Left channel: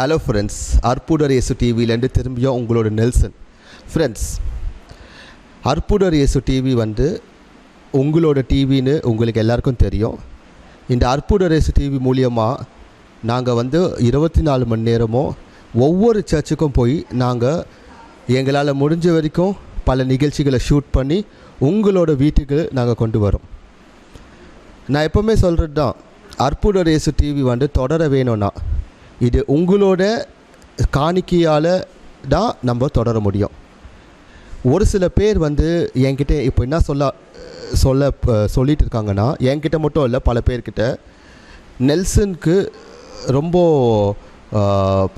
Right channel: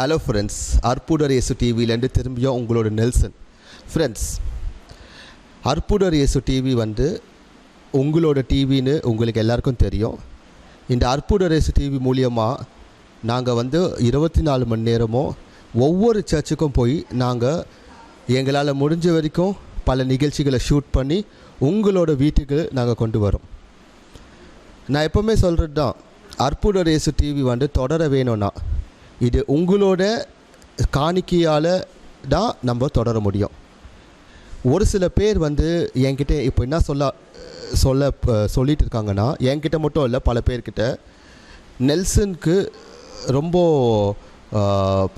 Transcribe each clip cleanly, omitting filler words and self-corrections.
Hello friends, அற்புதர் இயேசு டிவியிலேருந்து திரும்பியும் உங்களோட நெல்சன். ஃப்ரெண்ட்ஸ், அற்புதர் இயேசு டிவி உங்களோட டிவின்னு உங்களுக்கு எல்லாருக்கும் தெரியும். இந்த அற்புதர் இயேசு டிவி மூலியமாக நாங்கள் 24 மணி நேரமும் ஒவ்வொரு சர்ச்சுக்கும் போய் நாங்கள் எங்களால் முடிஞ்ச வரைக்கும் பல நிகழ்ச்சிகளை ஷூட் பண்ணி உங்களோட வீட்டுக்கு நாங்கள் கொண்டு வரோம். நான் எப்போவுமே சொல்கிறது தான், அற்புதர் இயேசு டிவி தொடர வேணும்னா இது உங்களோட காணிக்கையால் தான் நம்ம தொடர முடியும். ஒரு சில பேர் என்கிட்ட இப்போ என்ன சொல்லிட்டு இருக்காங்கன்னா, என்கிட்ட மட்டும் இல்லை, பல பேர்கிட்ட நெல்சனுக்கு ரொம்ப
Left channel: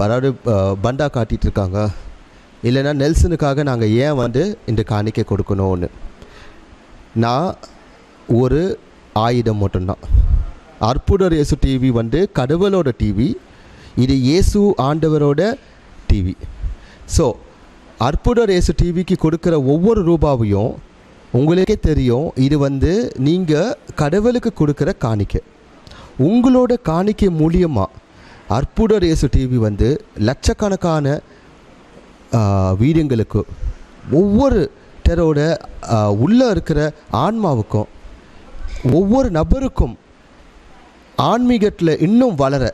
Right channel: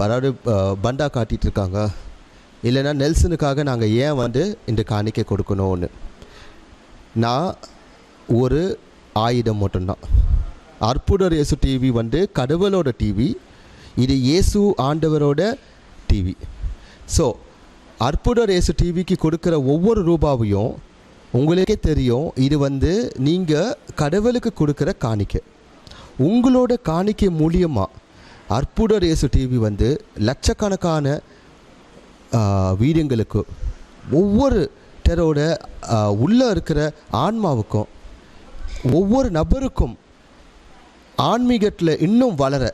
அதாவது பண்டா காட்டிகிட்டு இருக்காங்க, இல்லைன்னா நெல்சனுக்காக நாங்கள் ஏன் இந்த காணிக்கை கொடுக்கணும்னு. நான் ஒரு ஆயுதம் மட்டும்தான். அற்புதர் இயேசு டிவி கடவுளோட டிவி, இது இயேசு ஆண்டவரோட டிவி. ஸோ அற்புதர் இயேசு டிவிக்கு கொடுக்குற ஒவ்வொரு ரூபாவையும் உங்களுக்கே தெரியும், இது நீங்கள் கடவுளுக்கு கொடுக்குற காணிக்கை. உங்களோட காணிக்கை மூலியமாக அற்புதர் இயேசு டிவி லட்சக்கணக்கான வீடுங்களுக்கு, ஒவ்வொரு டரோட உள்ளே இருக்கிற ஆன்மாவுக்கும், ஒவ்வொரு நபருக்கும் ஆன்மீகத்தில் இன்னும் வளர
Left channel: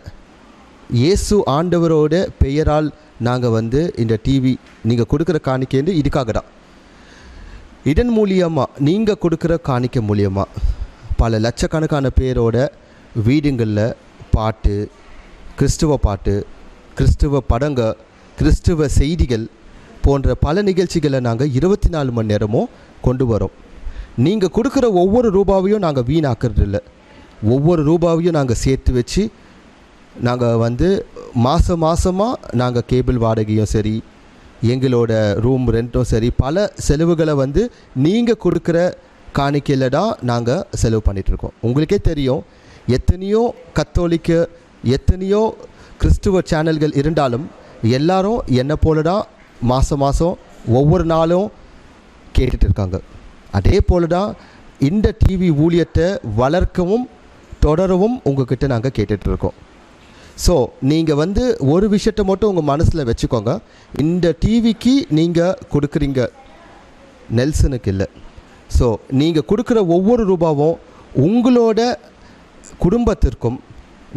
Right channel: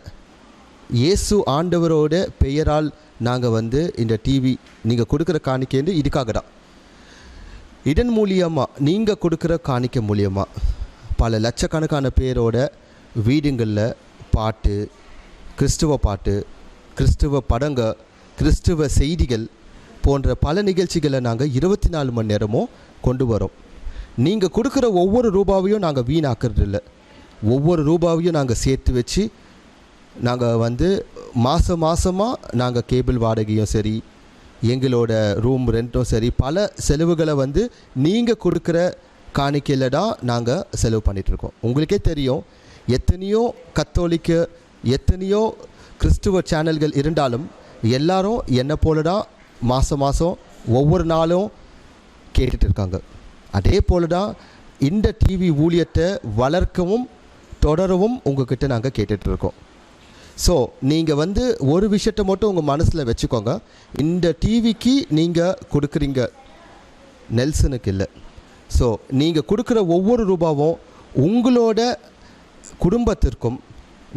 இயேசு ஆண்டவரோட பெயரால் நாங்கள் இந்த டிவி நீங்கள் கொடுக்குற காணிக்கை இதுக்காக தான். இதன் மூலியமாக நீங்கள் கொடுக்குற காணிக்கை மூலியமாக பல லட்சக்கணக்கான பேரோட வீடுங்களில் பாட்டு, கிறிஸ்துவ பாட்டு, கிறிஸ்துவ படங்க, கிறிஸ்துவ செய்திகள் போன்ற பல நிகழ்ச்சிகளை நாங்கள் 24 மணி நேரமும் கொண்டு வரோம். நீங்கள் கொடுக்குற ஒவ்வொரு ரூபாவையும் நாங்கள் வீணாக்குறது இல்லை. ஒவ்வொரு ரூபாவையும் நாங்கள் சேர்த்து வச்சு நாங்கள் மாதமாக நாங்கள் கேபிள் வாடகையும் சரி, எங்களோட ரூம் ரெண்ட்டும் சரி, பல செலவுகளை நீங்கள் கொடுக்குற காணிக்கையில் தான் நாங்கள் செலவு பண்ணிகிட்ருக்கோம். உங்களுக்கே தெரியும், எத்தனையோ கத்தோலிக்க, எத்தனையோ கிறிஸ்துவ சேனல்கள் இருந்தாலும் எல்லாரும் என்னை போல தான் மாதம் ஒவ்வொரு நாளும் கேட்டுட்டு இருக்காங்க. அதே போல தான் இந்த டிவி ஊழியத்தை வளர்க்கவும் தொடரவும் உங்கள்கிட்ட நாங்கள் கேட்டுட்ருக்கோம். ஸோ நீங்கள் ஒரு விஷயத்தை மட்டும் உங்கள் மனசில் வச்சுக்கோங்க, இந்த டிவிக்கு நீங்கள் கொடுக்குறீங்க, நெல்சனுக்கு இல்லை. ஸோ நீங்கள் கொடுக்குற ஒவ்வொரு ரூபாவும் உங்களோட குடும்பத்திற்கும்,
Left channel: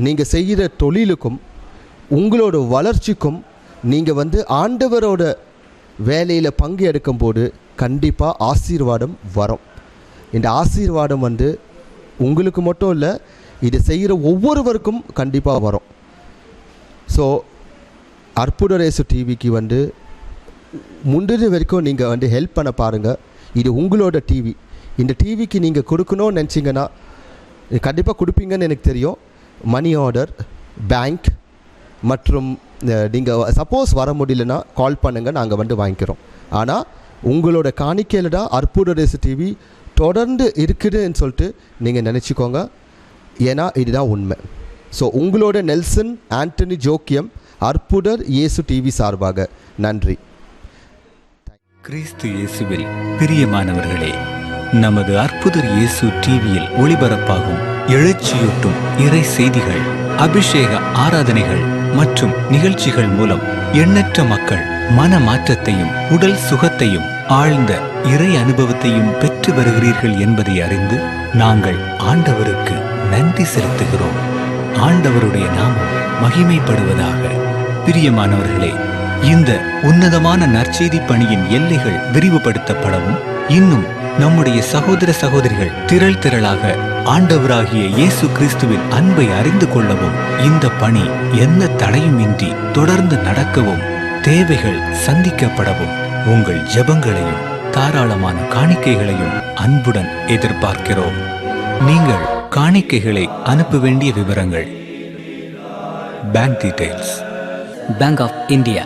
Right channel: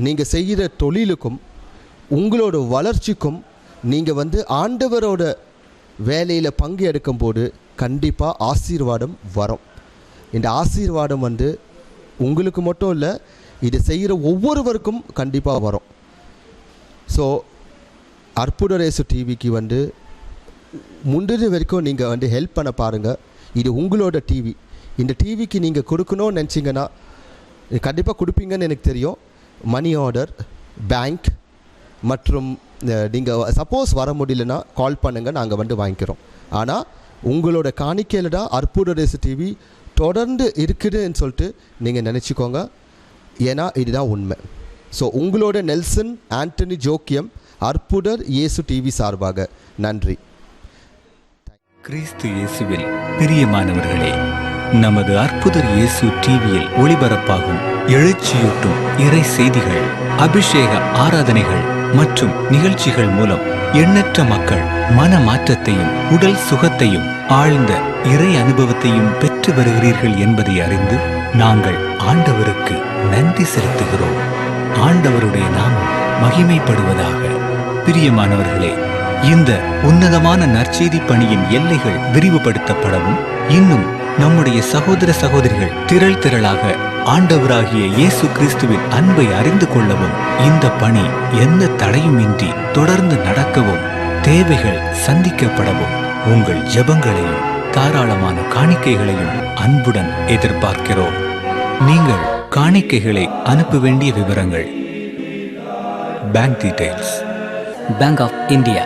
நீங்கள் செய்கிற தொழிலுக்கும், உங்களோட வளர்ச்சிக்கும், நீங்கள் ஆண்டவரோட வேலையில் பங்கு எடுக்கும்போது கண்டிப்பாக ஆசீர்வாதம் வரும். இந்த ஆசீர்வாதம் உங்களுக்கு மட்டும் இல்லை, இது செய்கிற ஒவ்வொருவருக்கும் கண்டிப்பாக வரும். ஸோ அற்புதர் இயேசு டிவிக்கு முந்தின வரைக்கும் நீங்கள் ஹெல்ப் பண்ண பாருங்கள். இது உங்களோட டிவி. இந்த டிவிக்கு நீங்கள் கொடுக்கணும்னு நினச்சிங்கன்னா கண்டிப்பாக கொடுப்பீங்கன்னு எனக்கு தெரியும். மணி ஆர்டர், பேங்க் மற்றும் நீங்கள் சப்போஸ் வர முடியலன்னா கால் பண்ணுங்கள், நாங்கள் வாங்கிக்கிறோம். ஆனால் உங்களோட காணிக்கையில் தான் அற்புதர் இயேசு டிவி தொடர்ந்து இருக்குதுன்னு சொல்லிட்டு நீங்கள் நினச்சிக்கோங்க. ஏன்னா இதுதான் உண்மை. ஸோ உங்களோட நெல்சன் ஆண்டனி ஜோக்கியம், அற்புதர் இயேசு டிவி சார்பாக நன்றி. கிறிஸ்து இயேசுவில் பிரியமானவர்களே, நமது அற்புதர் இயேசு டிவியில் ஒளிபரப்பாகும் எழுச்சியூட்டும் இறை செய்திகள், அபிஷேக ஆராதனைகள் மற்றும் நிகழ்ச்சிகள் மூலம் எண்ணற்ற மக்கள் மன மாற்றத்தையும் உடல் சுகத்தையும் ஆழ்ந்த இறை அனுபவத்தையும் பெற்று வருகிறீர்கள் என்பதை அறிந்து நாங்கள் ஆண்டவருக்கு நன்றி செலுத்துகிறோம். ஆண்டவருடைய நாமம் மகிமைப்படுவதாக. பிரியமானவர்களே, இந்த உன்னதமான நற்செய்தி பணியின் எல்லைகள் விரிவுபடுத்தப்படவும், இன்னும் நம்முடைய சகோதர சகோதரிகள் திரளாக ஆண்டவராகிய இயேசு கிறிஸ்துவின் அன்பை அறிந்து கொள்ளவும், இந்த பணி எந்த தடையுமின்றி தொடர்ந்து நடக்கவும், தேவைகள் சந்திக்கப்படவும் உங்கள் ஜெபங்களையும் தாராளமான காணிக்கைகளையும் அன்புடன் எதிர்பார்க்கிறோம். நீங்கள் காணிக்கைகளை அனுப்ப வேண்டிய விவரங்கள்: bank details, Bank of India,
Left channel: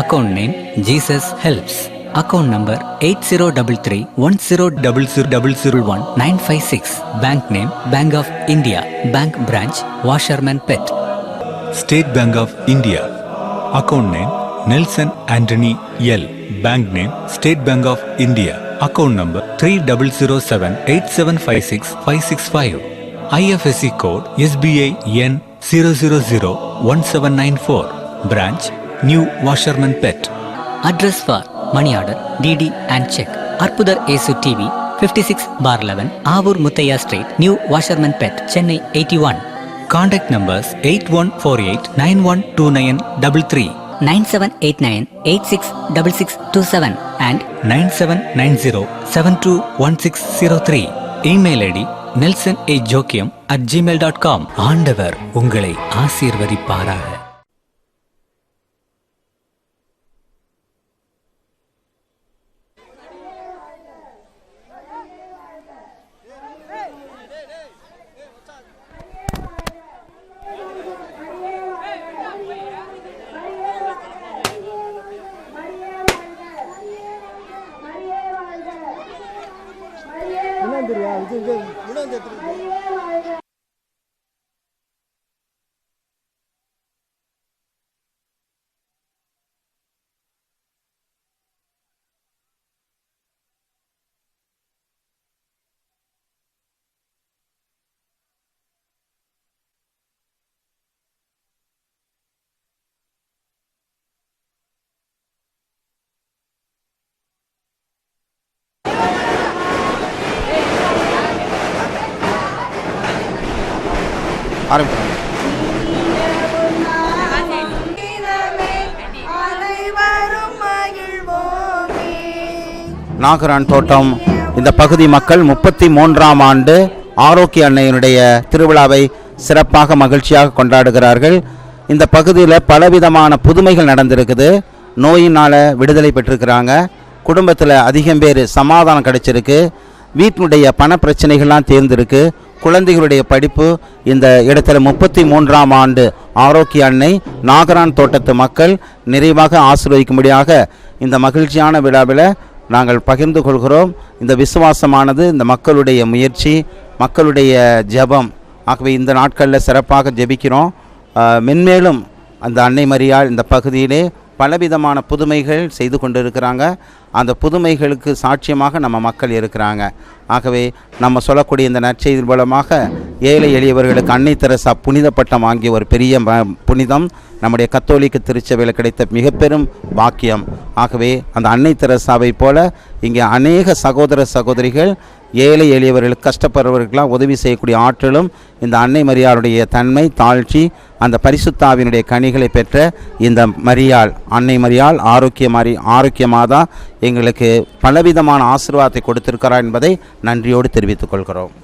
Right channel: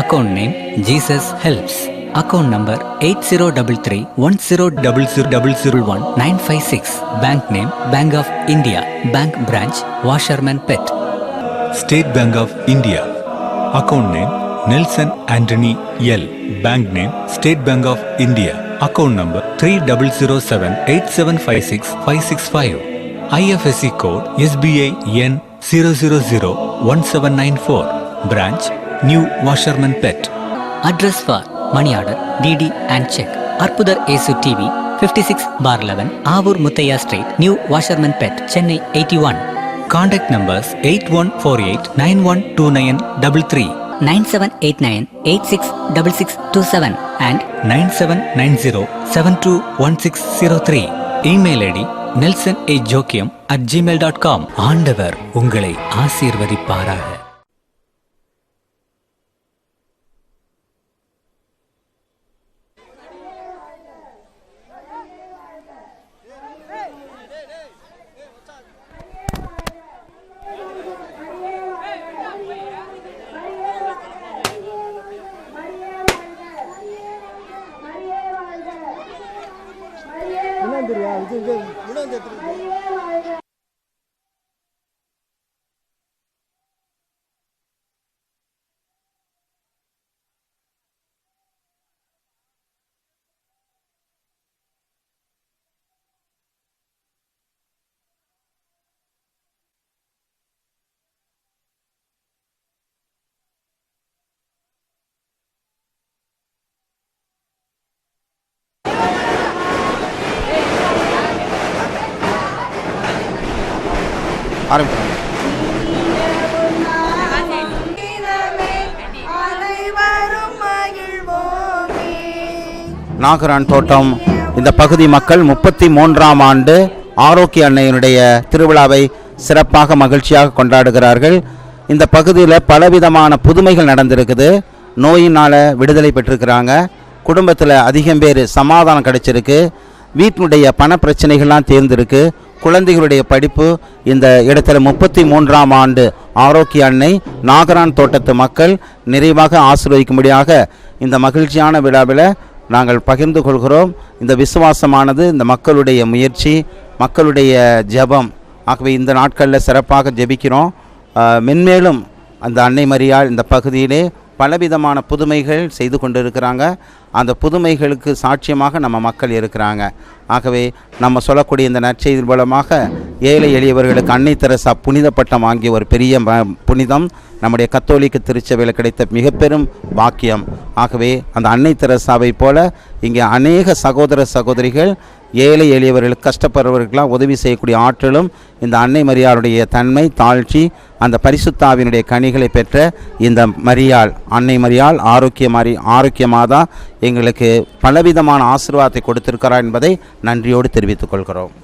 account name Jesus Helps, account number 80331000000196, bank name Bank of India, bank branch Washerman Pet. State Bank of India, account name Nelson Anthony L, bank name State Bank of India, account number 3078756565, IFSC code SBI N 0001794, Branch, New Washerman Pet. Address for money order, DD and check. Arpudar Esu TV, 56/11, Avur Muthaiya Street, New Washerman Pet, Chennai 81. Contact numbers 8148912933, 9789866627 and 9790721603. Email ID nelsonAjokiam@gmail.com. ஆண்டவர் உங்களை ஆசீர்வதிப்பாராக. ஆரம்பிக்கிறோம். நாகரான் தோட்டம் இந்த பகுதி மக்கள் 33ஆம் ஆண்டு ஆரோக்கிய அன்னையினுடைய திருவிழாவை சிறப்பாக மகிழ்ச்சியாக கொண்டாடுகிறார்கள். இந்த பகுதியில் பலவிதமான புதுமைகள் நடந்திருக்குது. நோயினால் விடுதலை பெற்றிருக்கிறாங்க. குடும்பத்தில் அதிகம் பேர் சமாதானம் கிடைச்சிருக்கு. வீட்டினுடைய பண பிரச்சனைகள்லாம் தேர்ந்திருக்கு. குழந்தைகளுடைய படிப்பு இந்த இடத்துல 33ஆம் ஆண்டு ஆரோக்கிய அன்னை நாகரான் தோட்டத்து மக்கள் நிறைவாக ஆசீர்வதிக்கும்படியாக இந்த மகிழ்ச்சியான விழாவில் நாங்கள் பகிர்ந்து கொள்கிறோம். இந்த விசுவாசமானது இந்த மக்களுடைய முயற்சி, மக்களுடைய ஜெபம். ஆகவே இந்த நாட்களில் சிறப்பாக ஜெபிக்கிறோம். மென்மேலும் அந்த அன்னை மரியாள் இந்த பகுதியிலே பலவிதமான புதுமைகள் செய்து கொண்டிருக்கிறாங்க. அந்த புதுமைகளுக்கு சாட்சியமாக நம்ம மக்கள் இருக்கிறாங்க. ஆகவே நம்ம சொல்லக்கூடிய இந்த நற்செய்தி மூலமாக ஏழை எளியவர்களுக்கு அன்னை தெரசா புனித பட்டம் வாங்கிய ஒரு பெரிய புனிதம் நம்முடைய கத்தோலிக்க திருச்சபையில் கிடைத்த மிக பெரும் பாக்கியம். ஆகவே அந்த அன்னை தெரசாவை போல இங்கே அநேக சகோதர சகோதரிகள் ஏழை எளியவர்களுக்கு கஷ்டப்படுறவர்களாக உதவி செய்யக்கூடிய ஆற்றலும் இந்த அன்னை மரியாளுடைய தன்மை, தாழ்ச்சி, அந்த பரிசுத்தாவினுடைய கனிகளை பெற்ற இந்த மரியாள், அன்னை மரியாள் ஆரோக்கிய மாதா எங்களுக்கு பலவிதமான ஆசீர்வாதத்தை கொடுத்திருக்கிறார் என்பதை நன்றியோடு தெரிவித்துக் கொள்கிறோம்.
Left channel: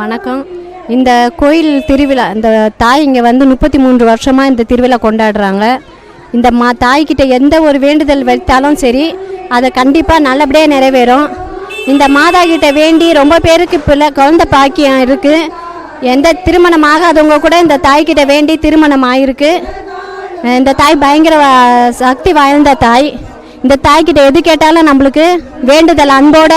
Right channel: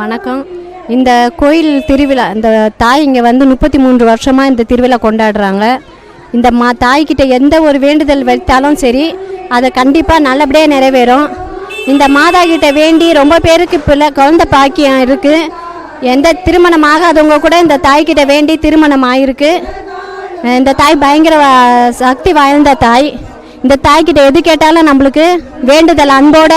வணக்கம். இந்த கோயில் திருவிழா, இந்த தாய் இங்கே வந்து 33 வருஷமாக இந்த திருவிழா கொண்டாடுறாங்க. இந்த தாய்கிட்ட எந்த ஒரு வேண்டுதல் வைத்தாலும் சரி, அதை கண்டிப்பாக நல்லபடியாக நிறைவேறும். இந்த மாதா கிட்ட வேண்டி ரொம்ப பேருக்கு குழந்தை பாக்கியம் இருக்குது. எந்த திருமணம் ஆகாதவங்க கூட இந்த தாய்கிட்ட வேண்டி திருமணம் ஆகிருக்கு. இந்த தாய் பயங்கர சக்தி வாய்ந்த தாய். இந்த தாய்கிட்ட எது கேட்டாலும் நம்மளுக்கு வேண்டுதல் அன்போட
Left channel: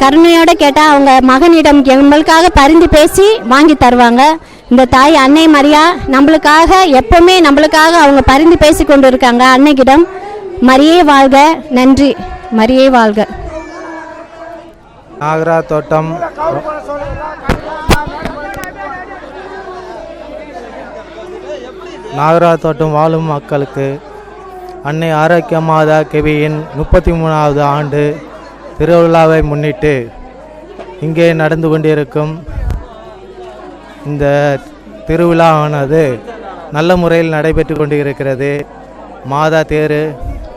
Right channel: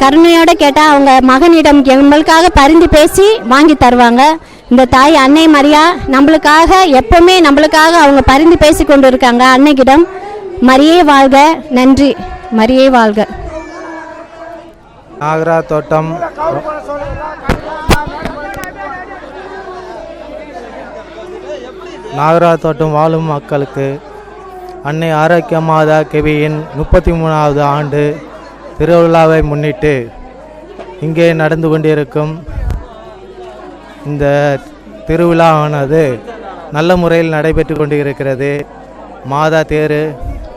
கருணையோடு கேட்டால் அவங்க மகனிடம் நம்மளுக்காக பரிந்து பேசி வாங்கி தருவாங்க. இந்த தாய் அன்னை மரியா நம்மளுக்காக எப்பவுமே நம்மளுக்காக அவங்க பரிந்து பேசி கொண்டு இருக்காங்க. அன்னைக்கிடம் மரியே வாழ்க, நன்றி, மரியே வாழ்க. நாகரா தோட்டம் வாழும் மக்களுக்கு அன்னை ஆரோக்கிய மாதா கெவியின் 33வது ஆண்டு திருவிழாவை முன்னிட்டு இங்கே நடந்து கொண்டிருக்கும் இந்த திருவிழாவானது நல்ல முறையில் நடைபெற்று கொண்டு இருக்கிறது. மாதா தேர்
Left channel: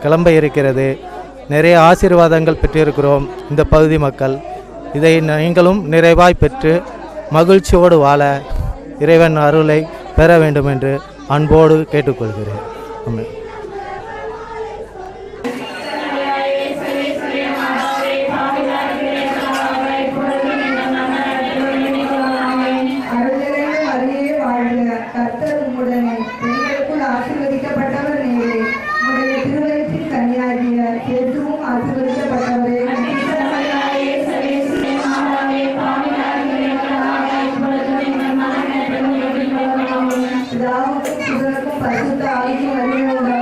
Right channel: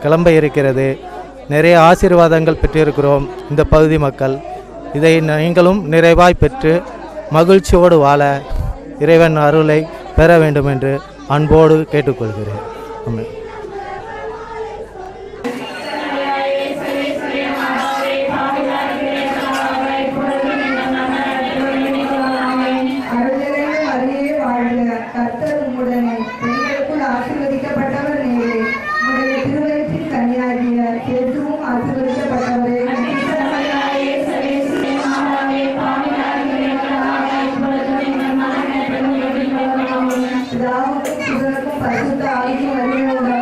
கிளம்ப இருக்கிறது. நிறைய ஆசீர்வாதங்கள் பெற்றிருக்கிறோம் இந்த பகுதி மக்கள். இதை நீங்களும் நிறைவாய் பெற்று மகிழ்ச்சியோடு வாழ இறைவன் அருளை பெற வேண்டும் என்று அன்போடு கேட்டுக்கொள்கிறேன். ஆமென். பரிசுத்த ஆவியின் வழியாக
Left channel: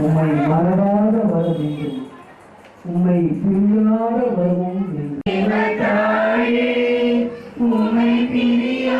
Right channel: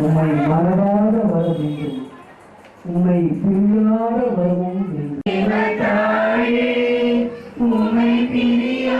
உம்மை மறவாத வர வேண்டும், உம்மை பிரியாத வரவும் உம்மை பிரியா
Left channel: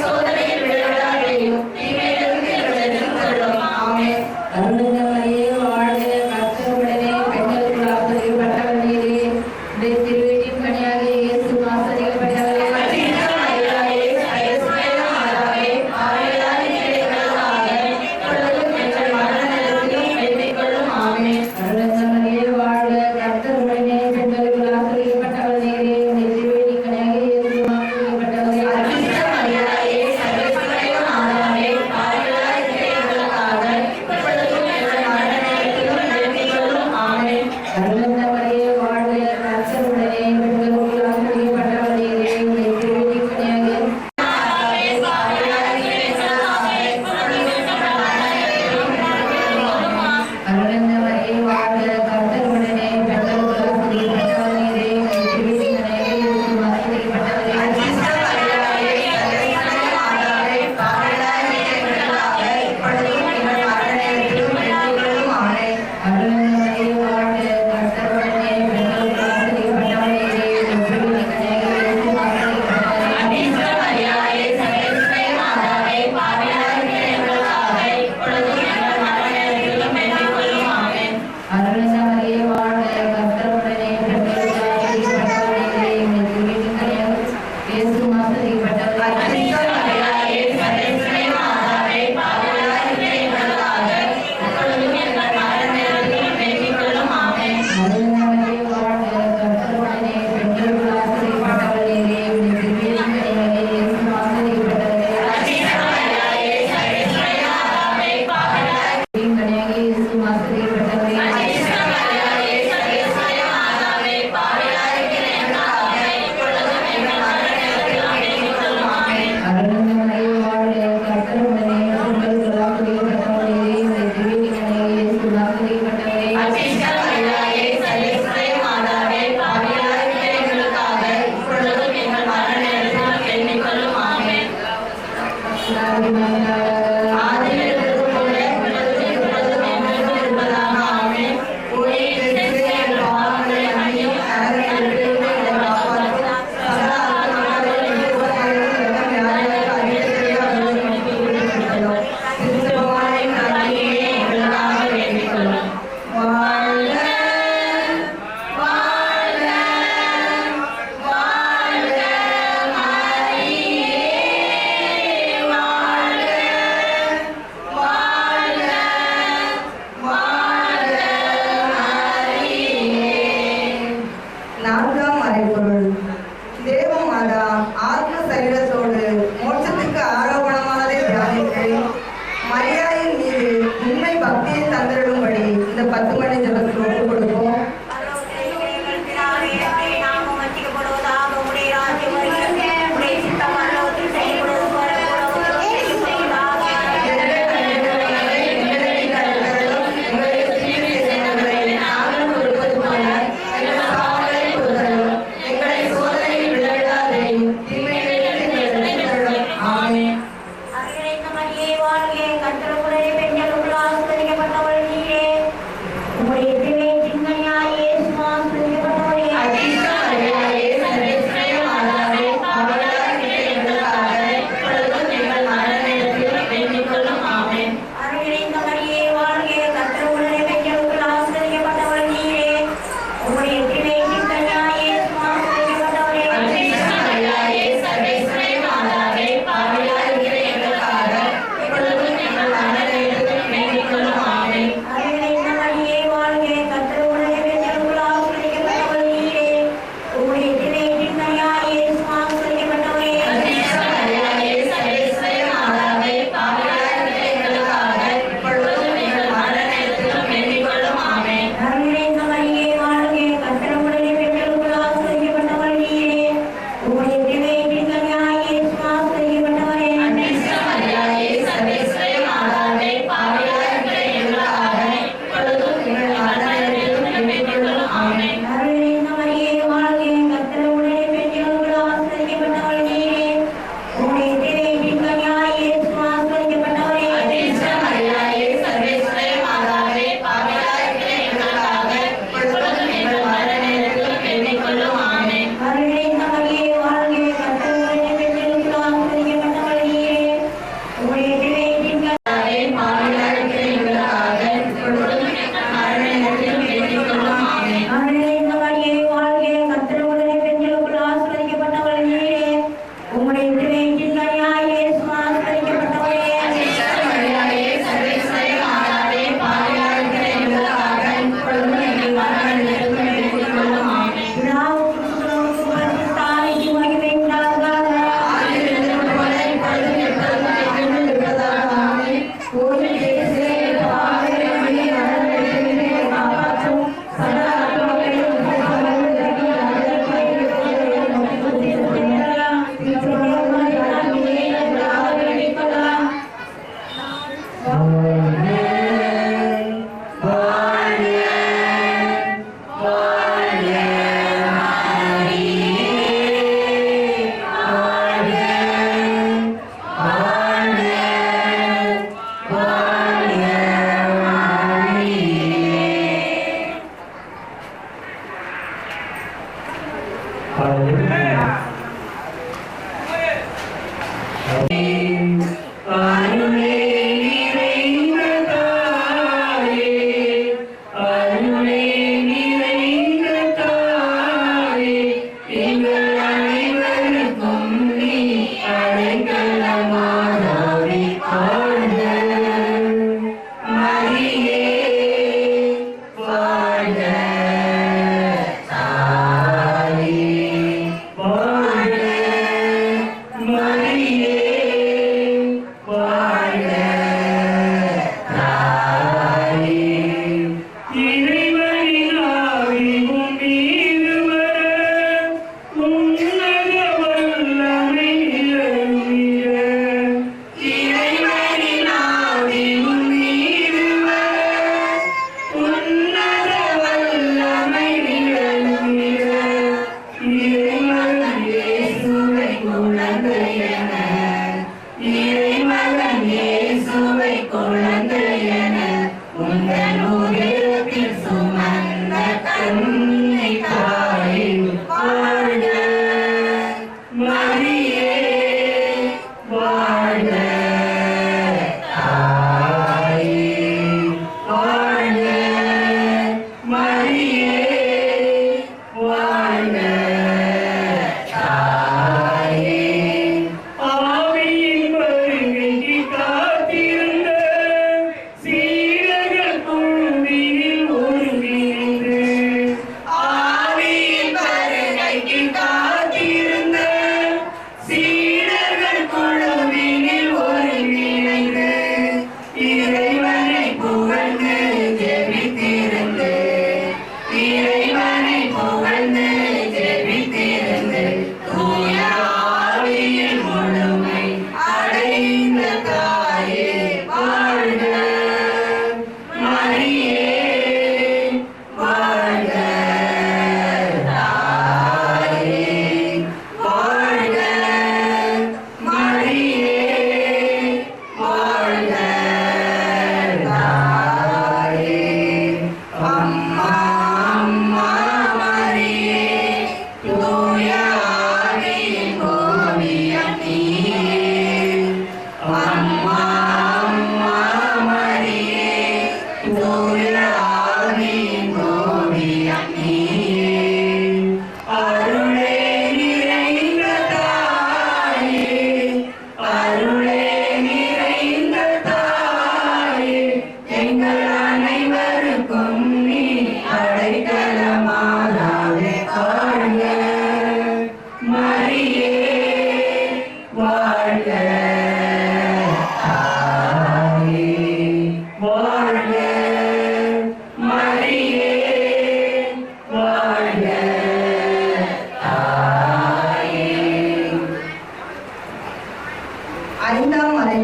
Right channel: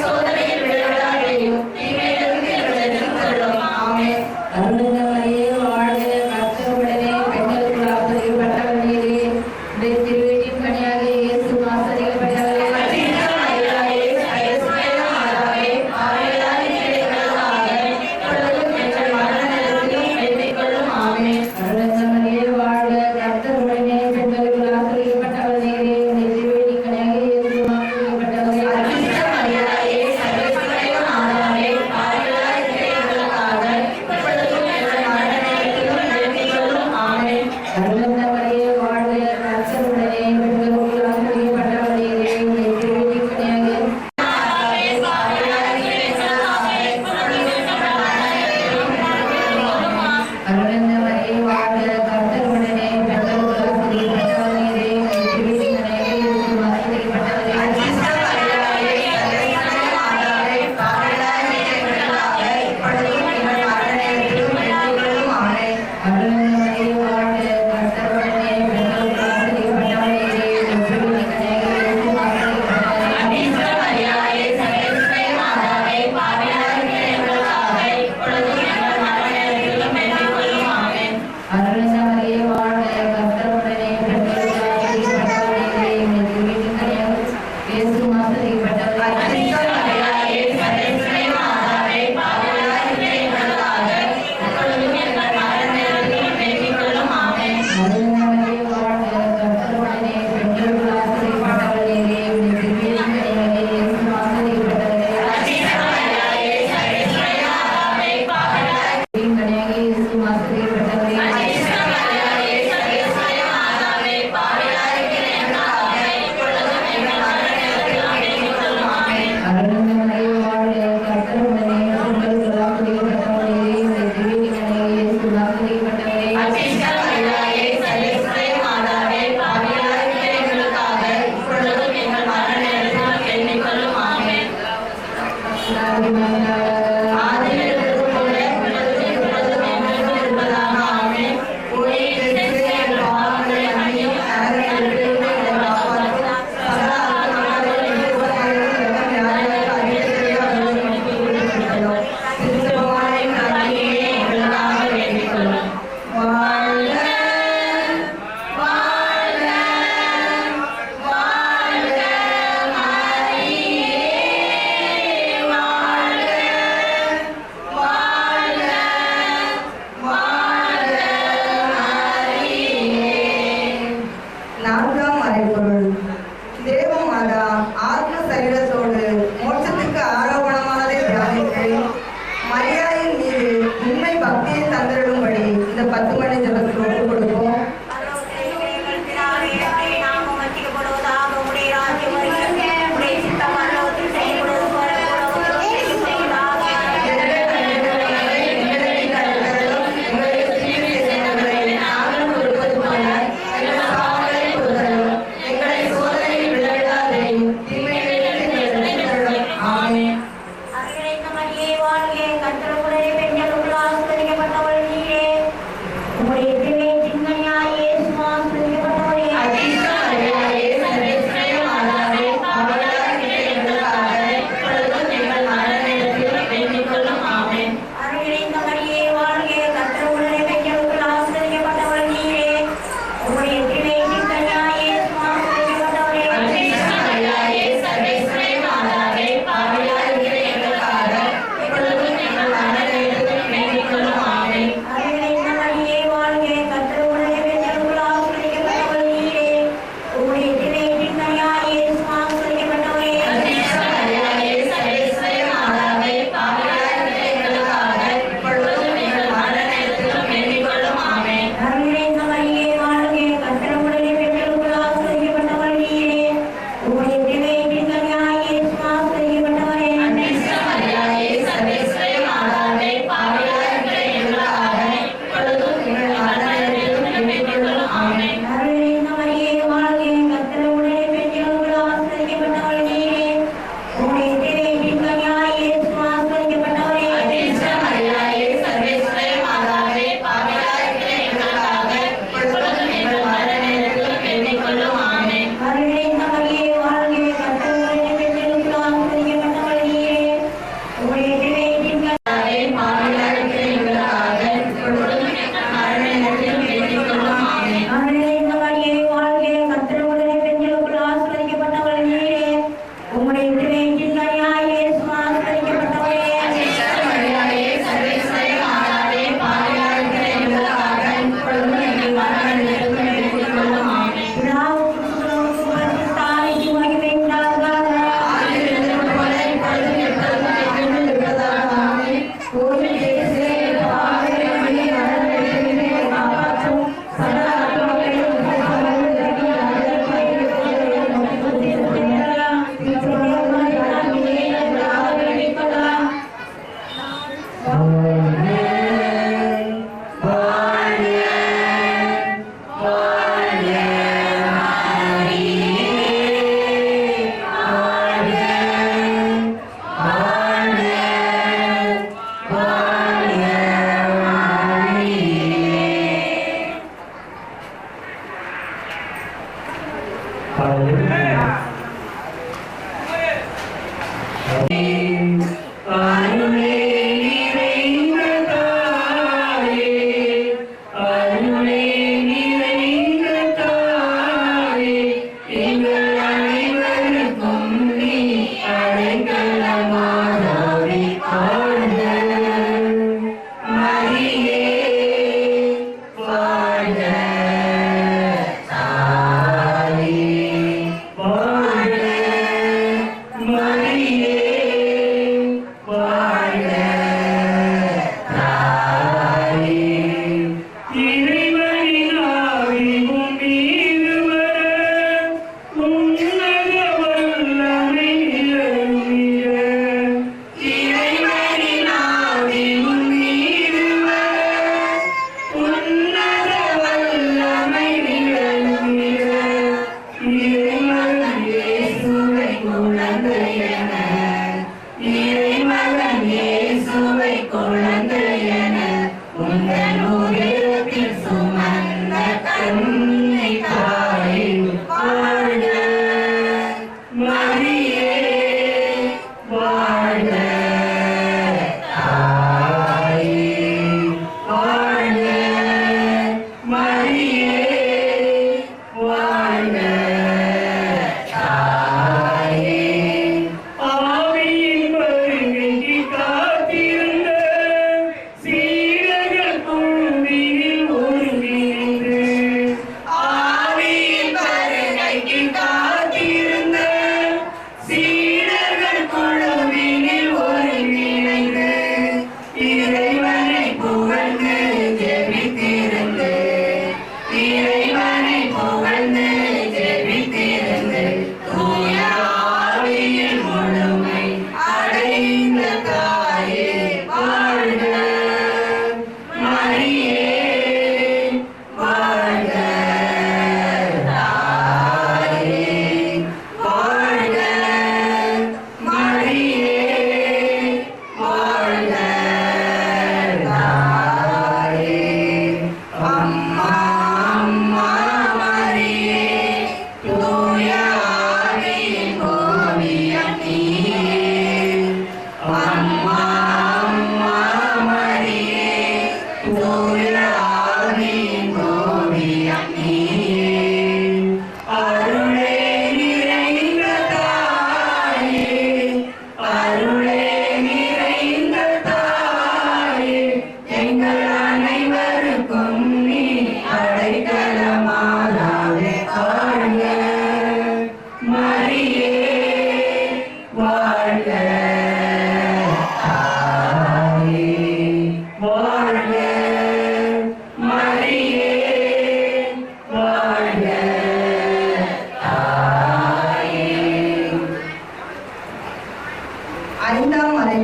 சோதனையில் விளையாட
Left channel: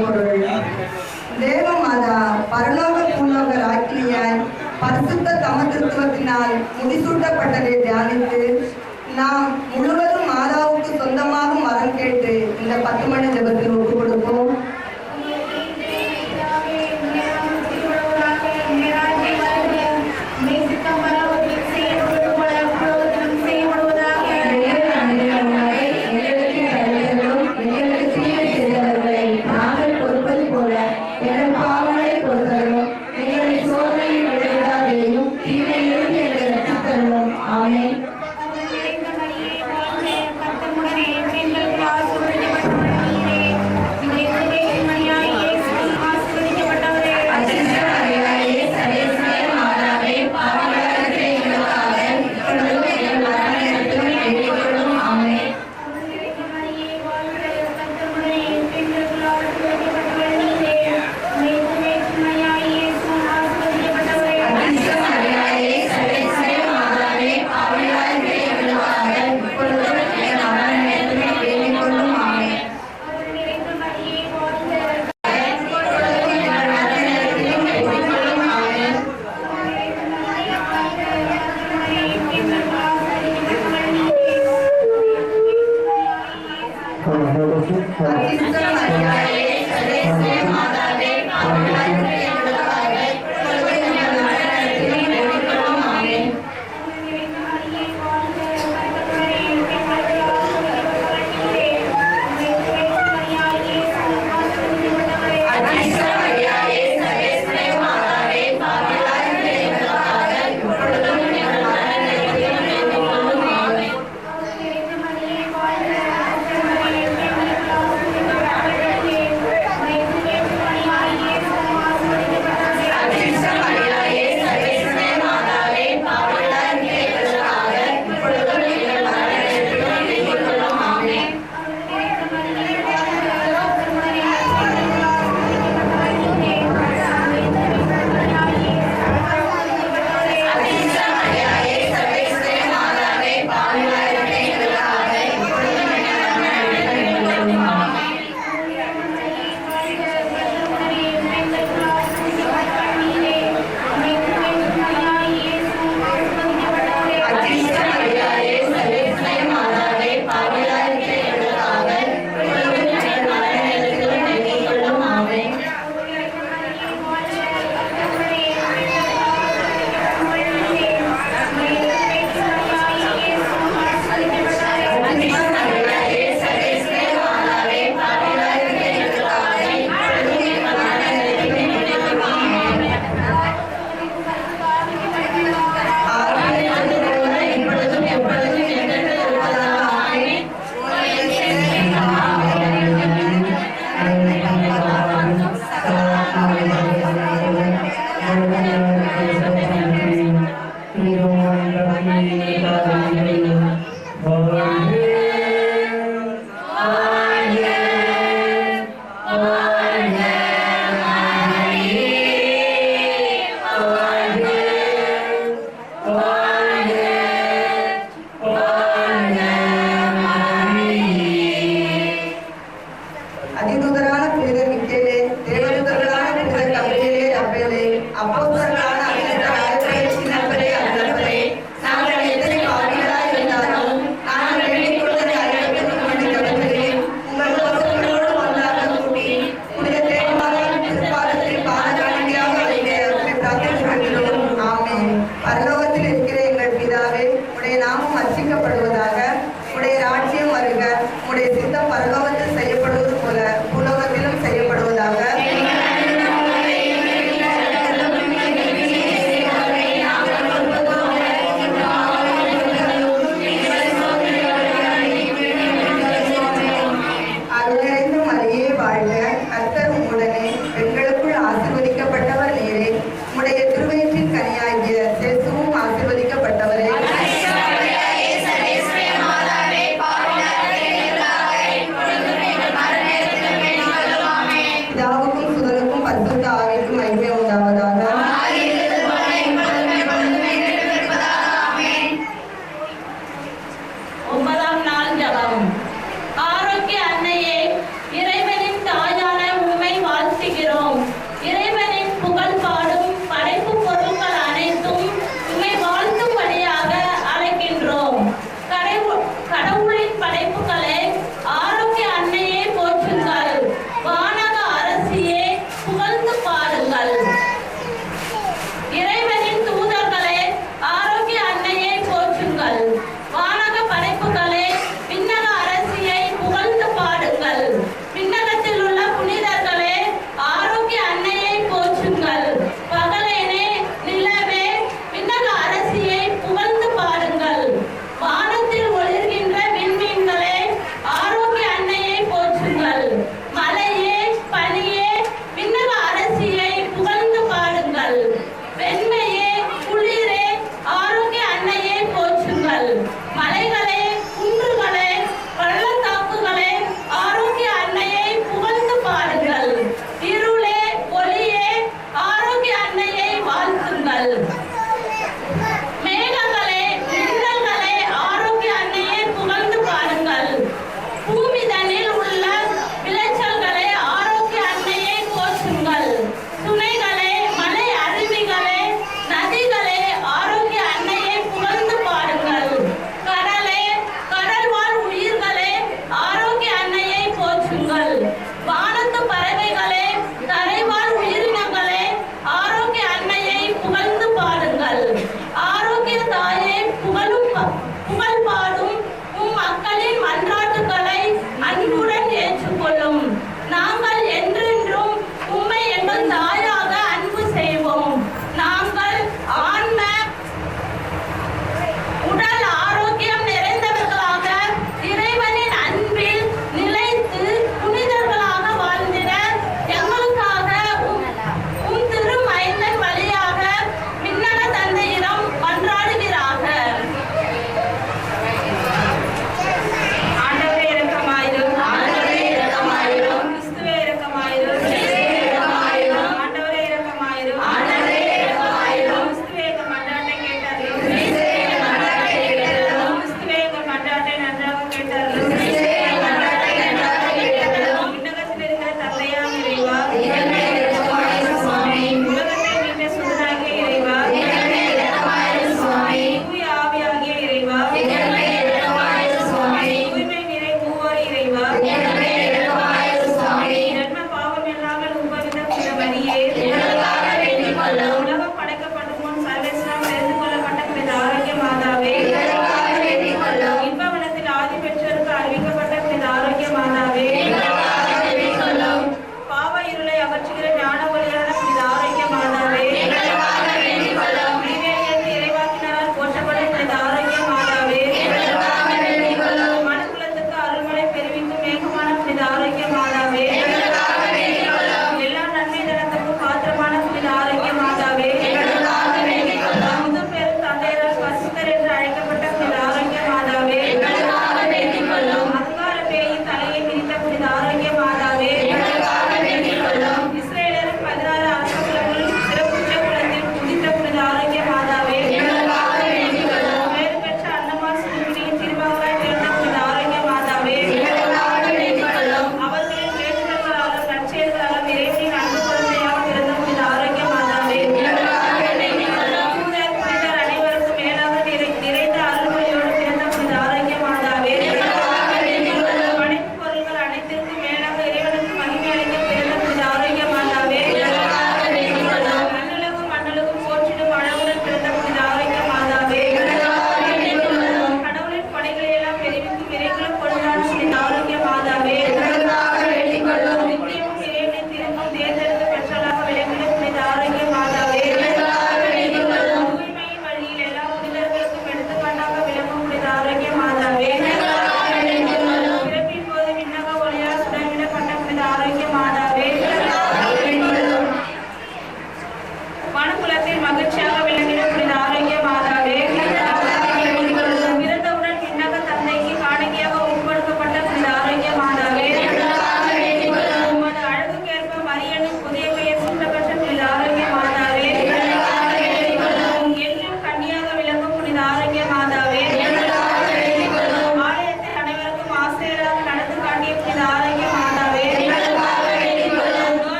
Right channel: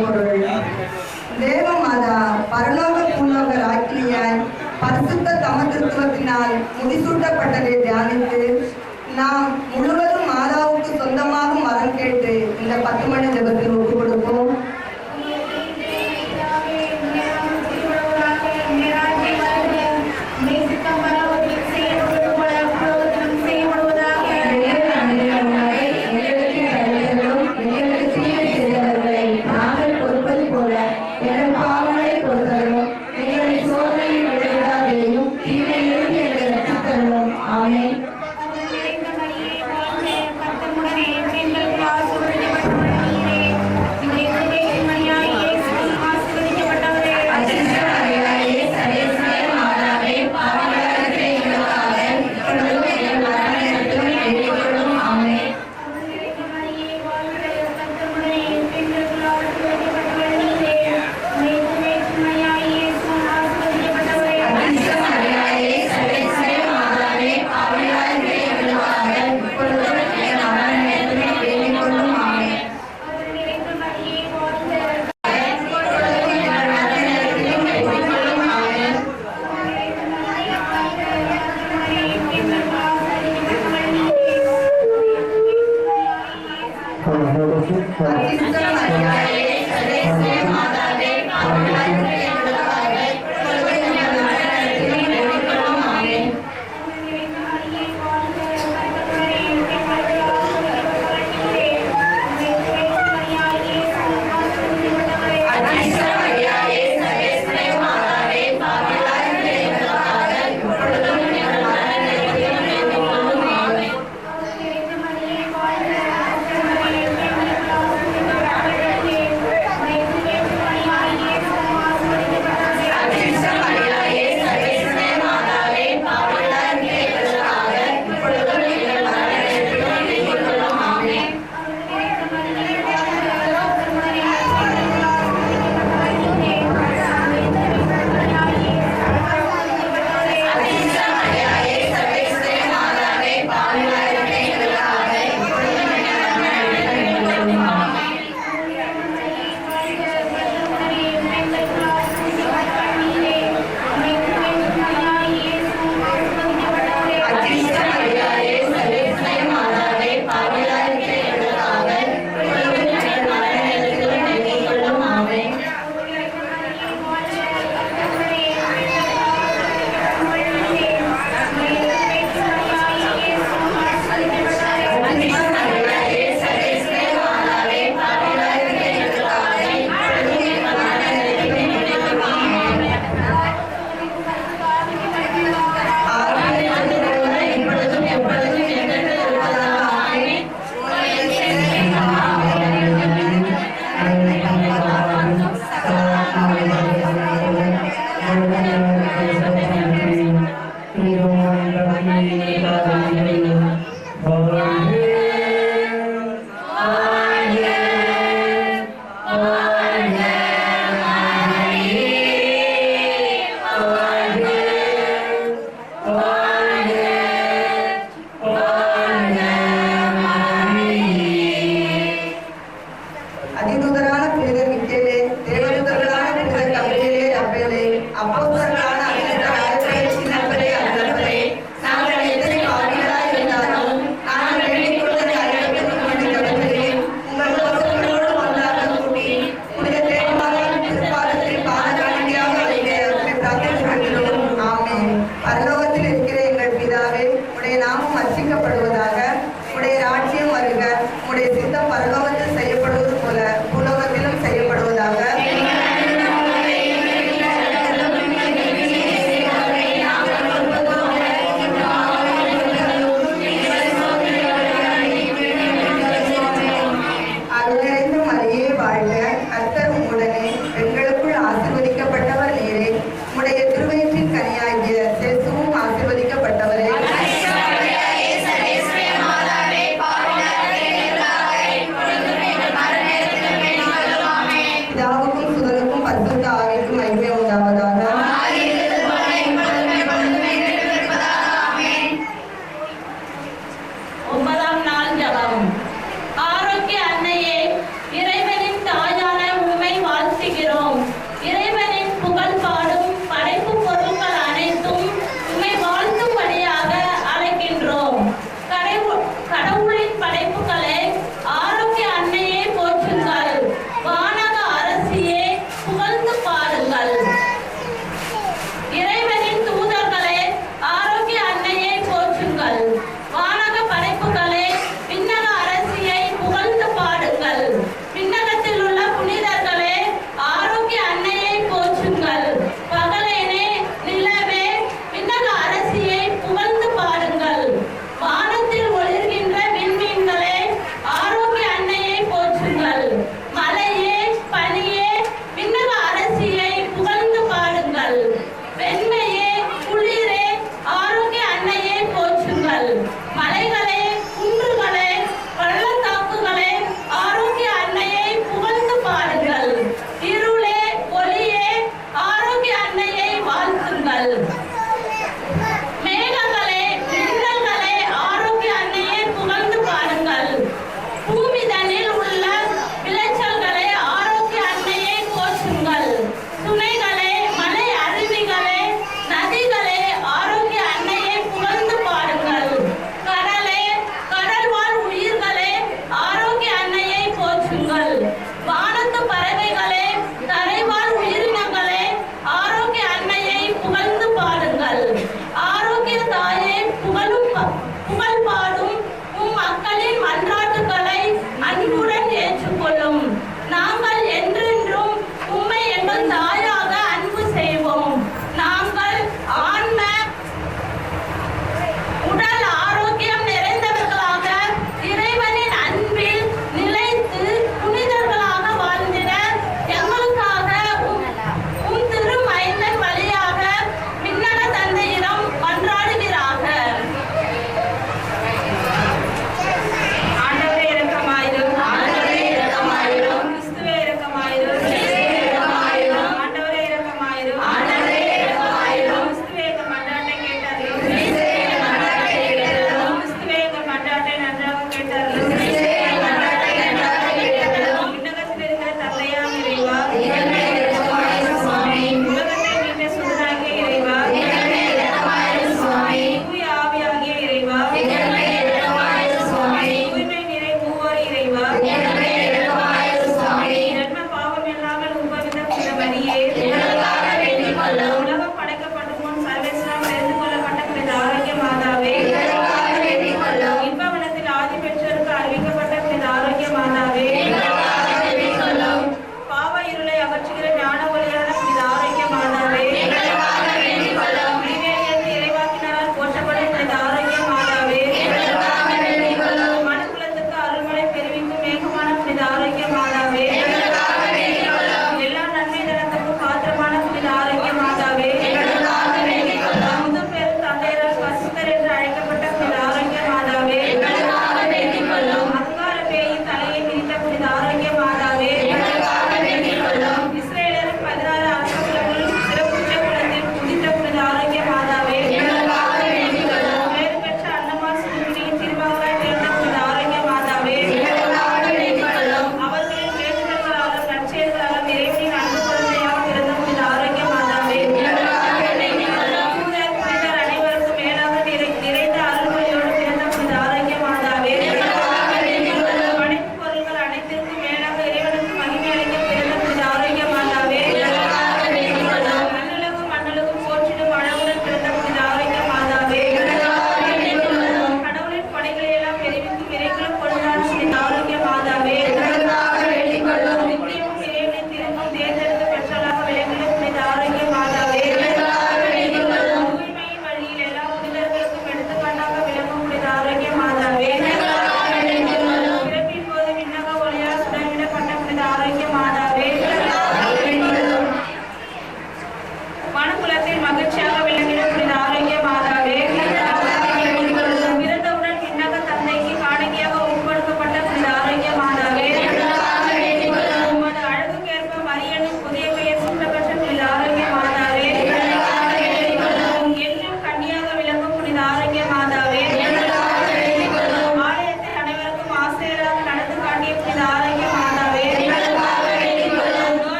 மறைபொருள். தேவமாதா பரலோக பூலோக ராக்கினியாய் பரிசுத்த சமத்துவத்தினால் முடிசூட்டப்பட்டதை தியானித்து நாம் முழுவதும் மாதாவுக்கு சொந்தமாகும் வரம் கேட்டு இந்த 10 மணி ஜெபத்தில் ஒப்பு கொடுப்போம்.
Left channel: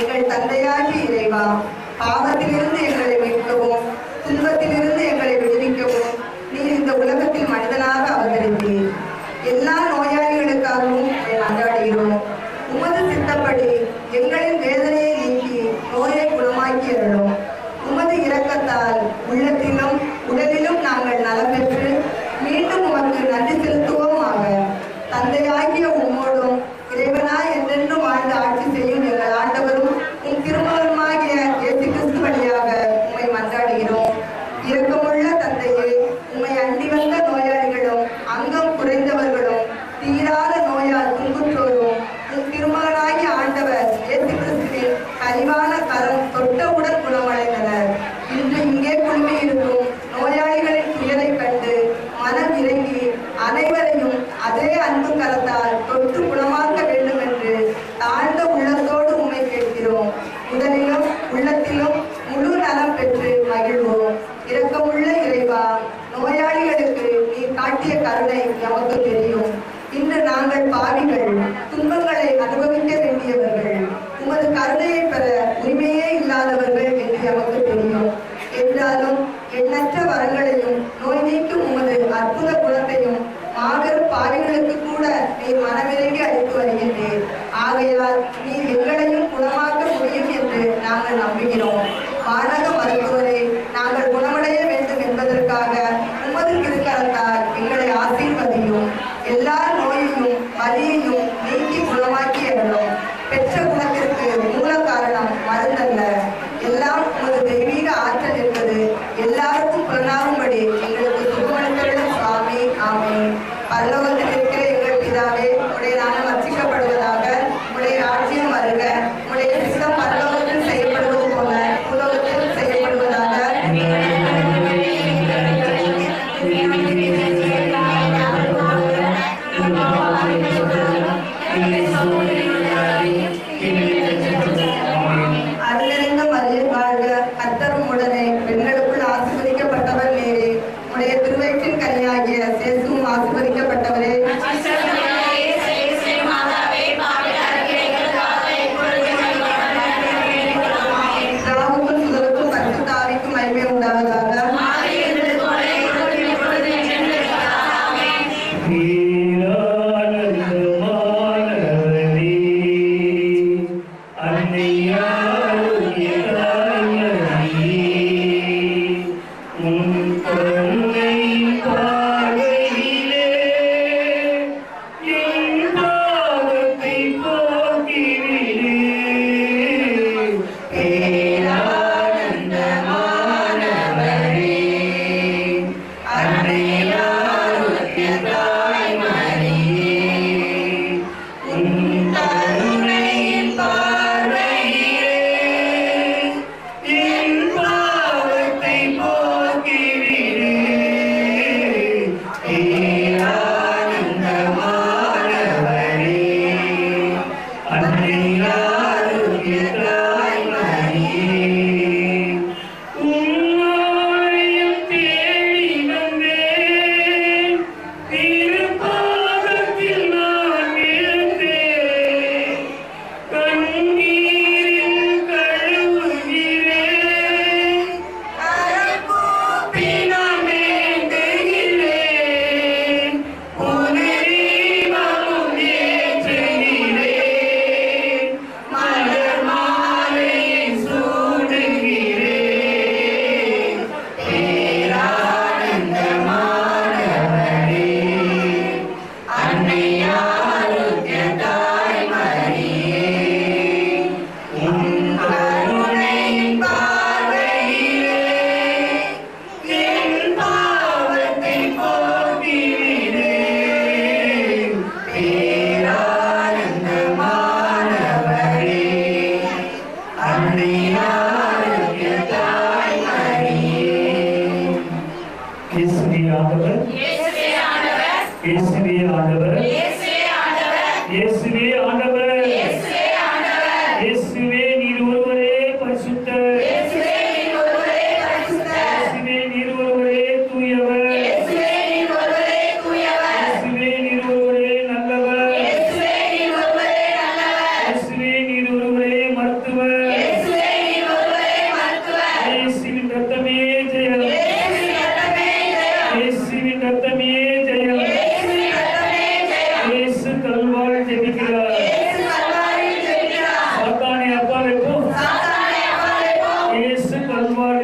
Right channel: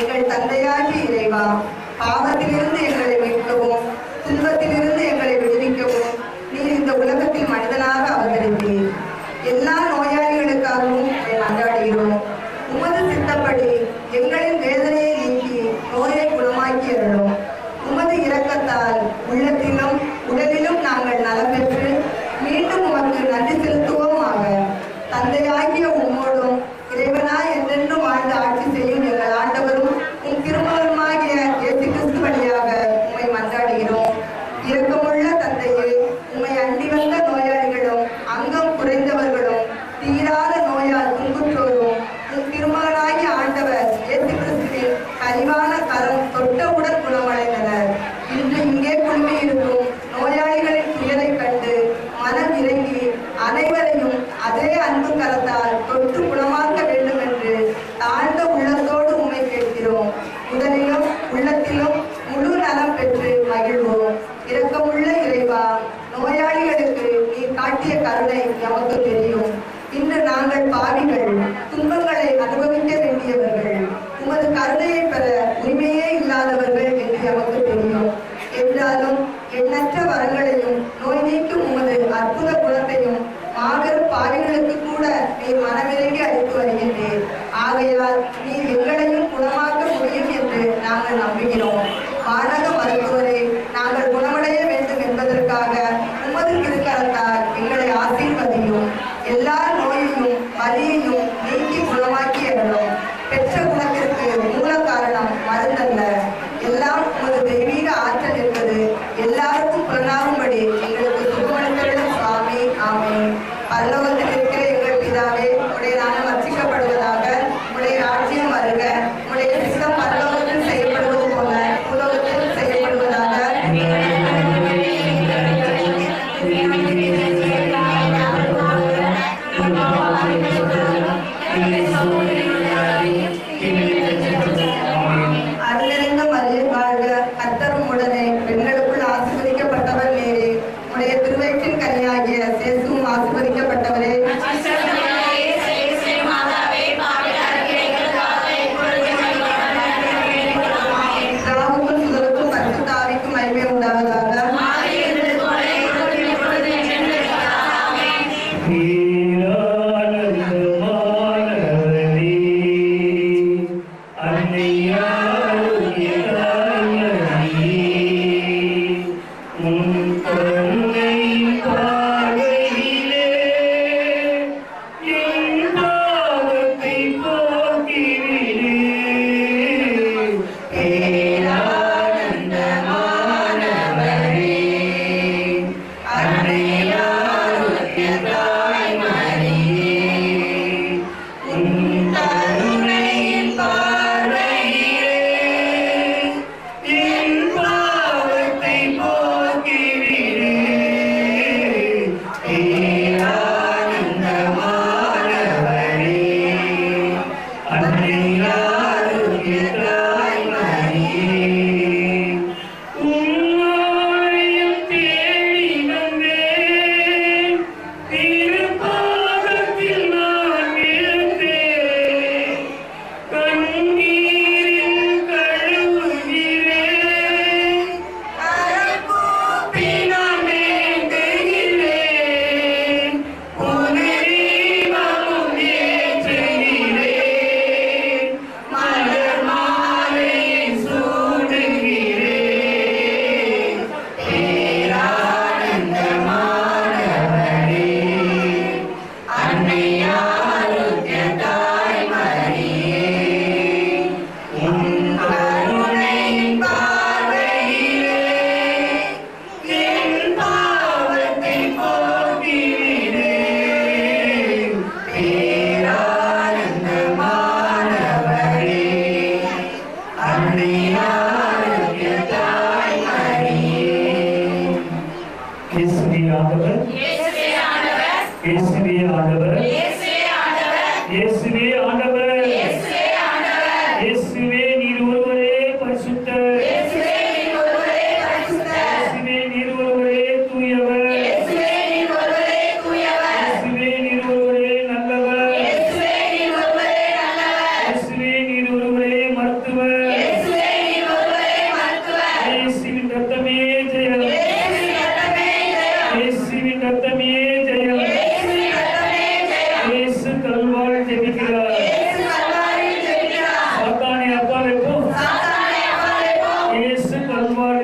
எங்கள் தந்தையாகி இறைவா, பாவத்திலிருந்து எங்களை மீட்கவும் துன்பத்திலிருந்து எங்களை விடுவிக்கவும் நீர் இந்த உலகத்தில் மனிதனாக அவதரித்தீர். எல்லா நோயாளிகளுக்காகவும் மன்றாடுகிறோம். உமது சித்தப்படி எங்களின் வேதனையை நீக்கி நோயை குணமாக்கி அருளும். உமது இரக்கத்தால் உள்ளத்திலும் உடலிலும் நாங்கள் நலம் பெற்று மீண்டும் உமக்கு நன்றி செலுத்துவோமாக. தந்தையாகிய உம்மோடும் இறைவனாய் என்றென்றும் வாழ்ந்து ஆட்சி செய்யும் எங்கள் ஆண்டவரும் உம் திருமகனுமாகிய இயேசு கிறிஸ்து வழியாக உம்மை மன்றாடுகிறோம். இரக்கமுள்ள தந்தையே, உம்மை அண்டி வந்த நோயாளிகளும் அங்கம் குறைந்தவர்களும் தீராத நோயால் துன்புற்றோரும் உம் திருமகனாகிய ஆண்டவர் இயேசு கிறிஸ்துவின் கனிவான கரம் தொட்டவுடன் குணமடைந்தனர். இன்று இங்கே குழுமியிருக்கும் நோயாளிகளின் துயரை கண்டு மனம் இறங்கி அனைவரையும் அதே அன்பு கரத்தால் தொட்டு குணமாக்க வேண்டும் என்று தாழ்ந்த உள்ளத்தோடு உம்மை கேட்கிறோம். உடலிலும் உள்ளத்திலும் முழு நலம் பெற்று மகிழ்வோம். இரக்கமுள்ள இறைவா, நோயாளிகளுக்கு நீ காட்டிய கருணை எமக்கு தெரியும். இன்று நாங்கள் பாவிகள், துன்பங்களை அனுபவிக்க வேண்டியவர்கள், உமது கருணையை பெற உரிமையே இல்லாதவர்கள் என்று எமக்கு தெரியும். என்றாலும் எண்ணற்ற வரங்களையும் நோய் நீக்கும் உமது அற்புத குணத்தையும் மாபெரும் பாவிகளுக்கு கூட நீர் மனமிறங்கி அளித்து வருகின்றீர். ஆகையால் நீர் எங்களையும் குணமாக்க முடியும் என்று நாங்கள் நம்புகிறோம். வானக மருத்துவரை நாங்கள் குணமடைய வேண்டும் என்பதற்காக உமது திருக்கரத்தால் எங்களை ஆசீர்வதியும். எல்லா நோயையும் வலியையும் நீக்கி குணமாக்கி அருளும். பெற்ற குணத்திற்கு மூல காரணம் மருந்தல்ல, எல்லாம் உமது தெய்வீக ஆற்றல் என்பது எல்லாருக்கும் புலனாகும்படி எங்களுக்கு சுகமளித்தருளும் சுவாமி. ஆமென். பரலோகத்தில் இருக்கிற எங்கள் பிதாவே, உடைய நாமம் அர்ச்சிக்கப்படுவதாக, உடைய ராஜ்யம் வருக, உடைய சித்தம் பரலோகத்தில் செய்யப்படுவது போல உலகத்தில் செய்யப்படுவதாக. அருளிருந்த மரியே வாழ்க, கர்த்தர் உம்முடனே, பெண்களுக்குள் ஆசீர்வதிக்கப்பட்டவர் நீரே. உடைய திருவயிற்றின் கனியாகிய இயேசுவும் ஆசீர்வதிக்கப்பட்டவரே. ராவுக்கும் சுதலுக்கும் பரிசுத்த ஆவிக்கும் மகிமை உண்டாவதாக. இயேசுவே ஆண்டவர், இயேசுவே நீர் ஒருவரே பரிசுத்த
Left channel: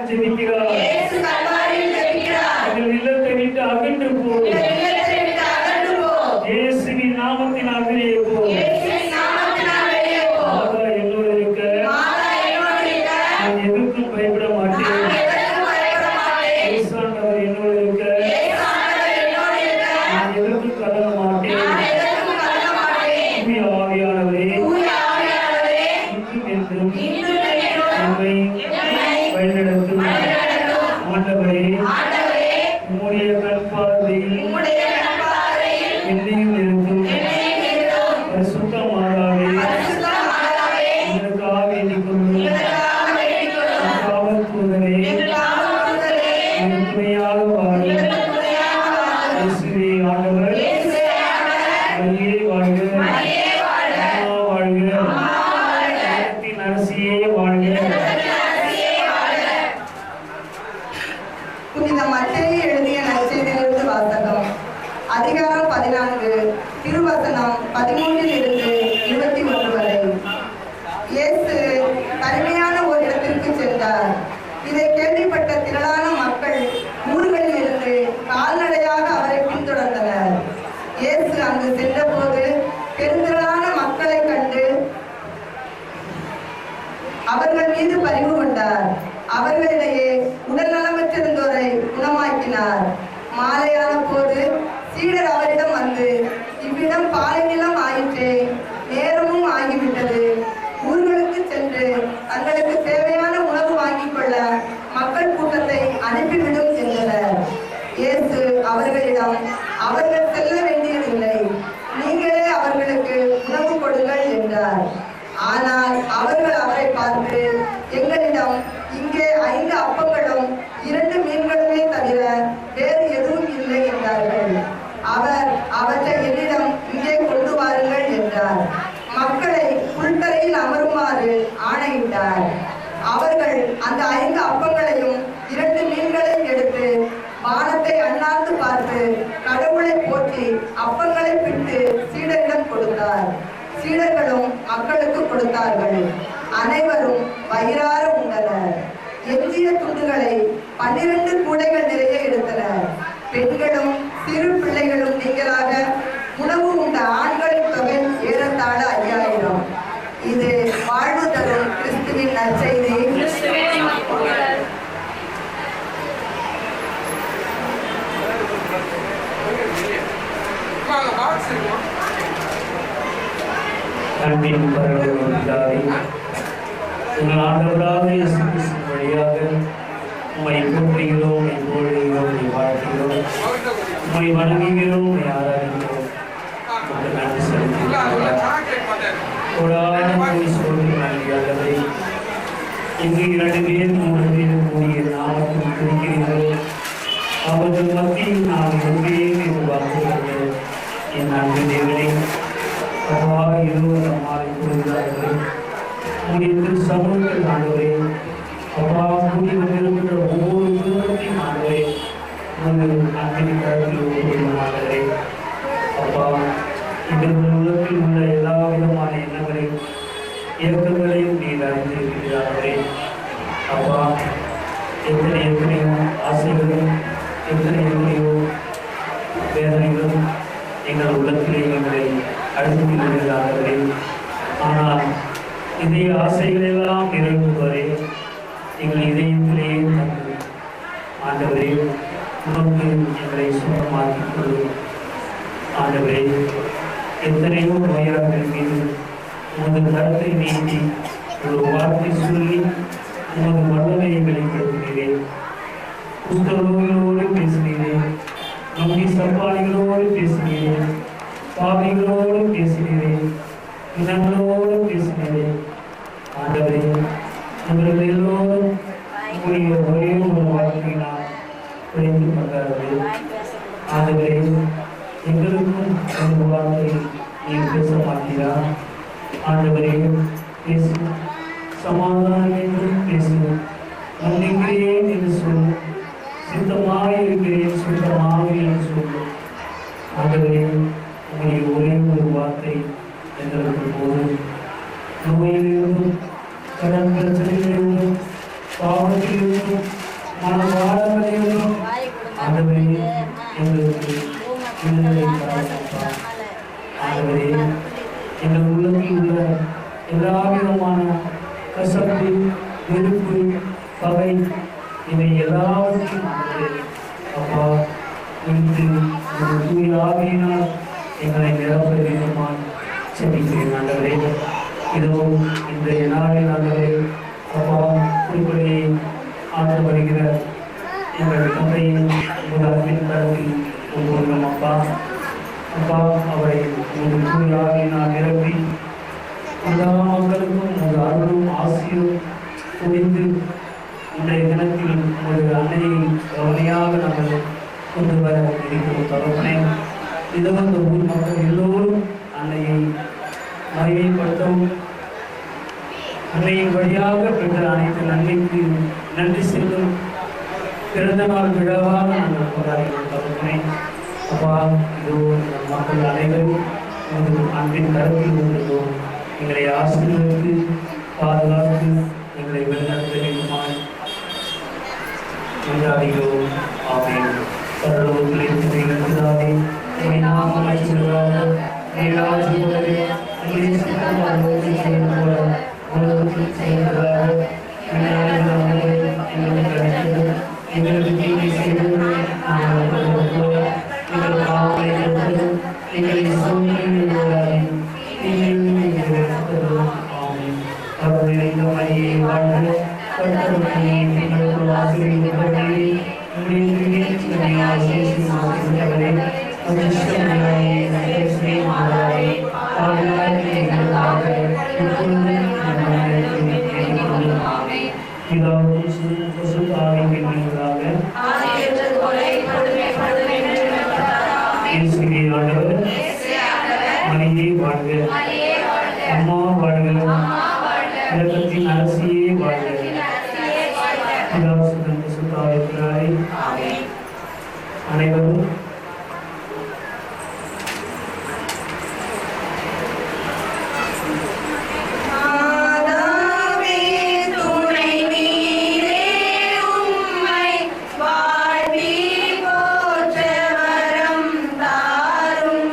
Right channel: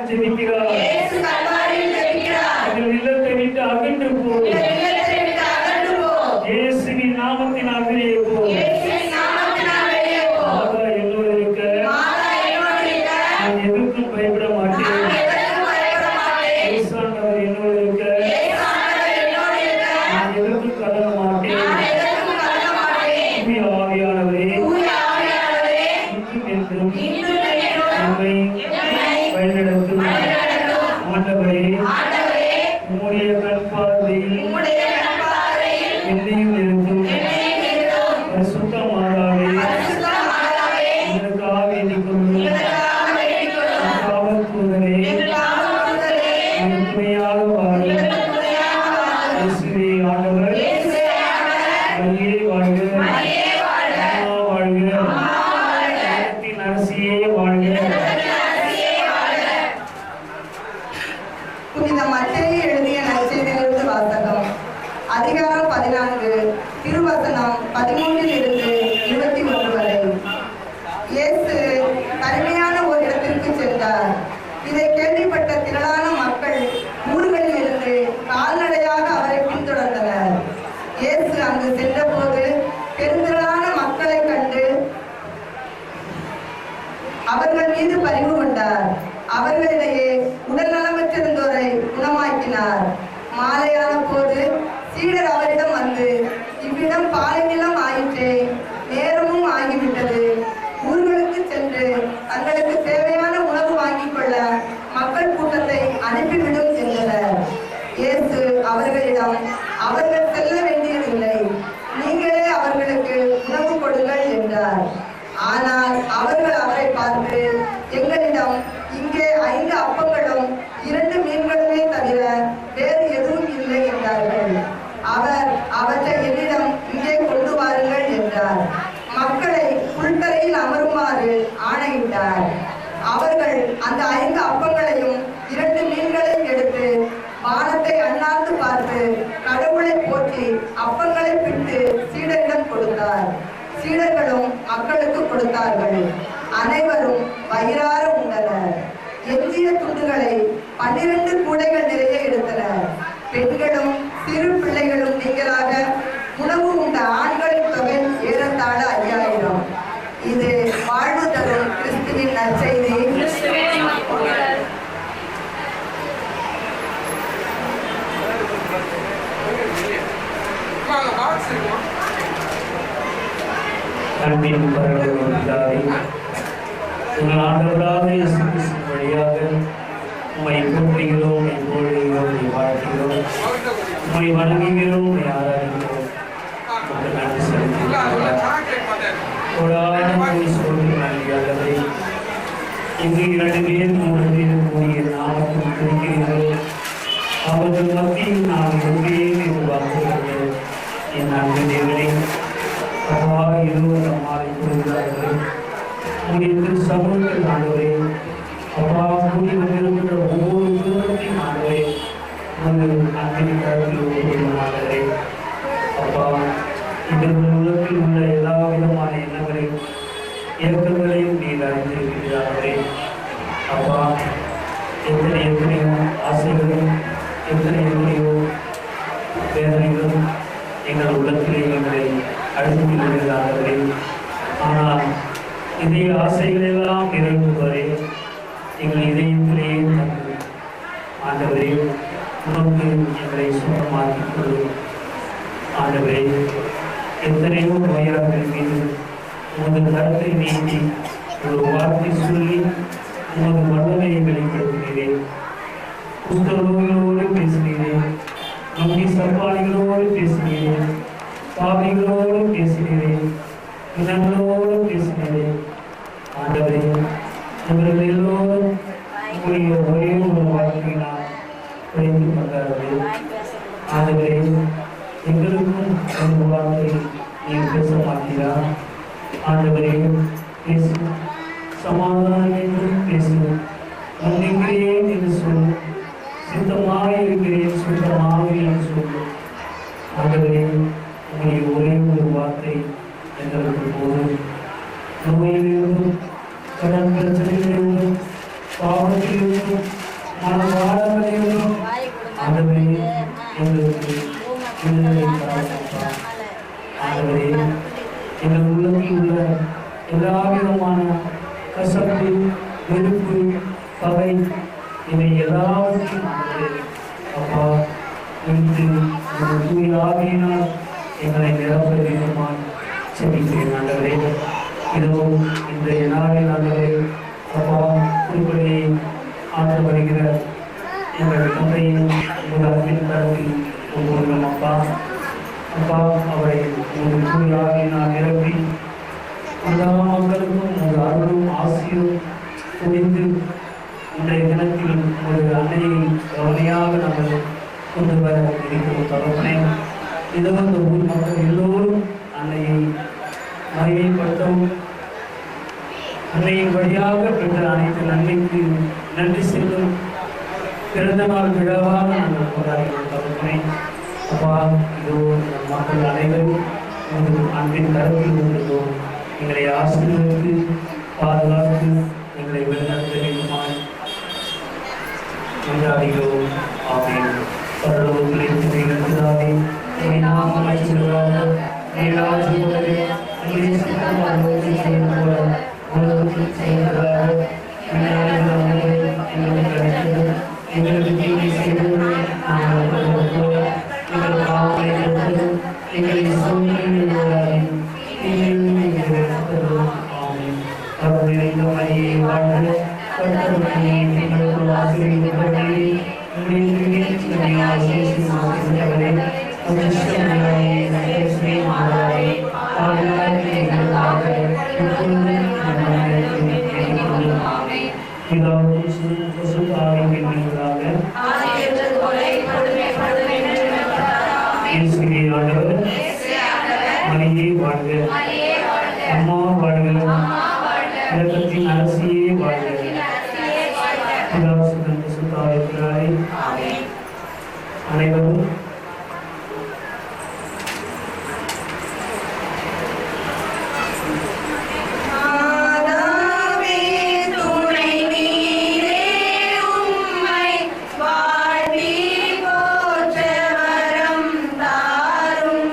ஜெபிக்கிறார். எங்கள் இல்லத்தை விட்டு அகன்று போ. இயேசுவின் நாமத்தினால் வெளியே போ. மாதா என்னோடு இருக்க நான் எதற்கும் பயப்பட மாட்டேன். இயேசுவானவர் என்னோடு இருக்க நான் எதற்கும் கலங்க மாட்டேன். தூய ஆவியானவரே இன்றும் என்றும் நம்மை வழிநடத்தும் ஆண்டவரே, உம்முடைய கண் பார்வையில் என்னையும் இருக்கும் பரிசுத்த மாதாவே இதற்காக வேண்டிக் கொள்ளும். காவல் தூதரே துணையாக வாழும் இயேசுவே ஆண்டவர் வழியே வாழ்க. அம்மா வாழ்க. உலகத்தின் அரசியே வாழ்க. புனித மத்தேயு எழுதிய நற்செய்தியிலிருந்து வாசகம். அதிகாரம் 14 திருவசனம் 13 21 வரை. இயேசு தனிமையான ஒரு இடத்திற்கு சென்றார். இதை கேள்விப்பட்ட திரளான மக்கள் ஊர்களில் இருந்து கால்நடையாக அவரை பின்தொடர்ந்தனர். இயேசு அங்கு சென்றபோது பெருந்திரளான மக்களை கண்டு அவர்கள் மீது பரிவு கொண்டார். அவர்களிடையே உடல் நலமற்றிருந்தோரை குணமாக்கினார். மாலையான போது சீடர் அவரிடம் வந்து, இவ்விடம் பாலை நிலம் ஆயிற்றே, நேரமும் ஆகிவிட்டது. ஊர்களுக்கு சென்று தங்களுக்கு தேவையான உணவு வாங்கிக் கொள்ள மக்கள் கூட்டத்தை அனுப்பிவிடும் என்றனர். இயேசு அவர்களிடம், அவர்கள் செல்ல வேண்டியதில்லை, நீங்களே அவர்களுக்கு உணவு கொடுங்கள் என்றார். ஆனால் அவர்கள் அவரை பார்த்து, எங்களிடம் இங்கே 5 அப்பங்களும் 2 மீன்களுமே தவிர வேறு எதுவும் இல்லை என்றார்கள். அவர் அவற்றை என்னிடம் இங்கே கொண்டு வாருங்கள் என்றார். மக்களை புல்தரையில் அமருமாறு ஆணையிட்டார். அவர்கள் அந்த 5 அப்பங்களையும் 2 மீன்களையும் எடுத்து வானத்தை அண்ணாந்து பார்த்து கடவுளை போற்றி அப்பங்களை பிட்டு சீடரிடம் கொடுத்தார். சீடர்களும் மக்களுக்கு கொடுத்தார்கள். அனைவரும் வயிறார உண்டனர். எஞ்சிய துண்டுகளை 12 கூடைகள் நிறைய எடுத்தனர். பெண்களும் சிறு பிள்ளைகளும் நீங்களாக உணவு உண்ட ஆண்களின் தொகை ஏறத்தாழ 5000. இது வாழ்வு தரும் கிறிஸ்துவின் நற்செய்தி. அன்பின் பரலோக பிதாவே, எங்கள் ஆண்டவராகிய இயேசு கிறிஸ்து வழியாக உம்மை போற்றுகிறோம், புகழுகிறோம், வாழ்த்துகிறோம், உம்மை வணங்குகிறோம், உம்மை ஆராதிக்கிறோம். உமக்கு நன்றி செலுத்துகிறோம். நன்றி ஆண்டவரே. எங்கு 2 பேர் 3 பேர் கூடிய நாமத்தில் குறிக்கிறீர்களோ அவர்கள் மத்தியில் நான் ஒன்றே வாக்குகிறேன். என் அன்பு தேவனே, அவ்வாறு இருவர் நம்மாலை கூறுகிறார்கள். உங்களுடைய சமூகத்தில் ஆண்டவரே, அப்பா கூடி வந்திருக்கின்ற ஒவ்வொரு குடும்பத்தையும் ஆண்டவரே உங்கள் அன்பின் கருத்தில் ஒவ்வொரு அப்பா இந்த உலகத்தில் உள்ள எல்லா விதமான எண்ணங்களையும் இயக்கங்களையும் நீர் அறிந்திருக்கிறார்களே. அப்பா எத்தனையோ ஆசைகளும் எத்தனையோ வேதனைகளும் எங்கள் உள்ளத்திலே எங்களை அழுத்தி வருகிறார்களே. ஆனால் இதே ஆசைகள் எல்லாம் நிறைவேறுவதே எங்கள் இதயத்திலேயே தந்து ஆண்டவரே உணர்ந்து எங்களை சுத்தமாக்கிக் கொள்ளும். ஆண்டவரே, எத்தனையோ நோயாளர்கள் மீது உமது கருத்தை நீட்டி ஒரு வார்த்தை சொல்லி உமது வல்லமையை வெளிப்படுத்தினேன். குஷ்டரோகிகளோடு பேசினேன், நம்பி சப்பாளிகளோடு பேசினேன், பாவிகளோடு பேசினேன், இனங்களோடு பேசினேன். ஆண்டவரே, இவர்கள் எல்லோரும் உங்களுடைய ஒரே ஒரு வார்த்தையினால் குறைந்து கொண்டார்கள். ஆண்டவரே, எங்களுக்கும் அந்த வார்த்தை நீ பேச மாட்டீரா? ஆண்டவரே, பேசு, சமாதானம் என்றும் பேசு, நம்பிக்கிறேன் என்று சொல்லு, சித்தமாக இருக்கிறேன், சுத்தமாக என்று சொல்லு. ஆண்டவரே, உங்களுடைய ஒரே ஒரு வார்த்தை எங்களுக்கு போதும். நோயிலிருந்தும் கடன் பிரச்சனையிலிருந்தும் பாவத்திலிருந்தும் மனபாரங்களிலிருந்தும் ஆண்டவரே எங்களுக்கு விடுதலை தரப்பா. ஆண்டவரே எங்கள் உள்ளத்தில் உள்ள எல்லா விதமான கசப்பு, வெறுப்பு, பகை இவை எல்லாவற்றையும் அப்பா இன்று உங்கள் தூய ஆவியினால் எங்களை நிரப்ப வேண்டுமாய் செபிக்கிறேன். ஆண்டவரே இதோ இந்த நாளில் ஆண்டவரே அப்பா திருப்பலியை ஆண்டு வருகிற எங்கள் தந்தையின் முதலின் கருத்தில் ஒவ்வொருவரும் அப்பா அப்பா அவரை உங்கள் தூய ஆவியினால் நிரப்பி எல்லா மக்களுக்கும் உங்கள் அருளும் ஆசியும் குவிந்து இன்றைய தினத்தில் ஒரு அன்னையை கவனையாக நாங்கள் கொண்டு வர இருக்கிறோம். தகவனை இதோ இந்த ஊர் மக்கள் எல்லோரும் அன்னையை மகிமைப்படுத்தவும் அன்னையின் வழியாக பெற்ற அனைத்து நன்மைக்கு நன்றி செல்லும் பிறந்த நாள் விழாவாக நாங்கள் கொண்டாடுகிறோம். தகவனை அப்பா இதோ நம் மக்கள் அனைவரும் உங்கள் அன்பின் கருத்தில் கொண்டிருந்தோம். எங்களை ஆசிரியருக்கு பாதுகாத்து எங்களை வழிநடத்த வேண்டுமாய் கொண்டாடுகிறோம். ஆமென். பரலோகத்தில் இருக்கிற எங்கள் பிதாவே, உம்முடைய நாமம் அழைக்கப்படுவதாக, உம்முடைய ராஜ்யம் வருக, உம்முடைய சித்தம் பரலோகத்தில் செய்வது போல உலகத்தில் செய்வதாக. எங்களுக்கு கிடைத்தது எங்களுக்கு தீமை செய்தது நாங்கள் போல எங்கள் பாவங்களை பொறுத்தது எங்களை சோதனையில் விடாதீரும். மணியே வாழ்க, அம்மா வாழ்க, உலகத்தின் அரசியே வாழ்க. பிதாசுதன் பசுத்தாவியாரே அனைவரும் வாழ்வி போற்ற வரம் தாரும்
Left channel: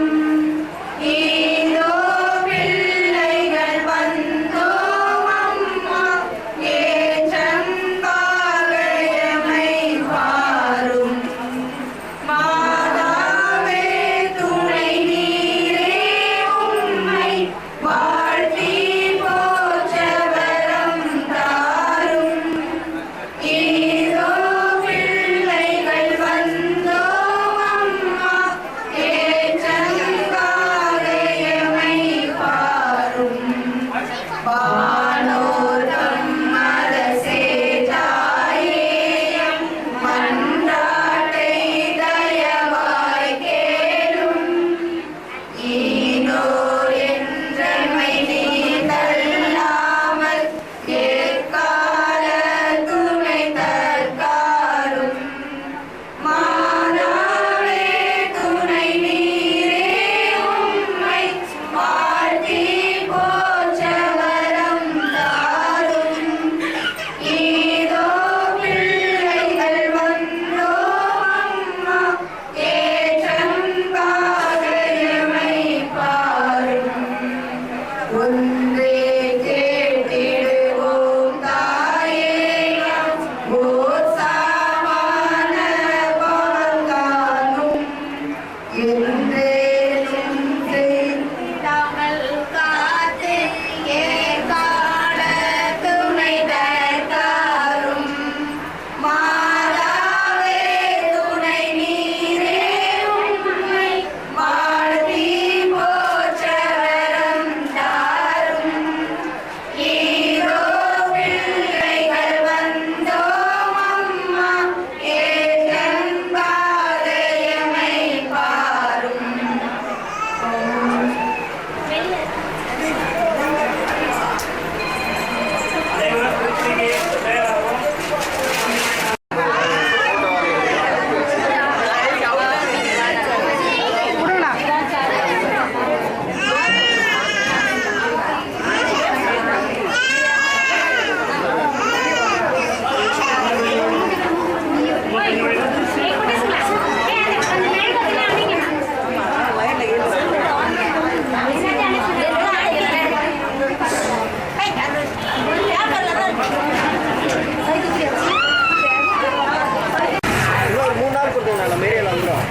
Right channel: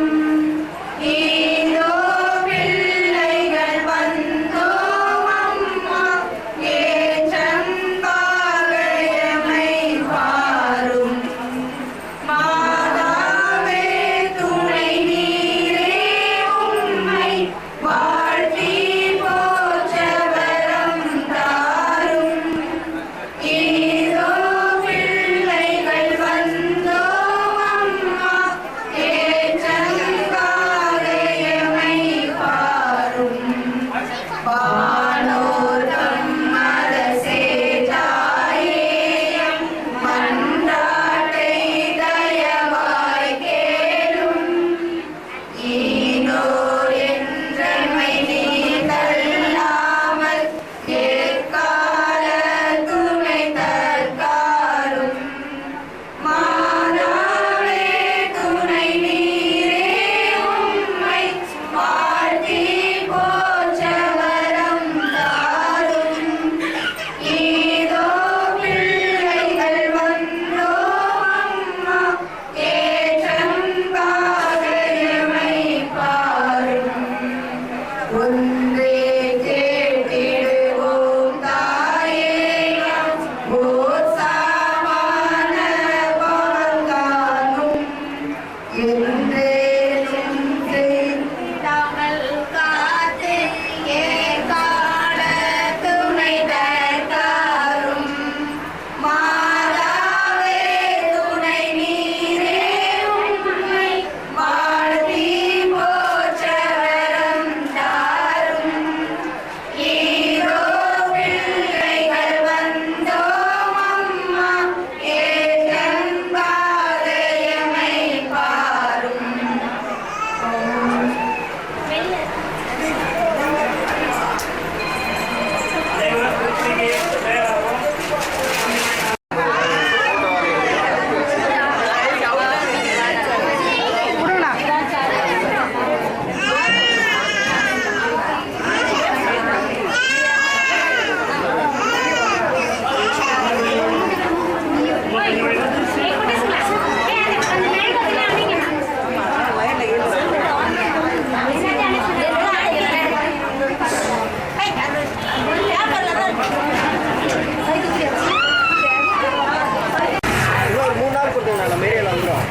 நம்ம ஏரியாவில் வந்துடும்.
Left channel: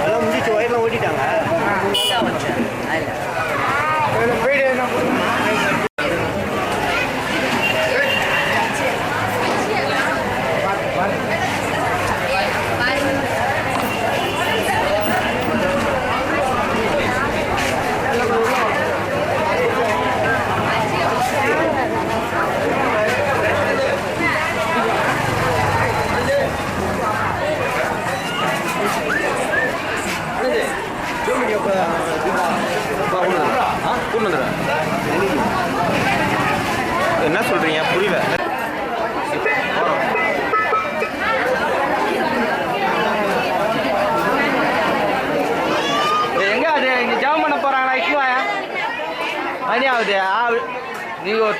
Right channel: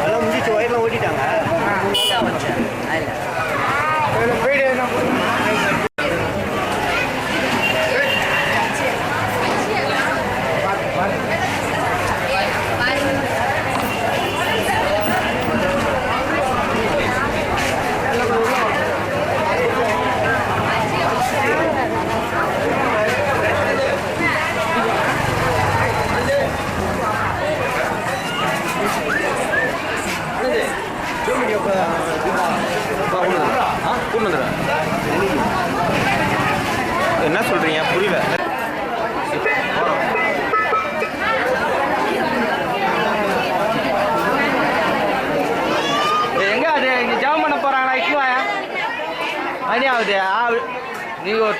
அதெல்லாம் முடிச்சு ஒயர்லாம் ஓட்டிட்டாங்க. என்ன சொல்றீங்க புரியல. எங்க அது இங்க ஜாம் பண்ண போறாங்களா? இக்குவாயா மணி ஆகுது. நீங்க ஒரு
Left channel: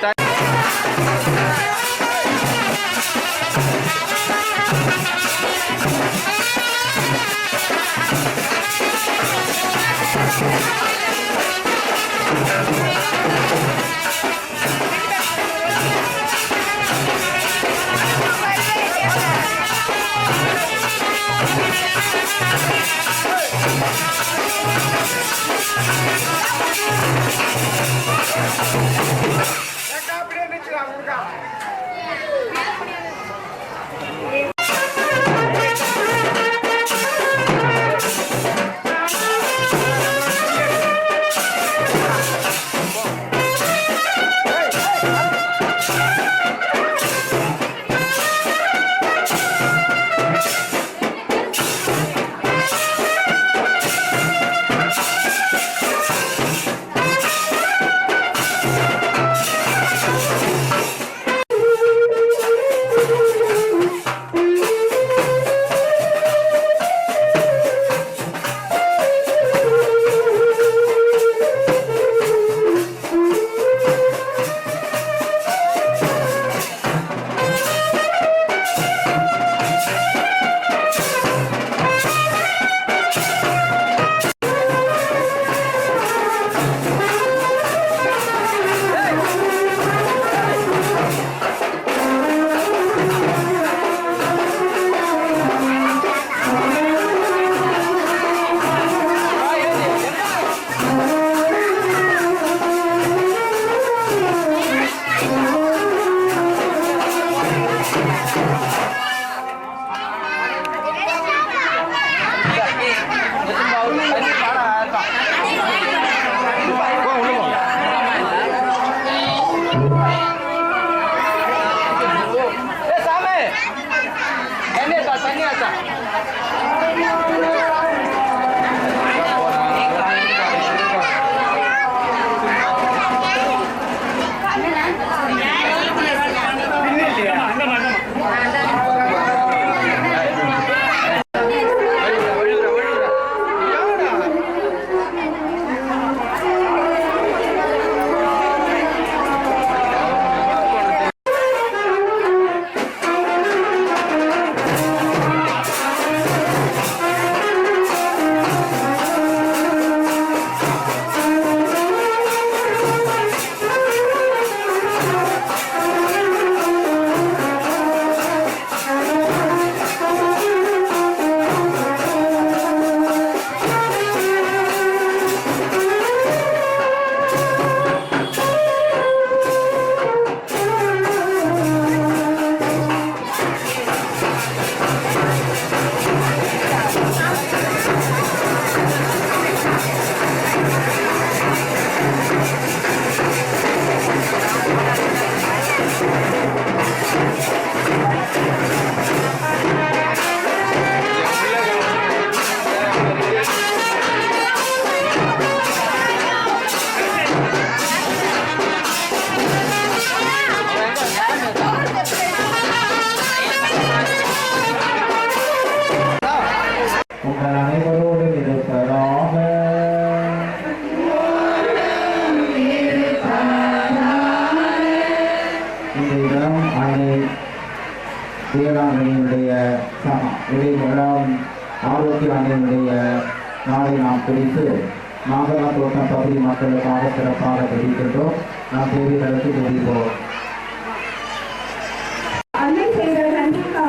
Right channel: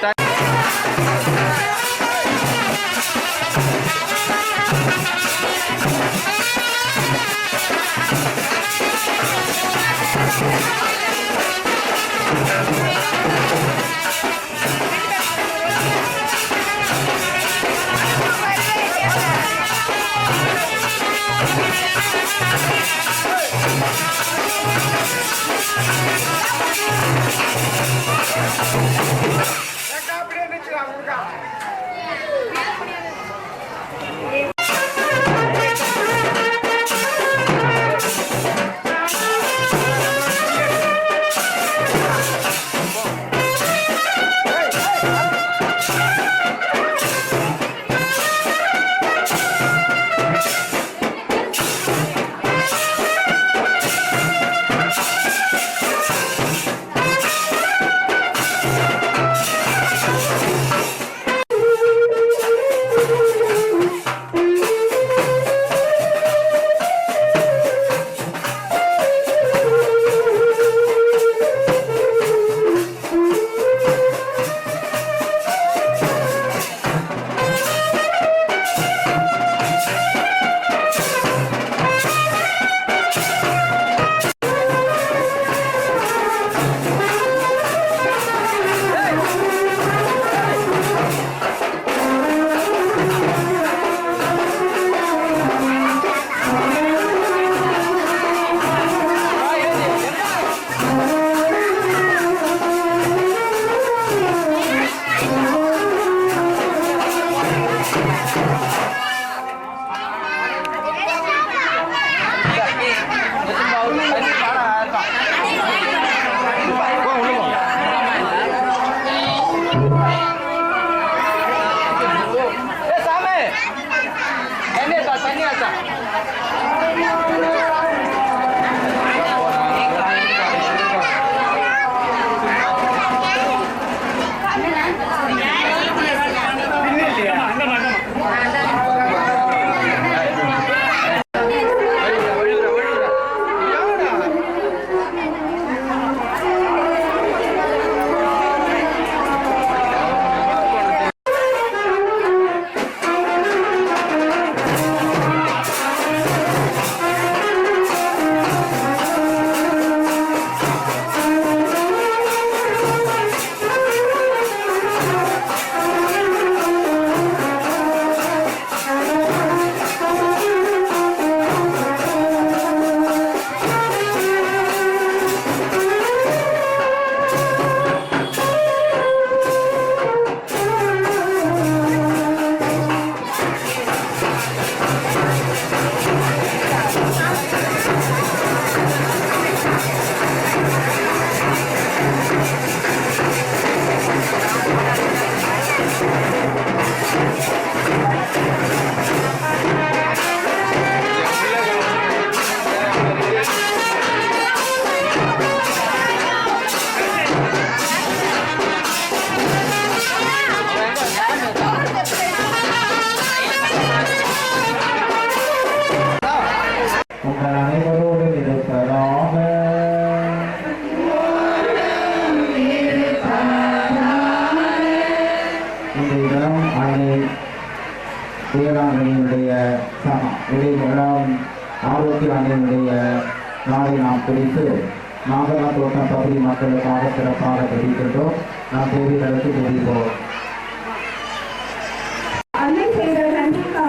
வேளாண்மையினுடைய இடைவேளாண் ஆரோக்கிய அணையினுடைய நாளை நாம் குறித்து நாகலா தோட்டம் பகுதி மக்களுக்காக சிறப்பாக தெரிவிக்கின்றோம். நாம் தேவைகளுக்கு தெரிவிப்போம். அன்னை செய்த நன்றிக்காக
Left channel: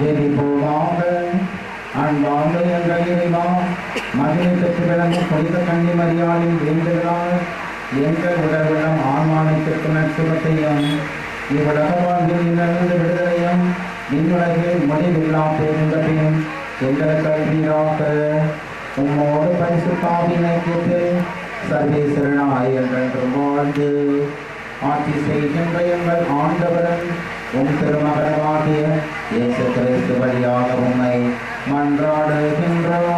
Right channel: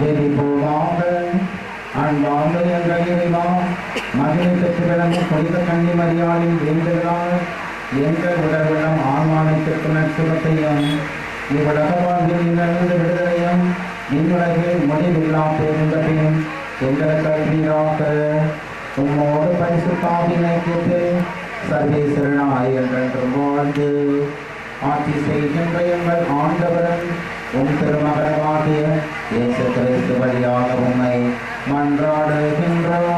ஜெபிப்போமாக. அன்பார்ந்த எங்கள் இறைவா, மகிமை பெற்று விளங்கும் புனித கன்னி மரியாளின் வேண்டுதலால் எங்கள் உடல்வளம் ஆன்மானத்திற்கு நற்சுகத்தையும் இவ்வுலக வாழ்வில் இன்னிருந்து விடுதலையும் இவ்வுலகில் முடிவில்லா பேருந்தபின் எங்களுக்கு அளிப்பீராக. உம்மோடு பரிசுத்தாவின் ஐக்கியத்தில் சர்வேஸ்வரனாய் என்றென்றும் வாழ்ந்து ஆட்சி செய்கின்ற எங்கள் ஆண்டவரும் உம் திருமகனமாகிய இயேசு கிறிஸ்து வழியாக உம்மை மன்றாடுகின்றோம்.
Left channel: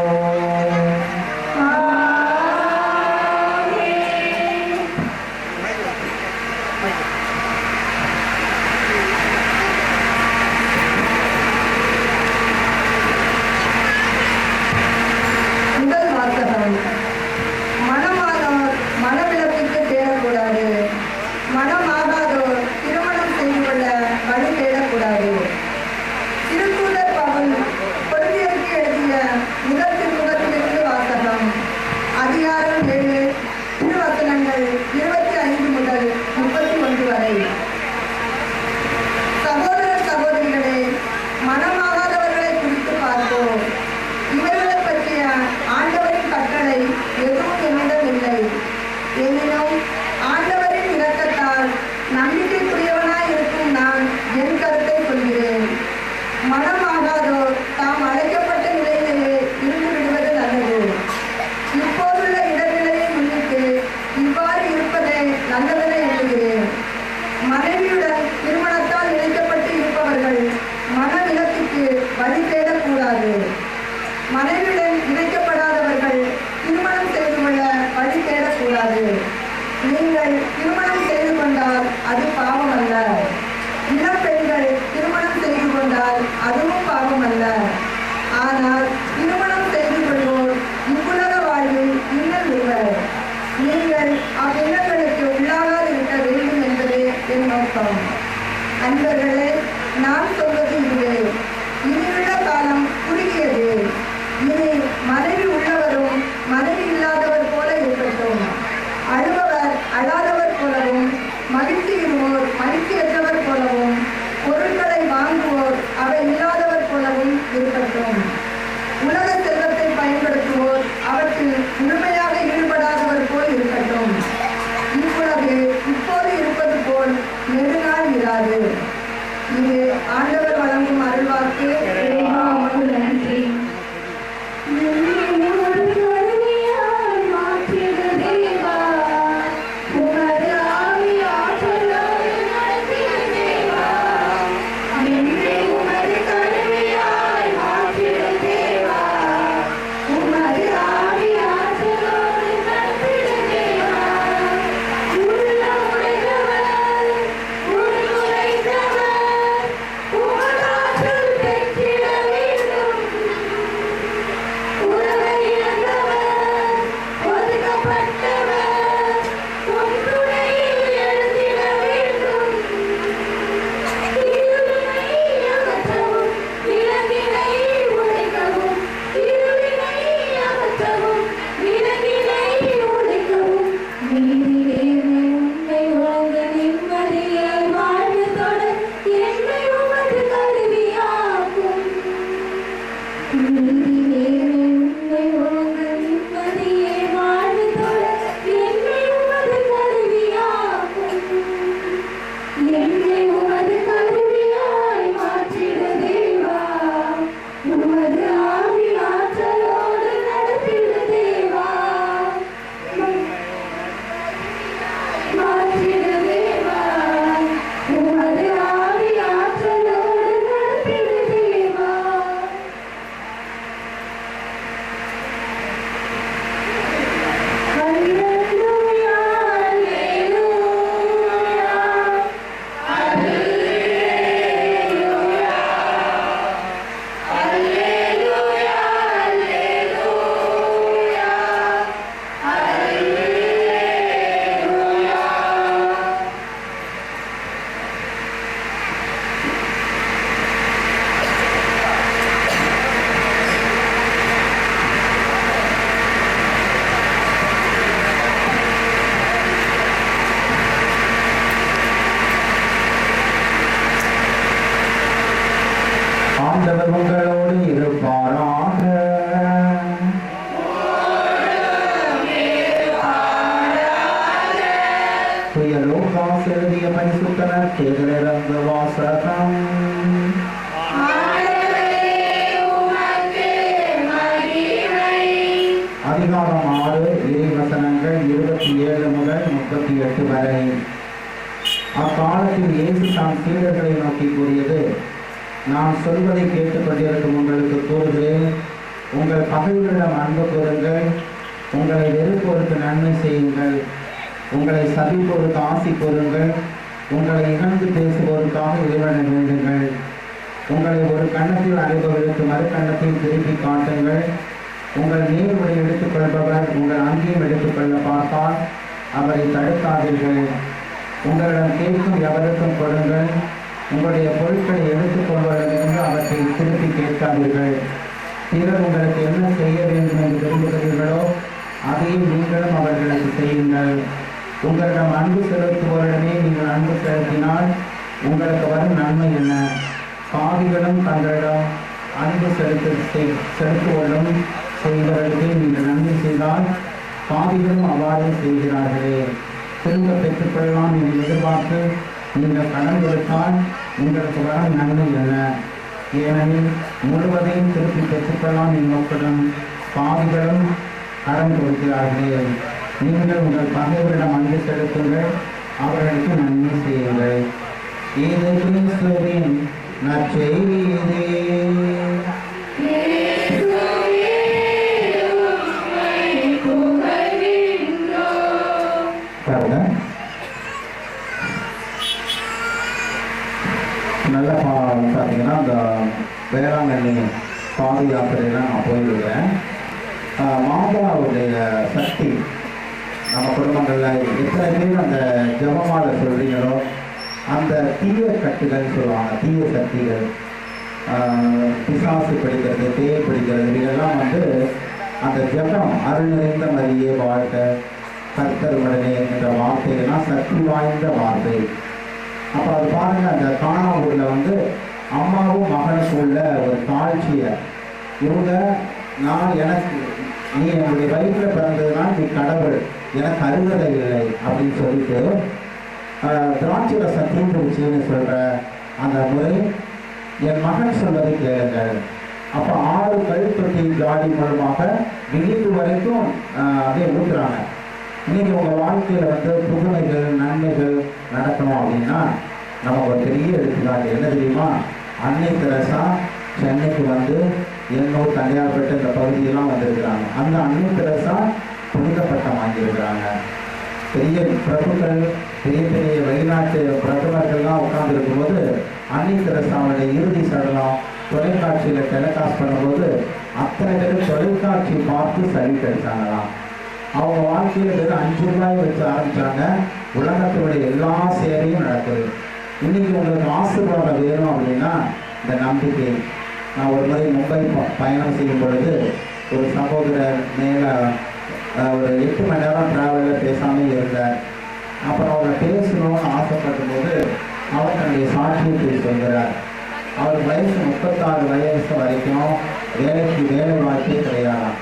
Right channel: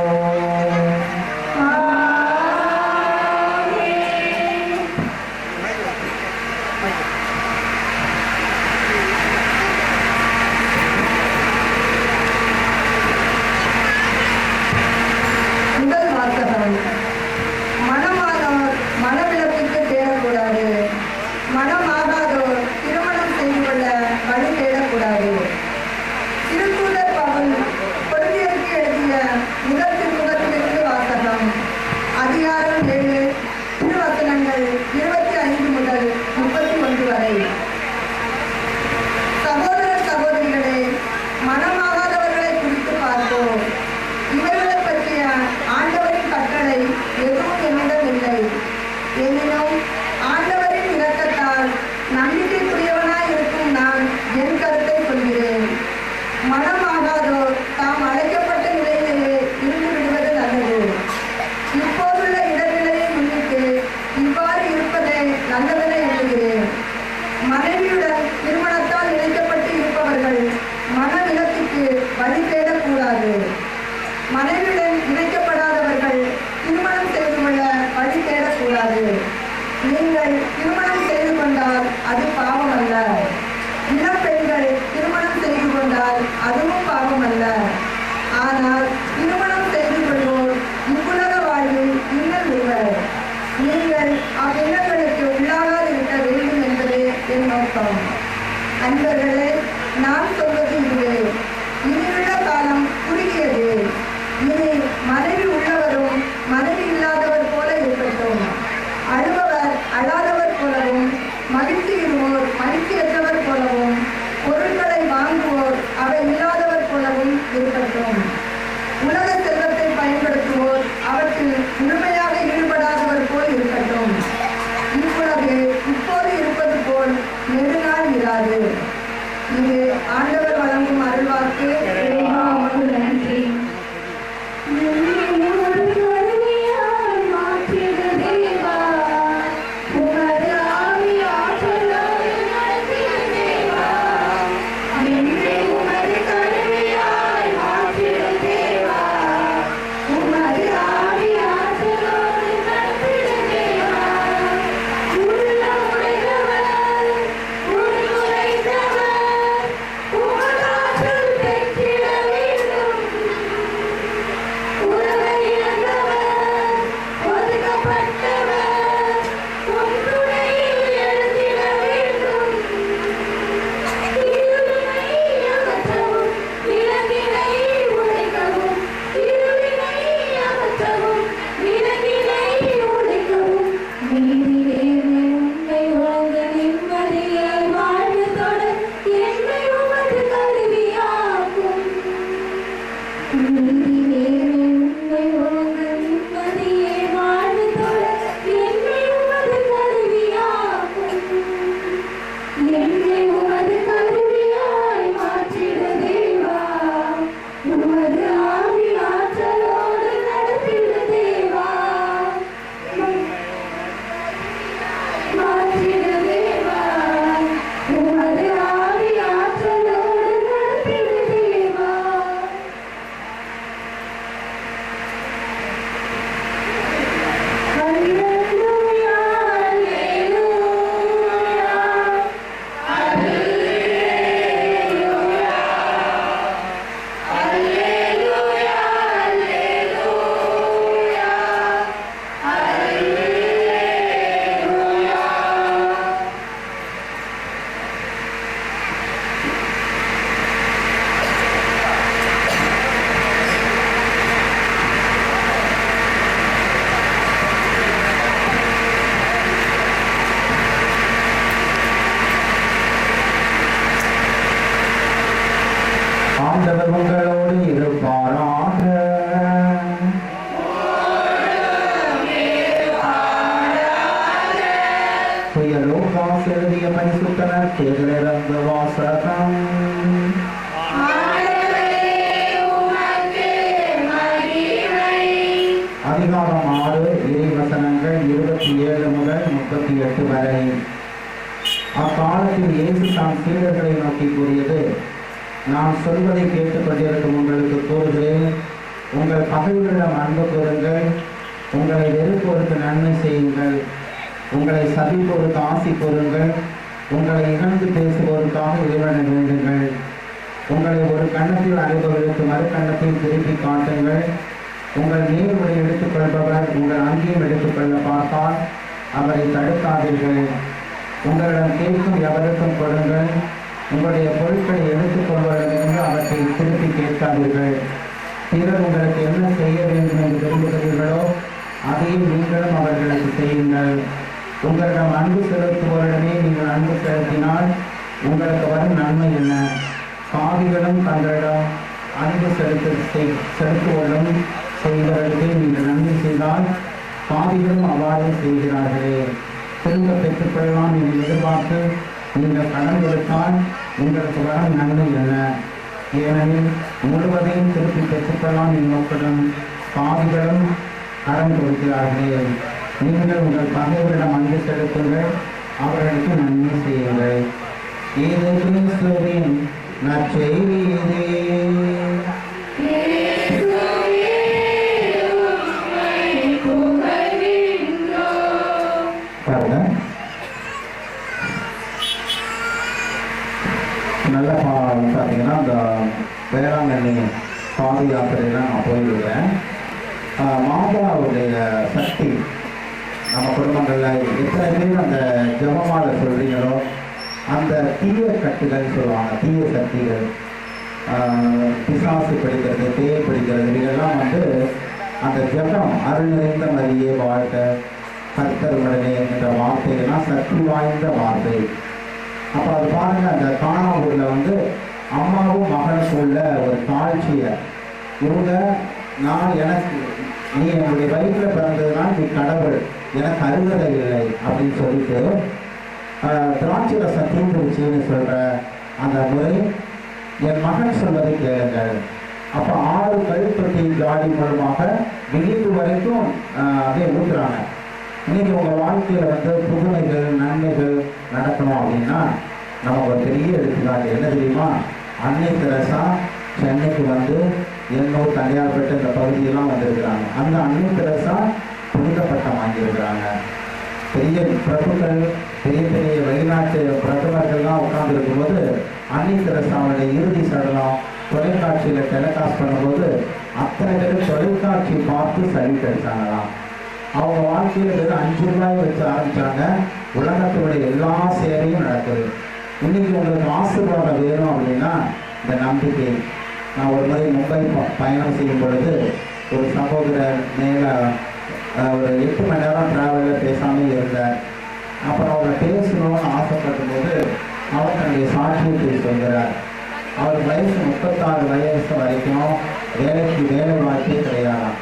முதல் வாசகம். மணமானோர் மணவிலக்குக்கு தேடக்கூடாது, மணமாகாதோர் திருமணம் செய்து கொள்ள வழி தேடக்கூடாது. திருத்தூதர் பவுல் கொரிந்தியருக்கு எழுதிய முதல் திருமுகத்திலிருந்து வாசகம். அதிகாரம் 7 திருவசனங்கள் 25 முதல் 31 வரை. சகோதர சகோதரிகளே, மணமாகாதவர்களை குறித்து பார்ப்போம். இவர்களை பற்றிய ஆண்டவரின் கட்டளை எதுவும் என்னிடம் இல்லை. எனினும் ஆண்டவரின் இரக்கத்தால் நம்பிக்கைக்குரியவனாய் இருக்கும் நான் என் கருத்தை சொல்கிறேன். மனமாகாதோர் தாம் அழைக்கப்பட்ட நிலையிலேயே இருந்து விடுவது நல்லது. இப்போதுள்ள இடர்நிலையை முன்னிட்டு இவ்வாறு இருப்பதே நல்லதென எண்ணுகிறேன். மனைவியுடன் திருமணத்தால் இணைக்கப்பட்டு இருப்பவர்கள் மனவிலக்குக்கு வழி தேடக்கூடாது. மனைவியுடன் இணைக்கப்படாதவர்கள் திருமணம் செய்து கொள்ள வழி தேடக்கூடாது. நீங்கள் திருமணம் செய்து கொண்டால் அது பாவம் அல்ல. இளம் பெண்கள் திருமணம் செய்து கொண்டால் அதுவும் பாவம் அல்ல. ஆனால் திருமணம் செய்து கொள்வோர் இவ்வுலக வாழ்வில் இன்னல் விடுவர். நீங்கள் அவ்வில்லங்களுக்கு உள்ளாகாதிருக்க வேண்டும் என்பதே என் நோக்கம். அன்பர்களே, நான் சொல்வது இதுவே. இனியுள்ள காலம் குறுகியது. இனி மனைவி உள்ளவரும் மனைவி இல்லாதவர் போல இருக்கட்டும். அழுபவர் அழாதவர் போலவும், மகிழ்ச்சி இருவோர் மகிழ்ச்சியற்றவர் போலவும், பொருட்களை வாங்குவோர் அவை இல்லாதவர் போலவும் இருக்கட்டும். உலக செல்வத்தை பயன்படுத்துவோர் அவற்றில் முழுமையாக ஈடுபடாதவர் போல் இருக்கட்டும். இவ்வுலகு இப்போது இருப்பது போல் நெடுநாள் இராது. இது ஆண்டவர் ஆண்டவர் உங்களோடு இருப்பாராக. தூய லூக்காஸ் எழுதிய பரிசுத்த நற்செய்தியிலிருந்து வாசகம். அதிகாரம் 6 இறைவசனங்கள் 27 முதல் 38 வரை. அக்காலத்தில் இயேசு தாம் சீடர்களை நோக்கி கூறியது, நான் சொல்வதை கேட்டுக்கொண்டிருக்கும் உங்களுக்கு கூறுகிறேன், உங்கள் பகைவரிடம் அன்பு கூறுங்கள், உங்களை வெறுப்போருக்கு நன்மை செய்யுங்கள், உங்களை சபிப்போருக்கு ஆசி கூறுங்கள், உங்களை இகழ்ந்து பேசுவோருக்காக இறைவனை வேண்டுங்கள், உங்களை ஒரு கன்னத்தில் அறைபவர்களுக்கு மறு கன்னத்தில் திருப்பி காட்டுங்கள், உங்கள் நீர்களை எடுத்துக்கொள்பவர் உங்கள் அங்கேயும் எடுத்துக்கொள்ள பார்த்தால் அவரை தடுக்காதீர்கள், உங்களிடம் கேட்கும் எவருக்கும் கொடுங்கள், உங்களுடைய பொருட்களை எடுத்துக்கொள்வதிலிருந்து அவற்றை திருப்பி கேட்காதீர்கள். பிறர் உங்களுக்கு என்ன செய்ய வேண்டும் என்று விரும்புகிறீர்களோ அதையும் நீங்களும் அவர்களுக்கு செய்யுங்கள். உங்களிடம் அன்பு செலுத்துவோரிடமே நீங்கள் அன்பு செலுத்தினால் உங்களுக்கு வரும் நன்மை என்ன? பாவிகளும் தங்களிடம் அன்பு செலுத்துவதும் செய்வர்களுக்கு நீங்கள் நன்மை செய்தால் பாவிகளும் அவ்வாறு செய்கிறார்களே. திரும்ப பெற்றுக்கொள்ளலாம் என்று எதிர்பார்த்து நீங்கள் கடன் கொடுத்தால் உங்களுக்கு வரும் நன்மை என்ன? ஏனெனில் முழுவதையும் திருப்பி பெற்றுக்கொள்ளலாம் என் நோக்குடன் பாவிகளும் கடன் கொடுக்கிறார்களே. நீங்கள் உங்கள் பகைவரிடம் அன்பு செலுத்துங்கள், அவர்களுக்கு நன்மை செய்யுங்கள். இது கிறிஸ்துவின் நற்செய்தி. நல்ல பார்த்தீங்கன்னா இந்த வேளாங்கண்ணி பாத யாத்திரையெல்லாம் நான் போயிருக்கிறேன். மாதாவுடைய சக்தி நம்ம குடும்பங்களில் எத்தனை பேர் அந்த ஜபமாலை சொல்கிறீங்களோ அந்த தீய கட்டுகள் சொல்லுவாங்க, தீய சக்திகள், பிசாசு பிடிக்கிறது, பேய் பிடிக்கிறது, இதெல்லாம் வந்து அந்த ஜபம் அருள் நிறைந்த மாதிரியே வாழ்க கர்த்தர் உடனே என்ற வார்த்தைகள்லாம் சக்தி வாய்ந்த வார்த்தை. அப்போ அது பாருங்கள், அந்த காணாவூரில் வந்து அம்மாவும் மகனுக்கும் உள்ள ஒரு தாழ்ச்சியை இவங்க, நான் எனக்கு நீ என்னுடைய வயிற்றில் பிறந்ததுனால் நீ கடவுள், எனக்கு அருகதை இல்லை அப்படின்னு சொல்லிட்டு திராட்சை ரசம் தீர்ந்துருச்சுன்னு சொல்கிற அந்த முறை என் மகன் சொல்வதை கேளுங்கள். அப்போ 6 கழுத்தொட்டி ஜாடி மூலமாக விழிப்பு வரைக்கும் அப்படியே ஊற்றுறாங்க. இன்னைக்கு உங்கள் வாழ்க்கையில் வந்து புதுமைகள் நன்மைகள் நடக்கணும் அப்படின்னா நம்ம ஒரு பெரிய எடுத்துக்காட்டு என்ன தெரியுமா? அன்னை தெரசா சென்னைக்கு வந்து எண்ணூர் தனியார்பேட்டை இந்த பகுதியெல்லாம் வந்திருக்கிறாங்க. அந்த அன்னை தெரசா புனித பட்டம் வாங்கியிருக்கிறாங்க. பெரிய பிரபுக்கள், பெரிய பெரிய வெளிநாட்டு பிரதமர்கள்லாம் உட்கார்ந்துருக்கும் போது அன்னை தெரசாவுடைய இறுதி சடலம் தொலைக்காட்சியில் டெலிகாஸ்ட் பண்ணும்போது அத்தனை பேர் தொலைக்காட்சி பார்த்து சல்யூட் அடித்தாங்களாம். அவங்க வாழ்க்கையில் வெறும் 5 ரூபாய் வச்சு ஆரம்பித்தாங்க, உலகத்துடைய எல்லா சேவையும் நடக்குது. இன்றைக்கி உங்களுக்கு ஆசீர்வாதம் வேணும் அப்படின்னா இந்த நம்பிக்கை. நான் ஒரு முறை மும்பை பயணம் செய்யும் பொழுது ஒரு சகோதரர் மேலே ஒரு 8 மணி நேரம் ட்ராவலில் பேசாமல் இருந்தார். அப்புறம் அவரை பேசணும்னு ஆசைப்படும் போது அவர் தன்னுடைய சாட்சியத்தை சொல்கிறார். அவர் வயசு 36 வயசு வரைக்கும் வேலை வாய்ப்பே கிடையாதாம்.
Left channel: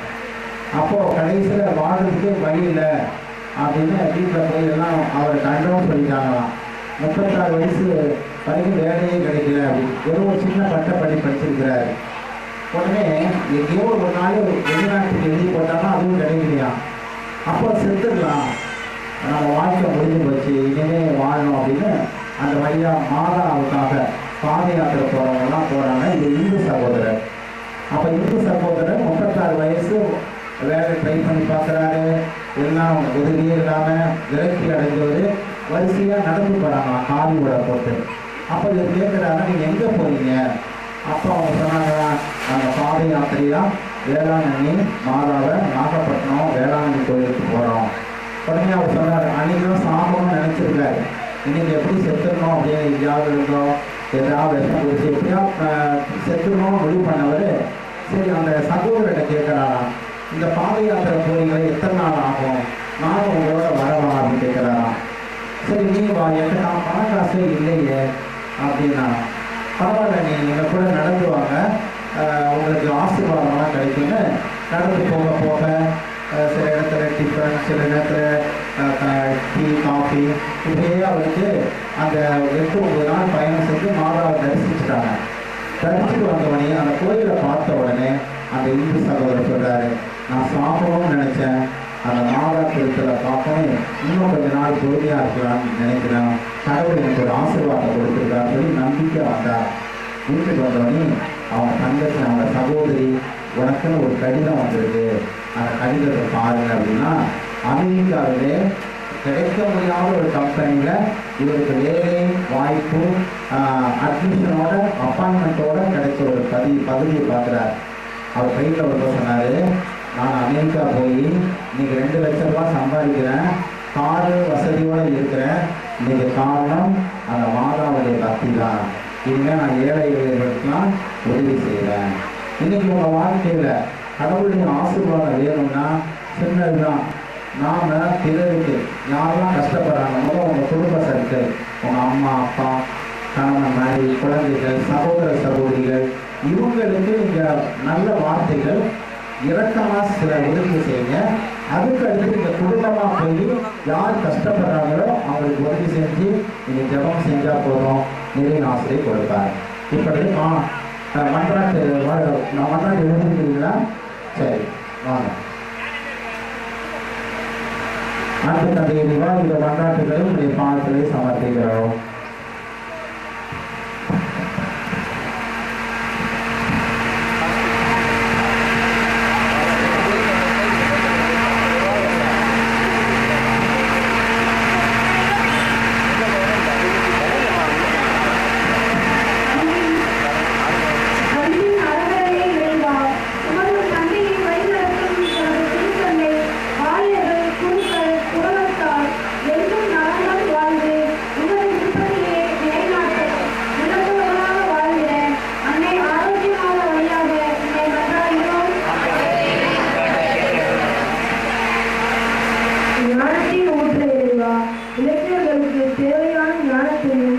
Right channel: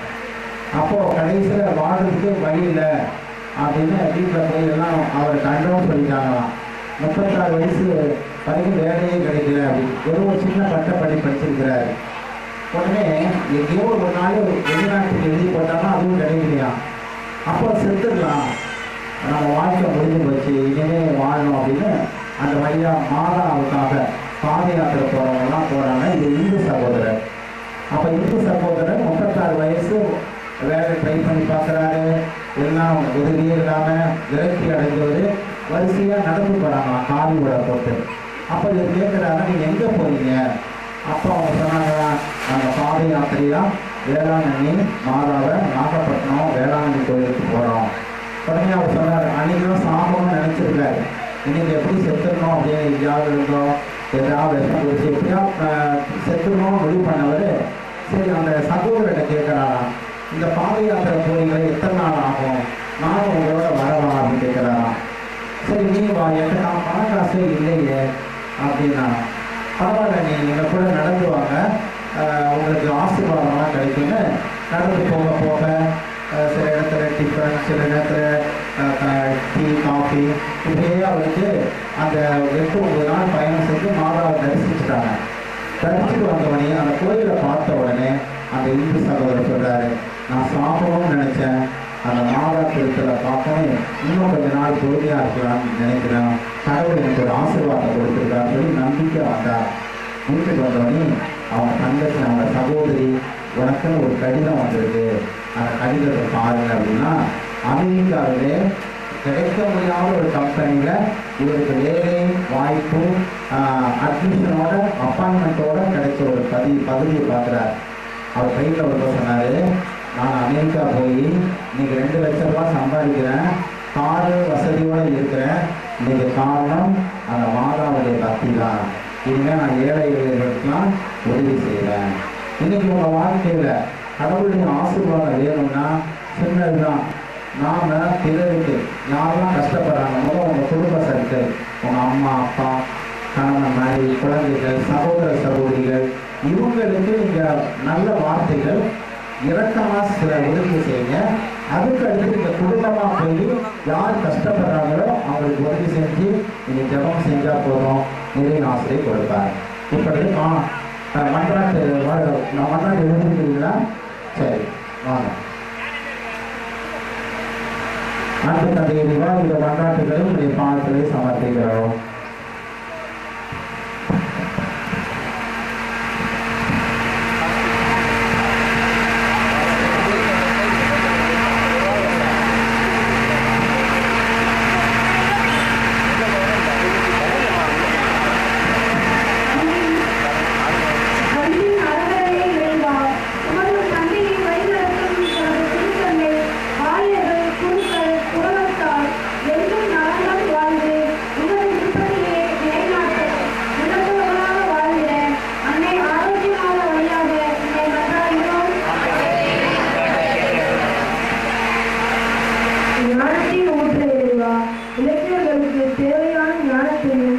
அப்போது கடைசியில் வாழ்றதுக்கு வழி இல்லை அப்படின்னு வீட்டில் போய் எல்லாம் அவர் கண்டோம் சொல்லிட்டாங்களாம். 36 வயசு வரைக்கும் வேலையே கிடைக்கல அப்படின்னு ஒரு சின்ன பட்டப்படி படிச்சிருக்கிறார். உடனே எங்கேயோ ஒரு நாள் வெளிநாட்டுக்கு எழுதி போட்டாலும் அதுவும் கிடைக்கலையா. அப்போ செத்துடலாம், நம்ம வாழ்க்கை முடிஞ்சு போச்சு, இனிமேல் வாழணும் அப்படின்னு அந்த வழியாக மாதாவுக்காக பாத யாத்திரை போகிறவங்கலாம் போகிறாங்க. இது இந்து சகோதரர். அப்போ இந்து சகோதரர் 36 வயசு வேலை ட்ரை பண்ணி பார்க்குறாரு, எல்லாம் உதவியே இல்லாமல் விரக்தி அடைந்தவர் வரிசையாக நடந்து போகிறாங்க காலியோட போட்டு. அப்போ இவர் கேட்குறாங்க, நீங்கள் எங்கே போகிறீங்க? அப்போ அவங்க சொன்னாங்க, நாங்கள் பாத யாத்திரையாக வேளாங்கண்ணி மாதாவை நாகப்பட்டினம் வேளாங்கண்ணி கோயிலுக்கு போகிறோம். உடனே அவர் சொன்னார், அன்றைக்கும் சாபம்னு நினச்சிருக்காரு, இன்றைக்கி எப்படி செத்துடணும் அப்படின்னு எங்கேயாவது இருந்தோம், ஏதாவது விஷம் குடிச்சு எப்படியா செத்துடணும் முடிவு பண்ணவர். சரி, அந்த சகோதரர்கிட்ட கேட்குறாராம், இந்த பாத யாத்திரை போறீங்களே எத்தனை நாள் ஆகும், நானும் உங்களோட வரவா அப்படின்னு கேட்குறாராம். சரி நீ வா, என்கிட்ட நான் பண காசே இல்லையே அப்படின்னா, பரவாயில்ல நீ எங்கள் கூட நடந்து வாங்க, நடந்து போக போக சில இடத்துல டிஃபன், சில நேரத்தில் டீ, காஃபி, இப்படியே அவருக்கு அந்த 8-9 நாள் பயணம் செஞ்சு மாதாவை தரிசிச்சுட்டாங்க. தரிசிட்டு வந்தவொடனே அந்த கோயிலை பார்த்த உடனே அந்த இந்து சகோதரர் சொல்கிறாரு, நான் சாப்பிடணும்னு நினச்சேன், அந்த மாதா திருத்தலை பார்க்கணும், இன்னும் கொஞ்ச நாள் பொறுமையாக இருக்கலாம்னு நினைக்கிறேன், கடவுள் எனக்கு ஒரு ஆசீர்வாதம் கொடுத்துருக்கான்னு சொல்லி நம்பிக்கை வந்தார். வீட்டுக்கு வந்தவொடனே அவங்க தங்கச்சி, அவங்க சகோதரி, உனக்குன்னு ஒரு கடிதம் வந்திருக்கு, அந்த கடிதத்தை பாருங்க அப்படின்னா, அமெரிக்காவிலே கிடைக்க முடியாத ஒரு கம்பெனியில் இவருக்கு வேலை வாய்ப்பு அட்மிஷனோட அப்பாயின்மெண்ட்டோட கிடைச்ச ஒரு பகுதியை பார்க்குறாரு. அவர் கையில் ஒரு சொன்னார், நான் அமெரிக்கா போய் இன்றைக்கி 2 லட்சம் ரூபா சம்பாதிக்கிறேன், காரு வசதியோடு இருக்கிறேன், இன்றைக்கி காரணம் அந்த மாதாவுடைய பக்தி தான். இனிமேல் நான் ஏழைகளுக்கெல்லாம் உதவி செய்கிறேன். இன்றைக்கி உங்கள் வாழ்க்கையில் கடவுளுடைய ஆசீர்வாதம் வேணும்னா சின்னது தான். நாம் பிறருக்கு யாரெல்லாம் கஷ்டப்படுறாங்க, முதல்ல உங்கள் குடும்ப சர்க்கிள், உங்கள் அம்மா அப்பா, கணவன் மனைவி, குழந்தைகள், சகோதர சகோதரிகள், இவங்களுக்கு நீங்கள் நல்ல வார்த்தைகள் இரக்கமாக சில உதவி செய்யுங்க. அதுக்கு அடுத்து நீங்கள் குடும்பமாக போய் யார் கஷ்டப்படுறாங்களோ அவங்களுக்கு உதவி செஞ்சு நீங்கள் ஜெபம் செஞ்சால் போதும், நிறைய ஆசிரியை கொடுப்பார். இப்படி மன்றாட்டு எழுதிக்கிறீங்களா? சரி, வாங்க. அன்பு தந்தையடிவா, இந்த மன்றாட்டுகளை உடைய பாதத்திலே சமர்ப்பிக்கிறோம். இளைஞர்களுக்கு தேவையான ஞானத்தையும்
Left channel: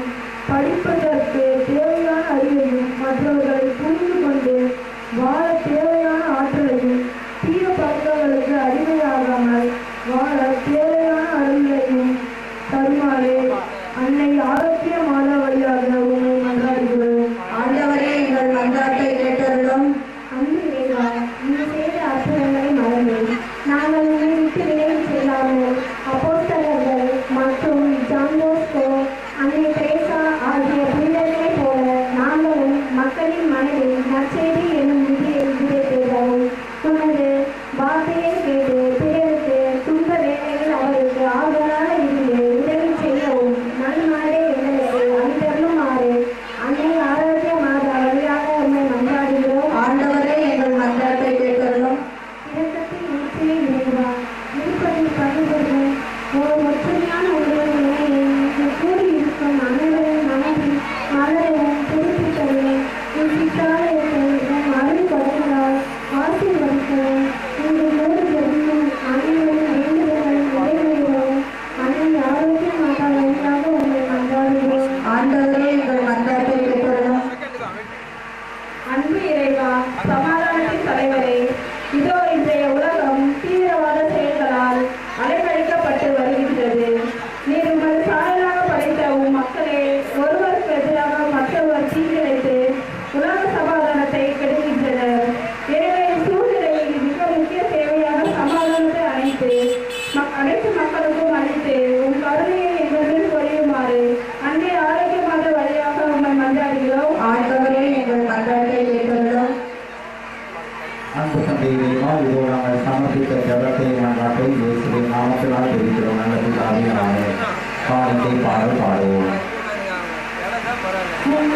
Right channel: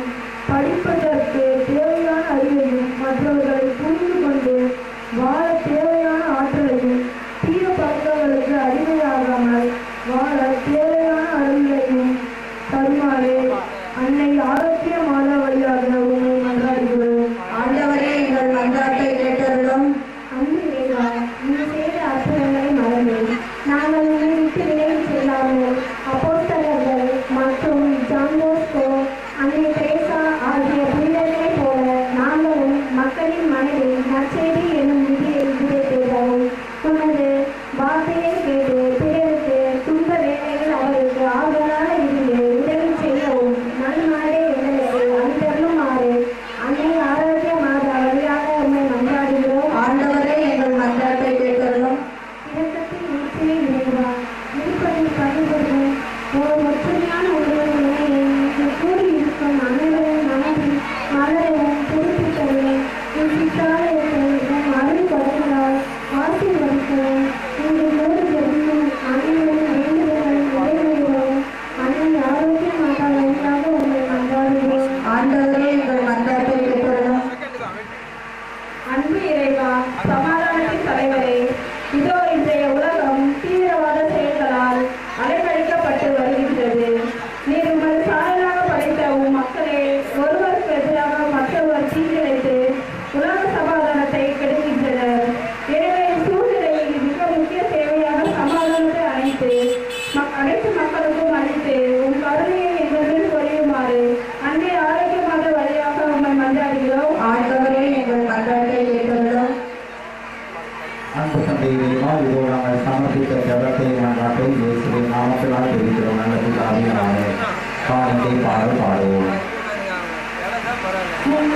படிப்பதற்கு தேவையான அறிவையும் மற்றவர்களை புரிந்து கொண்டு வாழ தேவையான ஆற்றலையும் தீய பழக்கங்களுக்கு அடிமையாகாமல் வாழ தேவையான அறிவையும் தருமாறு அன்னை ஆரோக்கிய மாதா வழியாக உண்மை மன்றாடுகிறோம். ஆண்டவரே, எங்கள் மன்றாட்டை கேட்டருளும். அன்பு இறைவா, நீ செய்த அற்புதங்களை மறந்து நாங்கள் உன்னை விட்டு விலகி செல்லாமல் அப்போஸ்தலர்கள் மற்றும் ஜான் போஸ்கோ, அன்னை தெரேசா ஆகிய புனிதர்களைப் போல நாங்களும் மக்களின் மனதில் நற்செய்தி என்னும் விதியை விதைத்தேகவும் உமது வார்த்தையை கேட்டு பிறருக்கு துன்ப வேலைகள் அவருக்கு ஆறுதலாக இருந்து உதவி செய்யவும் நன்மனதை எங்களுக்கு அளித்தருளுமாறு அன்னை ஆரோக்கிய மாதா வழியாக உண்மை மன்றாடுகிறோம். ஆண்டவரே, எங்கள் மன்றாட்டை கேட்டருளும். இரக்கத்தின் ஊற்றினை நிறைவா இருப்பதில் பகிர்வது ஒரு ஒற்றுமையான ஒருவர் நிலையை கூடியிருக்கும் அனைவரின் மனதில் மலரவும் புதுப்பித்தவும் உன் சித்தாலயத்தை உன் அருள் பதங்களால் ஆசீர்வதிக்கவும் இன்று மூன்று ஜெபமும் அனைவரின் வேண்டுதல்கள் நிறைவேறவும் அன்னை ஆரோக்கிய மாதா வழியாக உங்களை மன்றாடுகிறோம். ஆண்டவரே, எங்கள் மன்றாட்டை கேட்டருளும். அன்பு இறைவா, சமாதானத்தின் தலைவரே, இதோ இன்றைய உலகம் தீவிரவாத செயல்களால் அலைக்கழிக்கப்பட்டு வருகின்றது. நீர் உமது சாயலாக படைத்த உம் மக்களே ஒருவருக்கு எதிராக மற்றவர் தீங்கிழைத்து உலக சமாதானத்தை கெடுக்கின்றனர். எனவே சூழ்நிலையில் மிக முக்கிய தேவையான சமாதானத்தை அனைத்து மக்களுக்கும் அளித்து உம் கருணையை எங்கள் மீது பொழியுமாறு அன்னை ஆரோக்கியமாக வழியாக உண்மை மன்றாடுகிறோம். ஆண்டவரே, எங்கள் மன்றாட்டை கேட்டருளும். அன்பு தந்தையிலேயுமா, இதோ நாங்கள் சமர்ப்பித்த ஜபத்தை மன்றாட்டை இயேசுவின் நாமத்தினால் தெரிவிக்கிறோம். நல்லது தாவியனாக காணிக்கை பாடல் பாடுவோம். பாவம்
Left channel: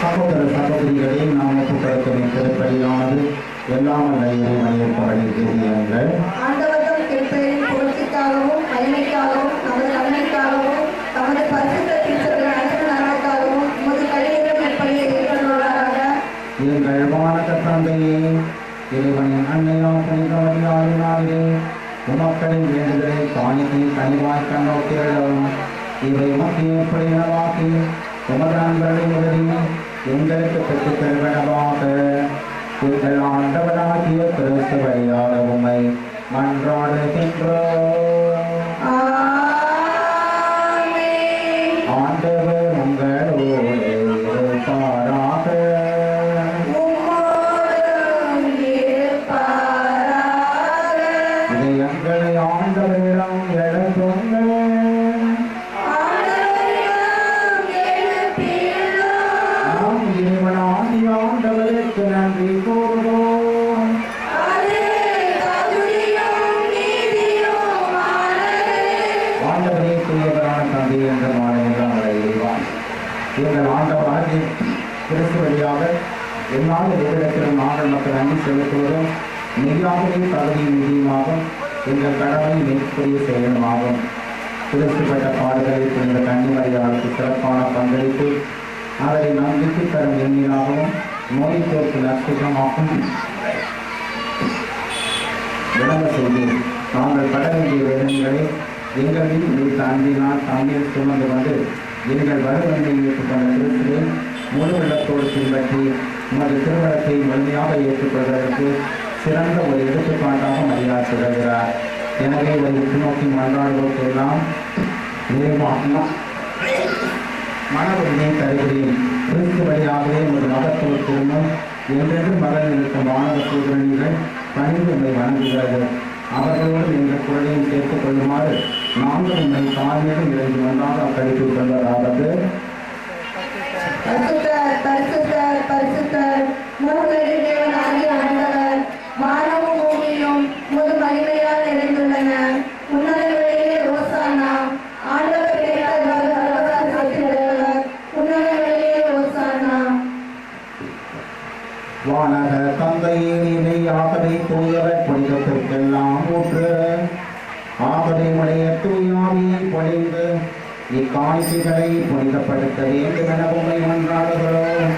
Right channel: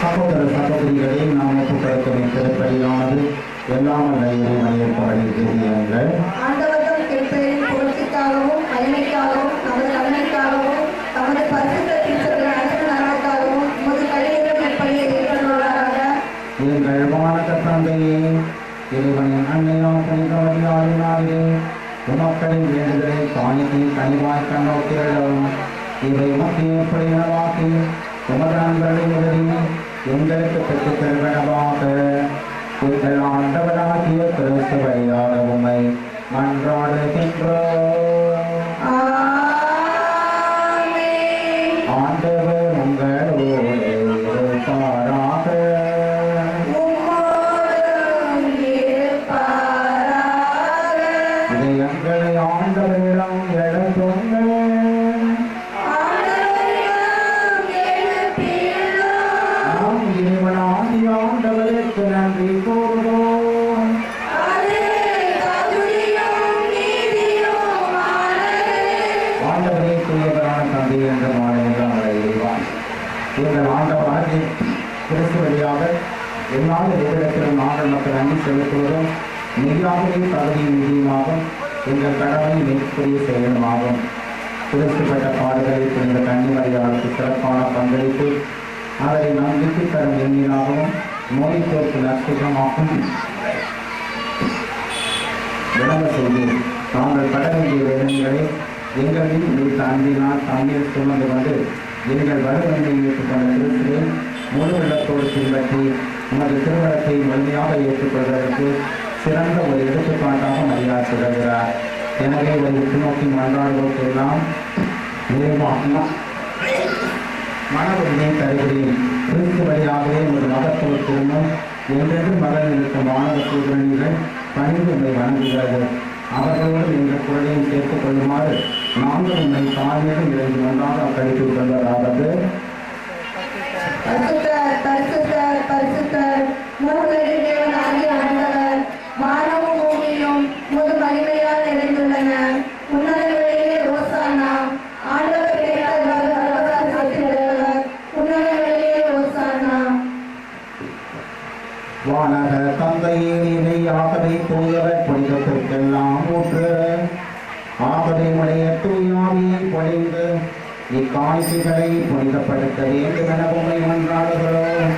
சகோதர சகோதரிகளை நாம் ஒப்புக்கொடுக்கும் திருப்பலியானது எல்லாம் அல்ல இறைவனையற்பவனை தெரியுங்கள். ஆண்டவர்கள் திருப்பெயரின் புகழ்ச்சிக்காகவும் மகிமைக்காகவும் நமது நலனுக்காகவும் தமது பரிசுத்த திருச்சபையின் அனைத்து நலனுக்காகவும் உமது கையிலும் இப்படியை ஏற்றுள்ளாராக. எங்கள் வானக தந்தையே, இறைவனின் அன்னையாம் புனிதவதியாளினாலே உமக்களின் வேண்டுதலை காணிக்கை கனிவாய் கண்ணோக்கிகளும் இவை மத்திய புலினவாக்கி உமது நண்பர்களின் உதவி எங்களுக்கு பெற்றுத் தருவனவாக. எங்கள் ஆண்டவராகிய கிறிஸ்து வழியாக உம்மை மன்றாடுகின்றோம். ஆண்டவர் உங்களோடு இருப்பாராக. இதை எங்களை ஆண்டவரிடம் எழுப்புங்கள். நாம் இறைவனாகிய ஆண்டவருக்கு நன்றி கூறுவோம். ஆண்டவரே தூயவரான தந்தை என்ற மாநிலம் இறைவான் எங்கள் ஆண்டவராகிய கிறிஸ்து வழியாக என்னால் எவ்விடத்திலும் நாங்கள் மக்கள் நன்றி செலுத்துவதும் மெய்யாகவே தகுதியும் நீதியுமாகும். எங்கள் கடமை மேற்கூறிய செயலுமாகும். கிறிஸ்து பெற்ற பாடுகளை புனித கன்னிமரியாளுக்கு சிறப்பான பங்களிப்பு அதை நம்பிக்கை தரும் எண்ணினாகவும் நோய் தோற்கு நஷ்டமாகும் விளங்க செய்து நாங்கள் பட வேண்டிய வேதனைகளை எங்கள் மீது குறித்த அன்பினால் தண்ணீர் சுமந்து கொண்டு எங்கள் வலுவன்மை ஏற்றுக்கொண்ட கிறிஸ்துவை முழு உள்ளத்தோடு பின்பற்றி உமது திருமணத்தை முழுமையாக ஏற்றுக்கொள்வதற்கு சிறந்த ஒரு எடுத்துக்காட்டாக மரியாதை தொடர்கிறார். எனவே இதை நோக்கி மன்றாடுவோருக்கெல்லாம் மன உரிமை தருகிறேன். கிறிஸ்து வழியாகவே ஒரு மகத்துவ திருமணம் என்றென்று மகள் இருக்கும் வானக சூழ்நிலைகள் பணிந்து உண்மை வணங்குகிறது. அவர்களோடு எங்கள் குரலையும் சேர்த்துக் கொள்ளுமாறு நாங்கள் உண்மை தாழ்மையிலும் இருந்து ஒன்றாக கழித்துக் கொள்வதாவது. பரிசுத்தர் பரிசுத்தர் பரிசுத்தர் மூவரின் தேவனாகிய ஆண்டவர், வானமும் பூமியும் உமது மகிமையால் நிறைந்துள்ளன. உன்னதங்களிலே ஓசானா. ஆண்டவர் கேட்டவர் உன்னதங்களிலே ஓசானா. வானக தந்தையே, இணையாகவே தூயவர் புனிதத்திற்கெல்லாம் ஊற்று. ஆகவே உடைய தூயாவியை பொழிந்து இக்காணிக்கைகளை புனிதப்படுத்த வேண்டும் என உண்மை மன்றாடுகிறோம்.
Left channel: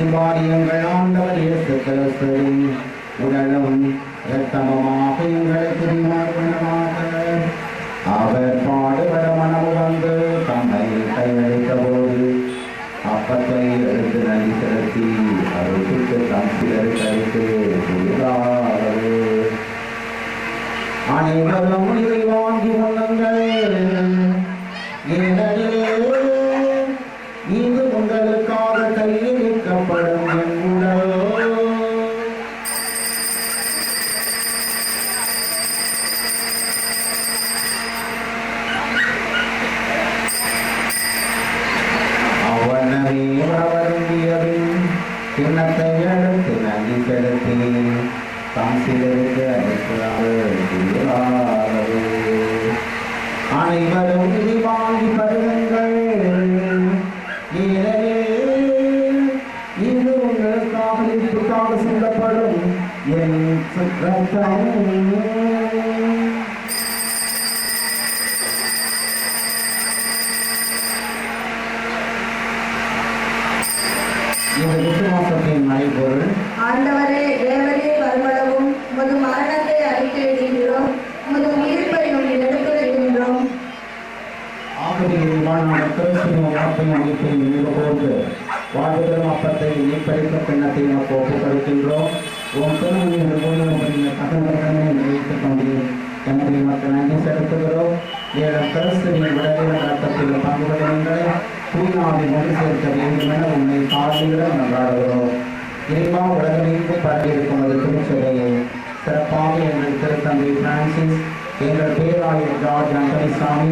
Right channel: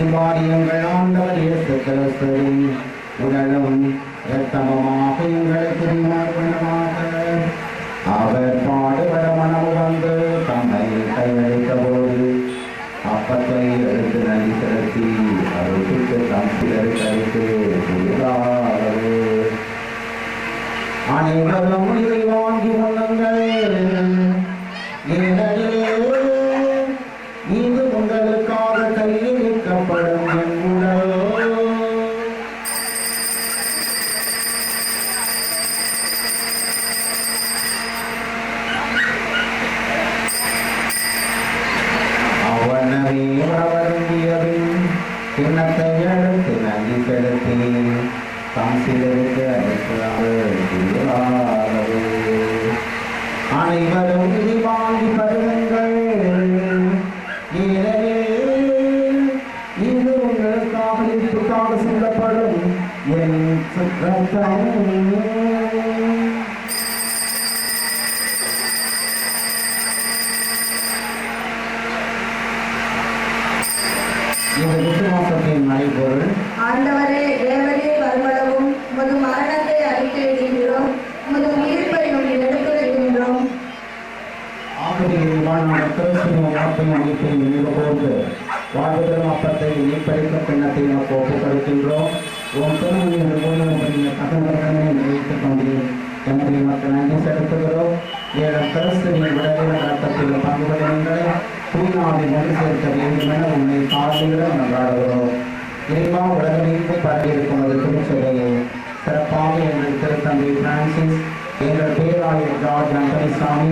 இவ்வாறு எங்கள் ஆண்டவர் இயேசு கிறிஸ்துவின் உடலும் இரத்தமுமாக எங்களுக்கு நியமனமாக அவர் பாடுபட மனமு வந்து தம்மை கையளித்த போது அப்பத்தை எடுத்து நன்றி செலுத்தி அவருக்கு தம் சிலருக்கு அளித்து கூறுகிறார்கள். அனைவரும் இதை வாங்கி கொள்ளுங்கள். இது உங்களுக்காக கையளிக்கப்படும் என் உடல். அவனவே வருந்தியபின் கிண்ணத்தை எடுத்து நன்றி செலுத்தி தாம் சிலருக்கு அளிக்கிறார்கள். அனைவரும் இதை வாங்கி பருகுங்கள். இது உங்களுக்காக இப்படிக்காக சொல்லப்படும் என் ரத்தம். இது விசுவாசத்தின் மறைபொருள். ஆண்டவரே, தேவரே வருமளவும் உமது மரணத்தை அறிக்கையிடுகிறோம், உமது உயிர்ப்பையும் எடுத்துரைக்கின்றோம். ஆகவே வாழ்நாள் கிறிஸ்துவின் வார்த்தையும் அமைப்பையும் நினைவு கூர்ந்து வாழ்வுதலும் அப்பத்தை நீப்பளித்த பின்னத்தை நமக்கு ஒப்புக்கொடுக்கின்றோம். உன் திருமணியின் ஊழியர்களின் தகவல்களை நினைத்துக் கொண்டு எமது மக்கள் நன்றி செலுத்துகிறோம். ஏழம் கிறிஸ்துவின் உடலின் ரத்தத்தில் பங்குபடுங்களை தூய்நாவை ஒன்று சேர்க்க வேண்டும் என உண்மை சார்பிடம் நன்றாடுகிறோம். இறைவா, உலகமெங்கும் பரவியிருக்கும் அது திருச்சபையை சிறப்பாக எங்கள் திருத்தந்தை பிரான்சிஸ், எங்கள் பேராயர் ஜார்ஜ் அந்தனிசாமி,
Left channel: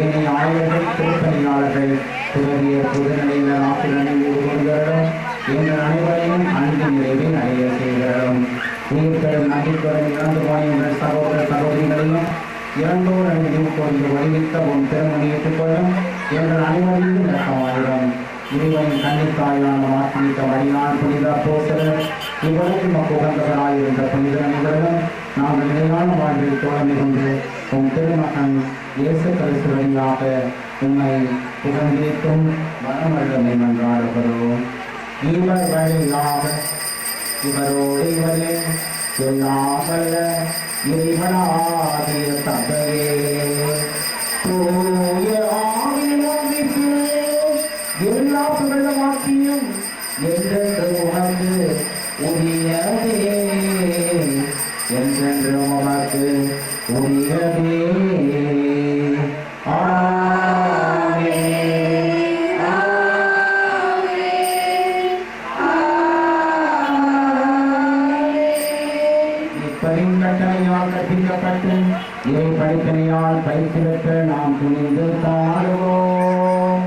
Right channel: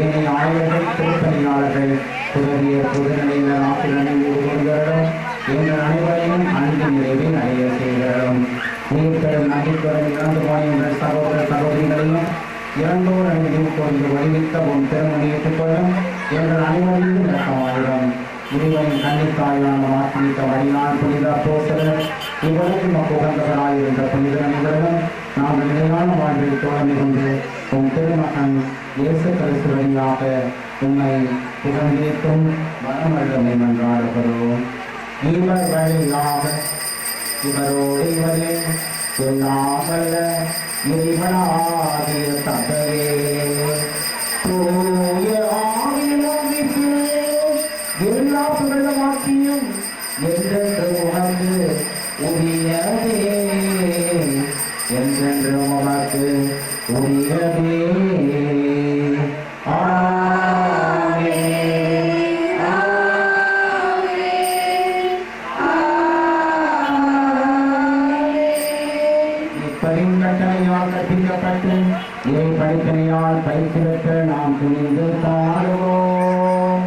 ஏனைய ஆய்வர்கள், திருப்பணியாளர்கள், துறவியர், பொதுநிலையினர் ஆசிரியர்கள் ஒருவர்களும் எங்கள் அனைவரையும் அன்பு நிறைவில் அடைய செய்கிறோம். உயிர்த்தெழும் நம்பிக்கையுடன் இறந்து போன எங்கள் சகோதர சகோதரிகளையும் இறந்தோர் நினைவு கூர்ந்து வலிவித்த உன் திருமணி ஏற்றுக்கொள்ளும். எங்கள் அனைவரையும் இறைவனின் கன்னித்தாயான மாற்றிக்க வழியால் புனித அப்போஸ்தலர் இவ்வளவு நமக்கு உகந்தவராயிருந்த புனித நிகழ்வும் நாங்கள் நிலையான வாழ்வில் தோழமை கொண்டு உம் திருமகன் இயேசு கிறிஸ்து வழியாக உம்மை புகழ்ந்தேற்றும் மனமல்லமை மன்றாடுகிறோம். இவர் வழியாக இவரோடு இவரே எல்லாம் வல்ல இறைவனாகிய தந்தையே தூய ஆவியானவரே எல்லா புகழுமாட்சியும் என்றென்று உனக்கு உரியதே என்றென்று உனக்கு உரியதே. இப்படிங்கட்டனையால் கற்பிக்கப்பட்டு இறை படிப்பினையால் பயிற்சி பெற்று நாம் துணிந்து பாடுவோம்.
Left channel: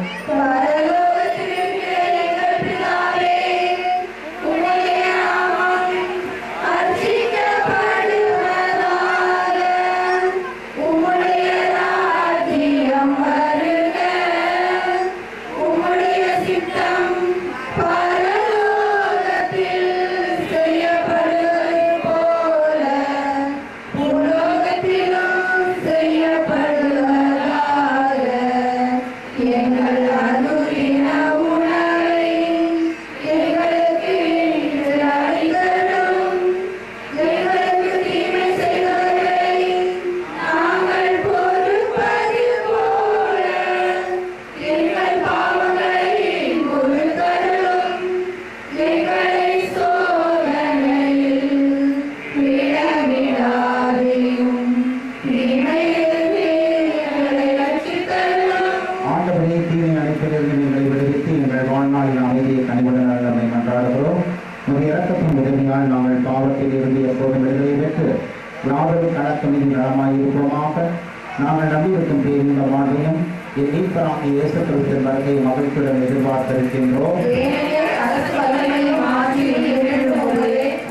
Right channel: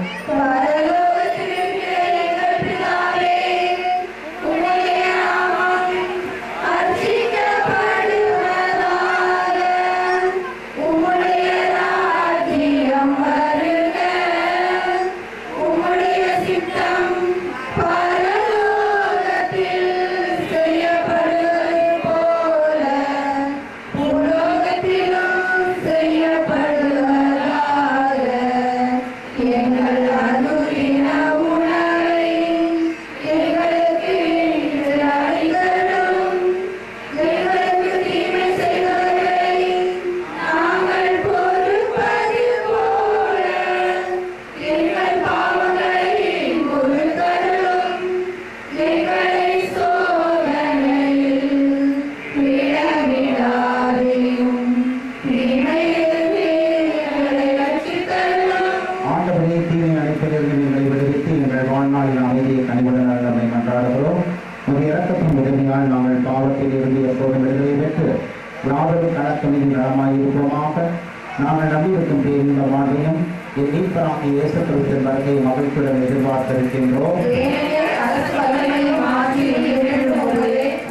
நாங்கள் நம்பியிருக்கும் பேரின்ப வாழ்வையும் என் மீட்பராகிய இயேசு கிறிஸ்துவின் வருகையை மகிழ்ச்சியுடன் எதிர்பார்த்திருக்கின்றோம்.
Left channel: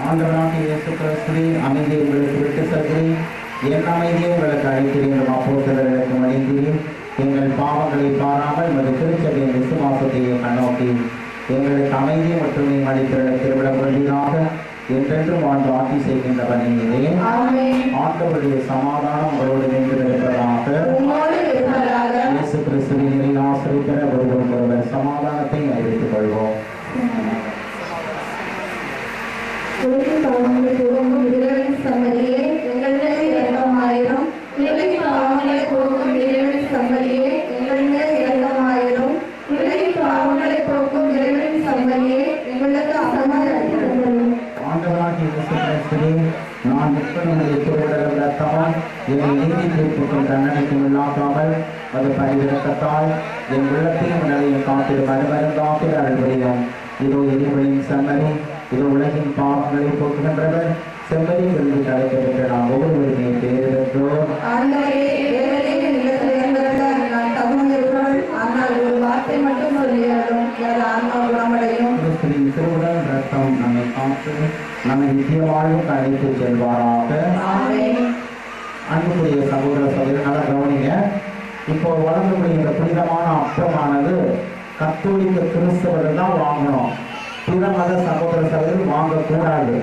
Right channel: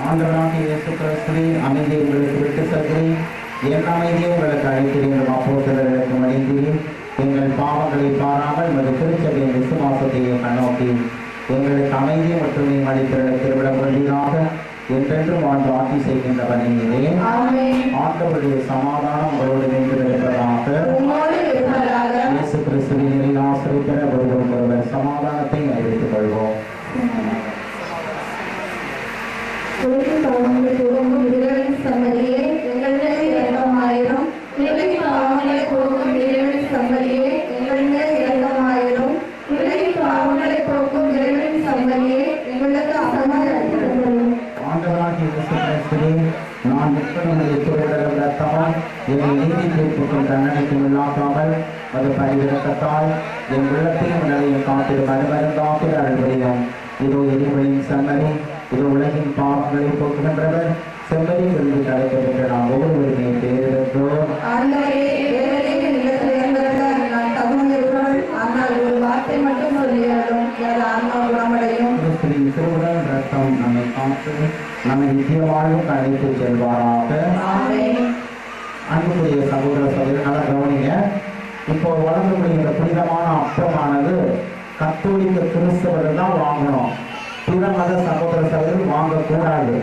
ஆண்டவராகிய இயேசு கிறிஸ்துவின் அமைதியை உங்களுக்கு விட்டு செல்கிறேன், என் அமைதியை உங்களுக்கு அழைக்கிறேன் என்று அப்போஸ்தலர்களுக்கு மொழிந்தீர். எங்கள் பாவங்களை பாராமல் உமது திருச்சபையின் விசுவாசத்தையே கண்ணோக்கி எங்களுக்கு அமைதியை மற்றும் அளித்திருந்த திருவிழா கொள்வீராக. என்றென்றும் வாழ்ந்து ஆட்சி செய்கின்றவனே ஆண்டவருடைய சமாதானம் உங்களோடு நின்றிருப்பதாக. இயேசு கிறிஸ்துவின் நிலை ஆசிரியர் பெற ஒருவர் சமாதானத்தை அறிவித்துக் கொள்வோம். சம்மதியே எங்கள் மேல் இரக்கமாயிரும். உலகின் பாவங்களை போக்கும் இறைவனின் சம்மதியே எங்கள் மேல் இரக்கமாயிரும். உலகின் பாவங்களை போக்கும் இறைவனின் சம்மதியே எங்களுக்கு சமாதானம். ஆண்டவராகிய இயேசு கிறிஸ்துவே, நான் நிற்பனுடைய திருவிடல் ரத்தமால் என்னை நீதி தீர்ப்புக்கும் தண்டனைக்கும் உள்ளாக்காமல் அது பரிவிரக்கத்தால் என் உள்ளத்தையும் உடலையும் காத்திடும் மறுமருந்தாக்கி அருள்புரியும். இதோ எரிவழியின் சம்மதி, இது உலகின் பாவங்களை போக்குகின்றவர். செம்மறி விருது கிடைக்கப்பெற்ற நாம் ஒவ்வொருவருமே பேரிடற்றோம். திருவுடல் ரத்தம் நம்மை காத்து நம்மை நித்திய வாழ்வுக்கு அழைத்து செல்வாராக. அன்புக்குரிய சகோதர சகோதரர்களாக கவனிங்க. இப்போ வளர்ந்துக்கூடிய இந்த புனிதமான அப்பமானது கத்தோலிக்க கிறிஸ்தவர்கள் தான் வாங்கணும், பிற மத சகோதர சகோதரர்கள் வாங்கக்கூடாது.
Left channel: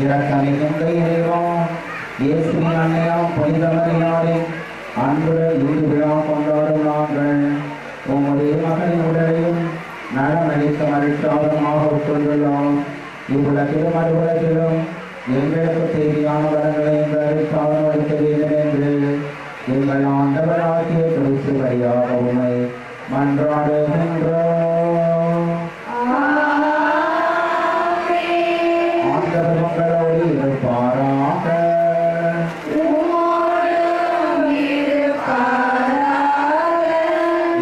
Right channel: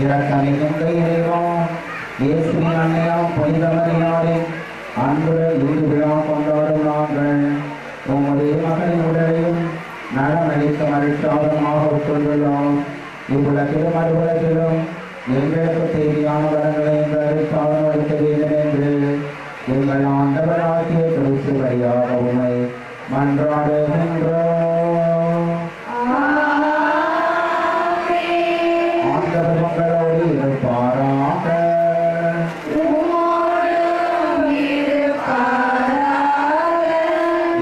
இரக்கம் மிகுந்த இறைவா, இயேசுவின் அன்னையாம் புனித மரியாளின் அன்புடன் ஈடு விழா கொண்டாடும் நாங்கள் உம்முடைய மகனின் உடலையும் நலமளிக்க மகிழ்ச்சியாதமாக உட்கொண்டுள்ளோம். இவ்வுலகிலும் மறுவுலகிலும் எங்களுக்கு தேவையான வரங்களை எங்களுக்கு அளிக்க வேண்டும் என்று எங்கள் ஆண்டவராகிய கிறிஸ்து வழியாக உம்மை மன்றாடுகின்றோம். ஆண்டவர் உங்களோடு இருப்பாராக.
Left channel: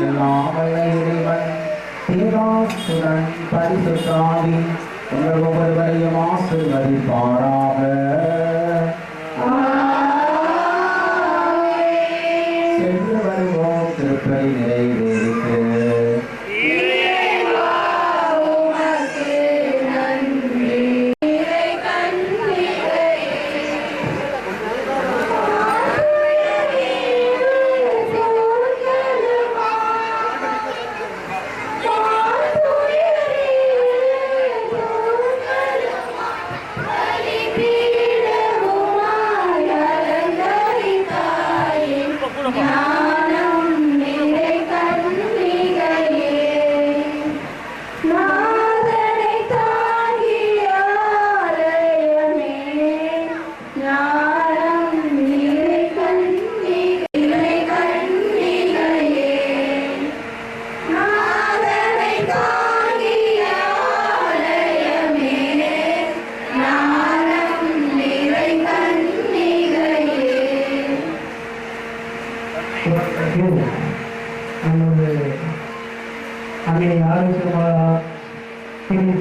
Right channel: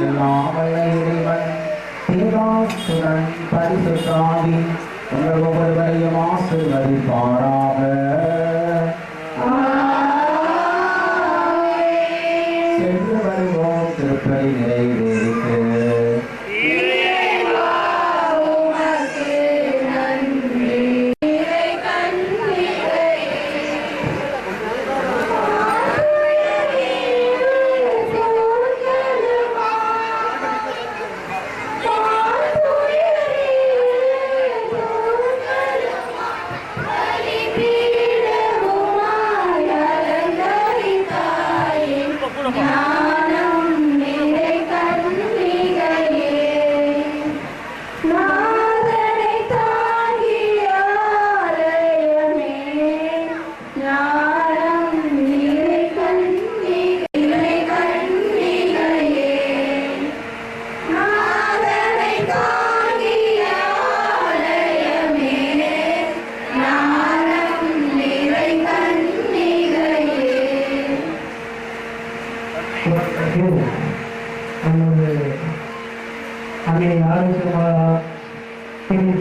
எல்லாம் வல்ல இறைவன் பிதாசுதன் பரிசுத்த ஆவி உங்கள் ஒவ்வொருவரையும் ஆசீர்வதிப்பாராக. சென்று வருவோம் திருப்பலி நிறைவேறிட்டு.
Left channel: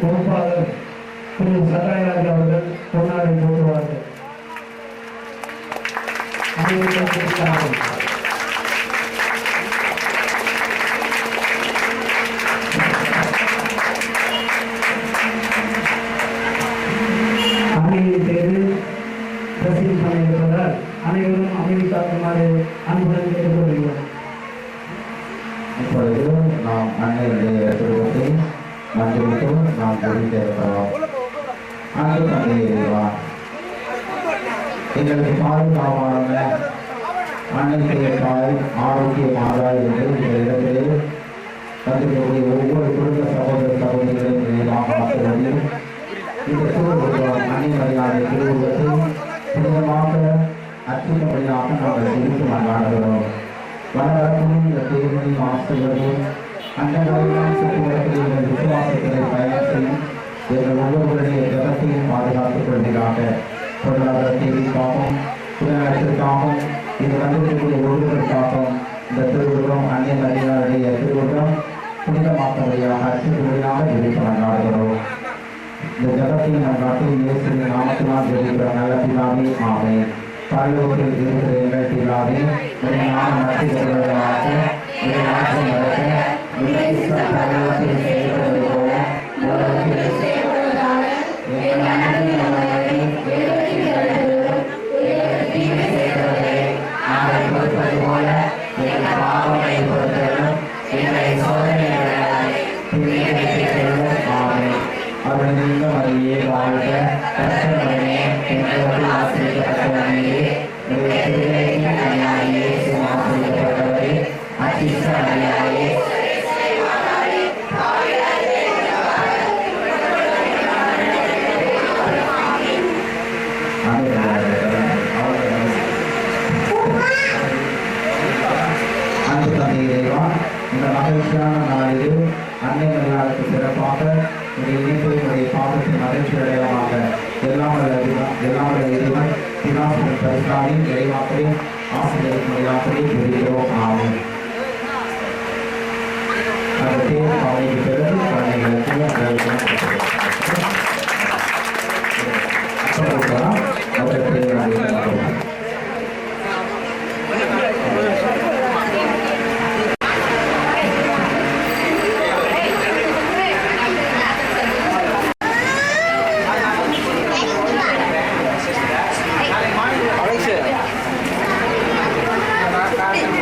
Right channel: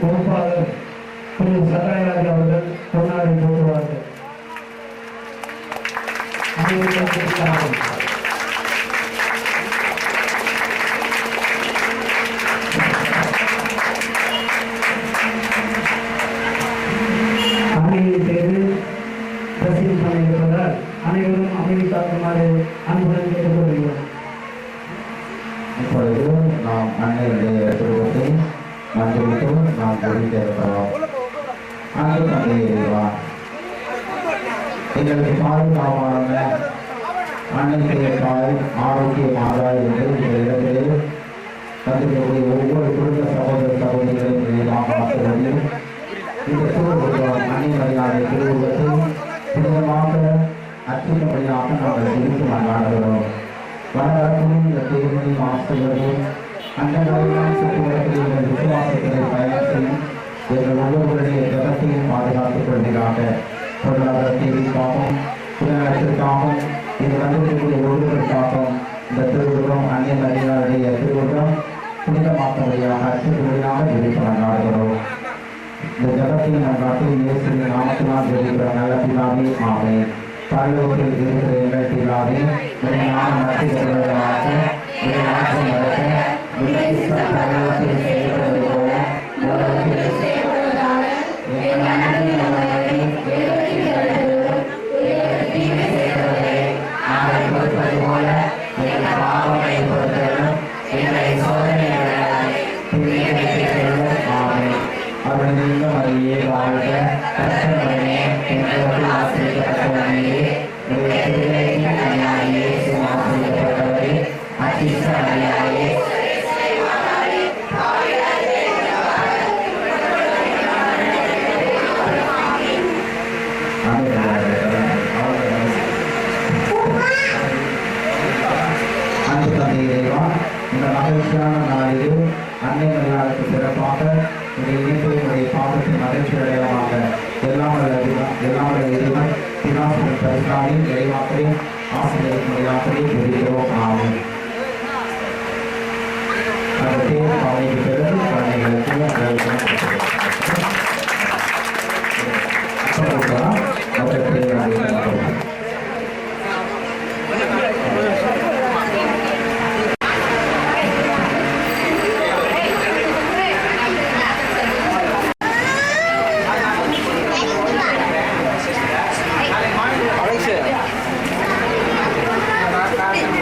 பொறுப்பாளர் திரு சகாயராஜ் அவர்கள் பொன்னாடை போடுவார்கள். அமைதியை தேர்வு ரசீது பண்ணியிருப்பதால் அனைவரும் அமைதி காக்குமாறு அன்புடன் கேட்டுக்கொள்கிறோம். இப்பொழுது நாம் அன்னையுடைய திருவத்தை மன்றிட்டு நாம் குறித்திருக்கிறோம். அன்பு தந்தையா, எங்களுக்கு பாதுகாப்பான அன்னைக்கு தாய் ஆரோக்கிய மாதா என்று இந்த இடத்திலே தந்தையுடைய ஒவ்வொரு குடும்ப சகோதர சகோதரிகளையும் நாம் பார்த்துள்ளது. இந்த திருவுருவம் அன்னை மரியாதை திருவுருவத்தை புனிதமாக அர்ச்சிக்கும்படியாக நாங்கள் குறித்து கொண்டாடுகிறோம். வரலாற்றில் இந்த தேவனையும் ஆசிரியரையும் அண்டங்களையும் சுற்றுவரத்தில் விசுவாசத்தை பயணம் செய்யும் எங்கள் ஒவ்வொருவருடைய ஜகத்தையும் பாதுகாத்துக் கொள்கிறாக. பொருளாதார தேவைக்காகவும் புலநலத்திற்காகவும் இது வந்திருக்கக்கூடிய ஒருவருக்காகவும் இந்த திருவுருவம் அன்னை மரியாதைய திருவுருவம் புனிதமாக்கும்படியாக அர்ச்சிக்கும்படியாக விருப்பம் கொண்டாடுகிறோம். இந்த ஜகத்தையும் நம் நாட்டில் இயேசுவின் நாமத்தினால் ஜெபிக்கிற நல்ல பிதாவே, ஆமென். பரலோகத்தில் இருக்கிற எங்கள் பிதாவே, உம்முடைய நாமம் மகிமைப்படுவதாக, உம்முடைய ராஜ்யம் வருக, உம்முடைய சித்தம் பரலோகத்தில் செய்யப்படுவது போல பூமியிலும் செய்யப்படுவதாக. எங்கள் அன்றாட உணவை எங்களுக்கு அளித்தருளும். எங்களுக்கு தீமை செய்தவர்களை நாங்கள் பொறுப்பது போல எங்கள் பாவங்களை பொறுத்தருளும். எங்களை சோதனையில் விடாதே, தீமையை தீர்த்தருளும். ஆமென். அருள்மிக்க மரியே வாழ்க, கர்த்தருடனே பெண்களுக்கு ஆசீர்வதிக்கப்பட்டவளே, உம்முடைய திருவயிற்றின் கனியாகிய இயேசு ஆசீர்வதிக்கப்பட்டவரே. அச்சிஷ்ட மரியாயே, அன்பு தந்தை இறைவா, இந்த மகிழ்ச்சியான நாளில் அன்னை மரியாதைக்கு சிறப்பாக உடைய இணைப்பை உடைய பாவத்தின் மகிழ்ச்சி அடையாளமாக எல்லாம் இறைவன் பிதாசுடன் பரிசாலி இறைவாக்களை ஆசிரியருக்கு முறையாகவே விரும்புகிறோம். ஆகும் அந்த தேர்வு பாவைக்கு பிறகு குழந்தைகளுக்கு அவரை தேர்வு Malaysia.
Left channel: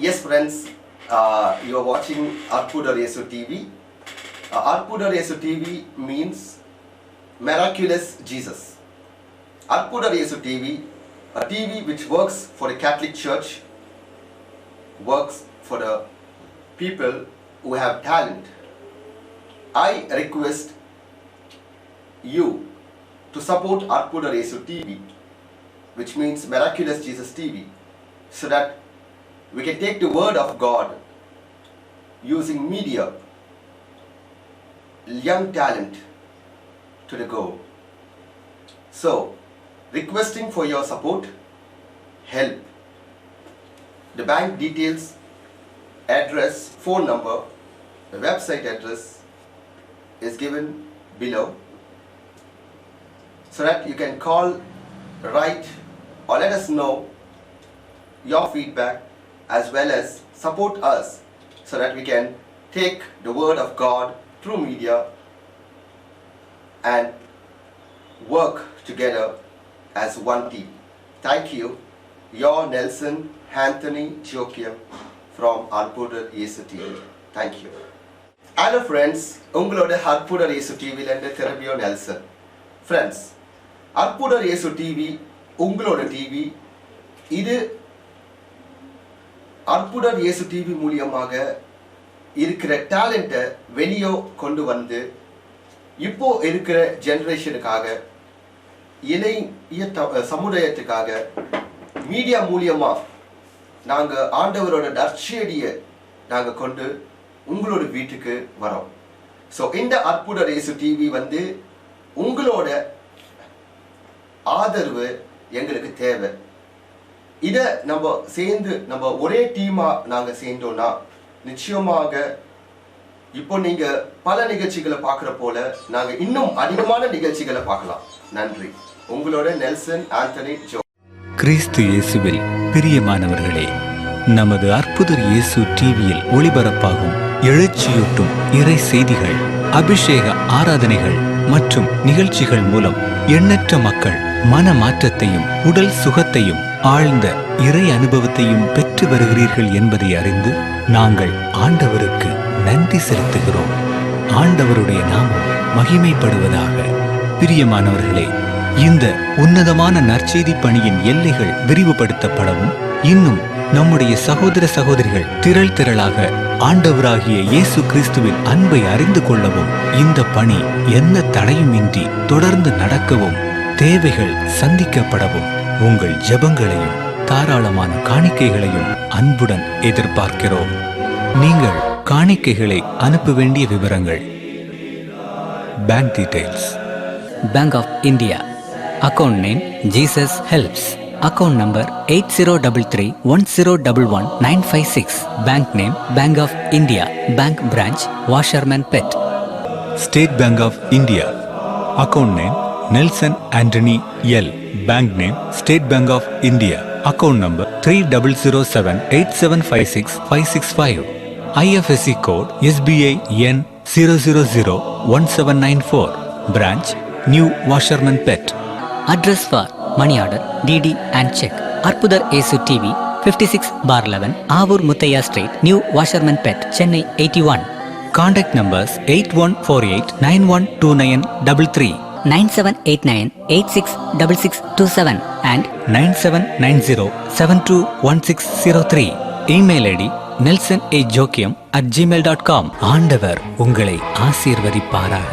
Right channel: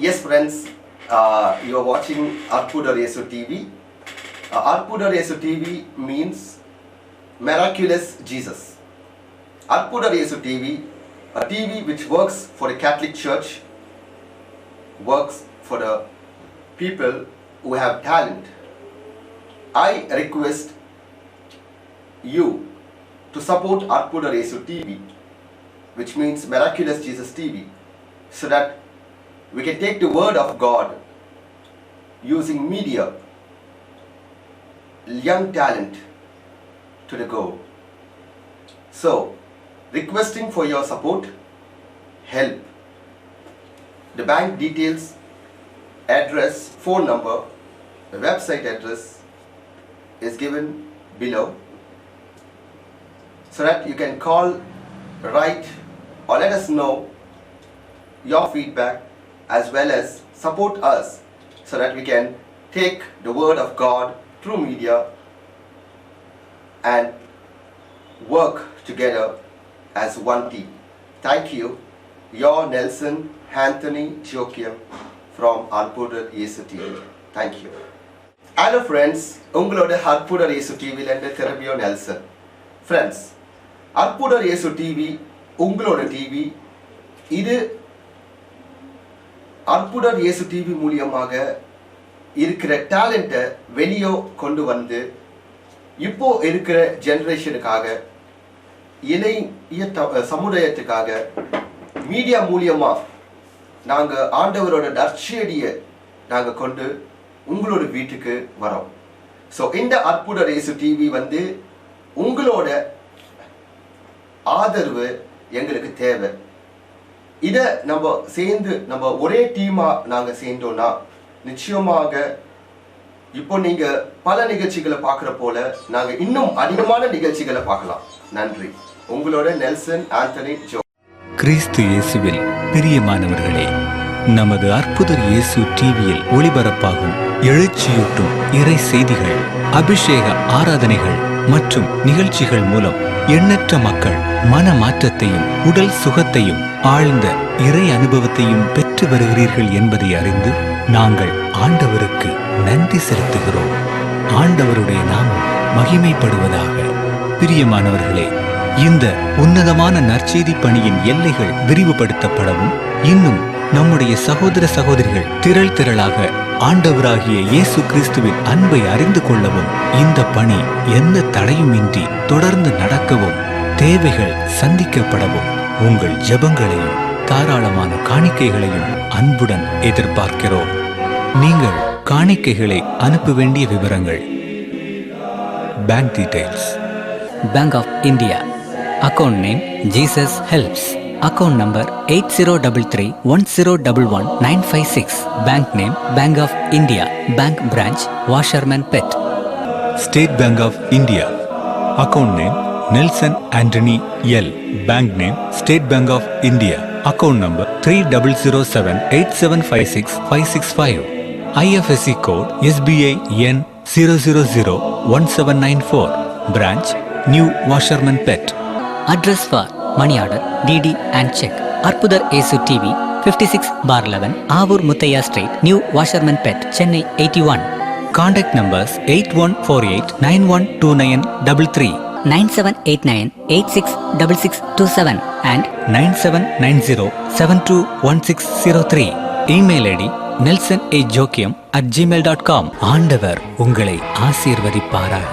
Yes, friends, you are watching Arpudar Yesu TV. Arpudar Yesu TV means Miraculous Jesus. Arpudar Yesu TV, a TV which works for the Catholic Church, works for the people who have talent. I request you to support Arpudar Yesu TV, which means Miraculous Jesus TV, so that we can take the word of God using media, young talent to the goal. So, requesting for your support, help. The bank details, address, phone number, the website address is given below, so that you can call, write, or let us know your feedback, as well as support us, so that we can take the word of God through media and work together as one team. Thank you. Your Nelson Anthony Joachim from Arpudar Yesu TV. Thank you. Hello friends, உங்களோட Arpudar Yesu TV இருந்து திரும்பியோ Nelson. Friends, Arpudar Yesu TV உங்களோட TV. இது Arpudar Yesu TV மூலியமாக இருக்கிற டேலண்ட்டை வெளியே கொண்டு வந்து இப்போ இருக்கிற ஜெனரேஷனுக்காக, இளைய சமுதாயத்துக்காக மீடியா மூலியமா நாங்கள் ஆண்டவரோட நற்செய்தியை நாங்கள் கொண்டு உங்களோட வீட்டுக்கு வரோம். ஸோ இந்த Arpudar Yesu TV வந்து உங்களோட ஆதரவு எங்களுக்கு தேவை. இதை நம்ம சேர்ந்து நம்ம ஒரே டீமாக நாங்கள் சேர்ந்தோம்னா நிச்சயமாக இப்போ நீங்கள் பல நிகழ்ச்சிகளை பார்க்குற போல நாங்கள் இன்னும் அதிகமான நிகழ்ச்சிகளை பார்க்கலாம். நன்றி. உங்களோட நெல்சன் ஆண்டனி ஜோ. கிறிஸ்து இயேசுவில் பிரியமானவர்களே, நமது அற்புதர் இயேசு டிவியில் ஒளிபரப்பாகும் எழுச்சியூட்டும் இறை செய்திகள், அபிஷேக ஆராதனைகள் மற்றும் நிகழ்ச்சிகள் மூலம் எண்ணற்ற மக்கள் மன மாற்றத்தையும் உடல் சுகத்தையும் ஆழ்ந்த இறை அனுபவத்தையும் பெற்று வருகிறீர்கள் என்பதை அறிந்து நாங்கள் ஆண்டவருக்கு நன்றி செலுத்துகிறோம். ஆண்டவருடைய நாமம் மகிமைப்படுவதாக. பிரியமானவர்களே, இந்த உன்னதமான நற்செய்தி பணியின் எல்லைகள் விரிவுபடுத்தப்படவும், இன்னும் நம்முடைய சகோதர சகோதரிகள் திரள் திரளாக ஆண்டவராகிய இயேசு கிறிஸ்துவின் அன்பை அறிந்து கொள்ளவும், இந்த பணி எந்த தடையுமின்றி தொடர்ந்து நடக்கவும், தேவைகள் சந்திக்கப்படவும் உங்கள் ஜெபங்களையும் தாராளமான காணிக்கைகளையும் அன்புடன் எதிர்பார்க்கிறோம். நீங்கள் காணிக்கைகளை அனுப்ப வேண்டிய விவரங்கள்: bank details, Bank of India, account name Jesus Helps, account number 8033101196, bank name Bank of India, bank branch Washerman Pet. State Bank of India, account name Nelson Antony L, bank name State Bank of India, account number 300787565665, IFSC code SBI N 0001794, branch New Washerman Pet. Address for money order, DD and check. Arpudar Yesu TV, 56/11, Avur Muthaiya Street, New Washerman Pet, Chennai 81. Contact numbers 8148912933, 9789866627 and 9790721603. Email ID nelsonAjoachim@gmail.com. ஆண்டவர் உங்களை ஆசீர்வதிப்பாராக.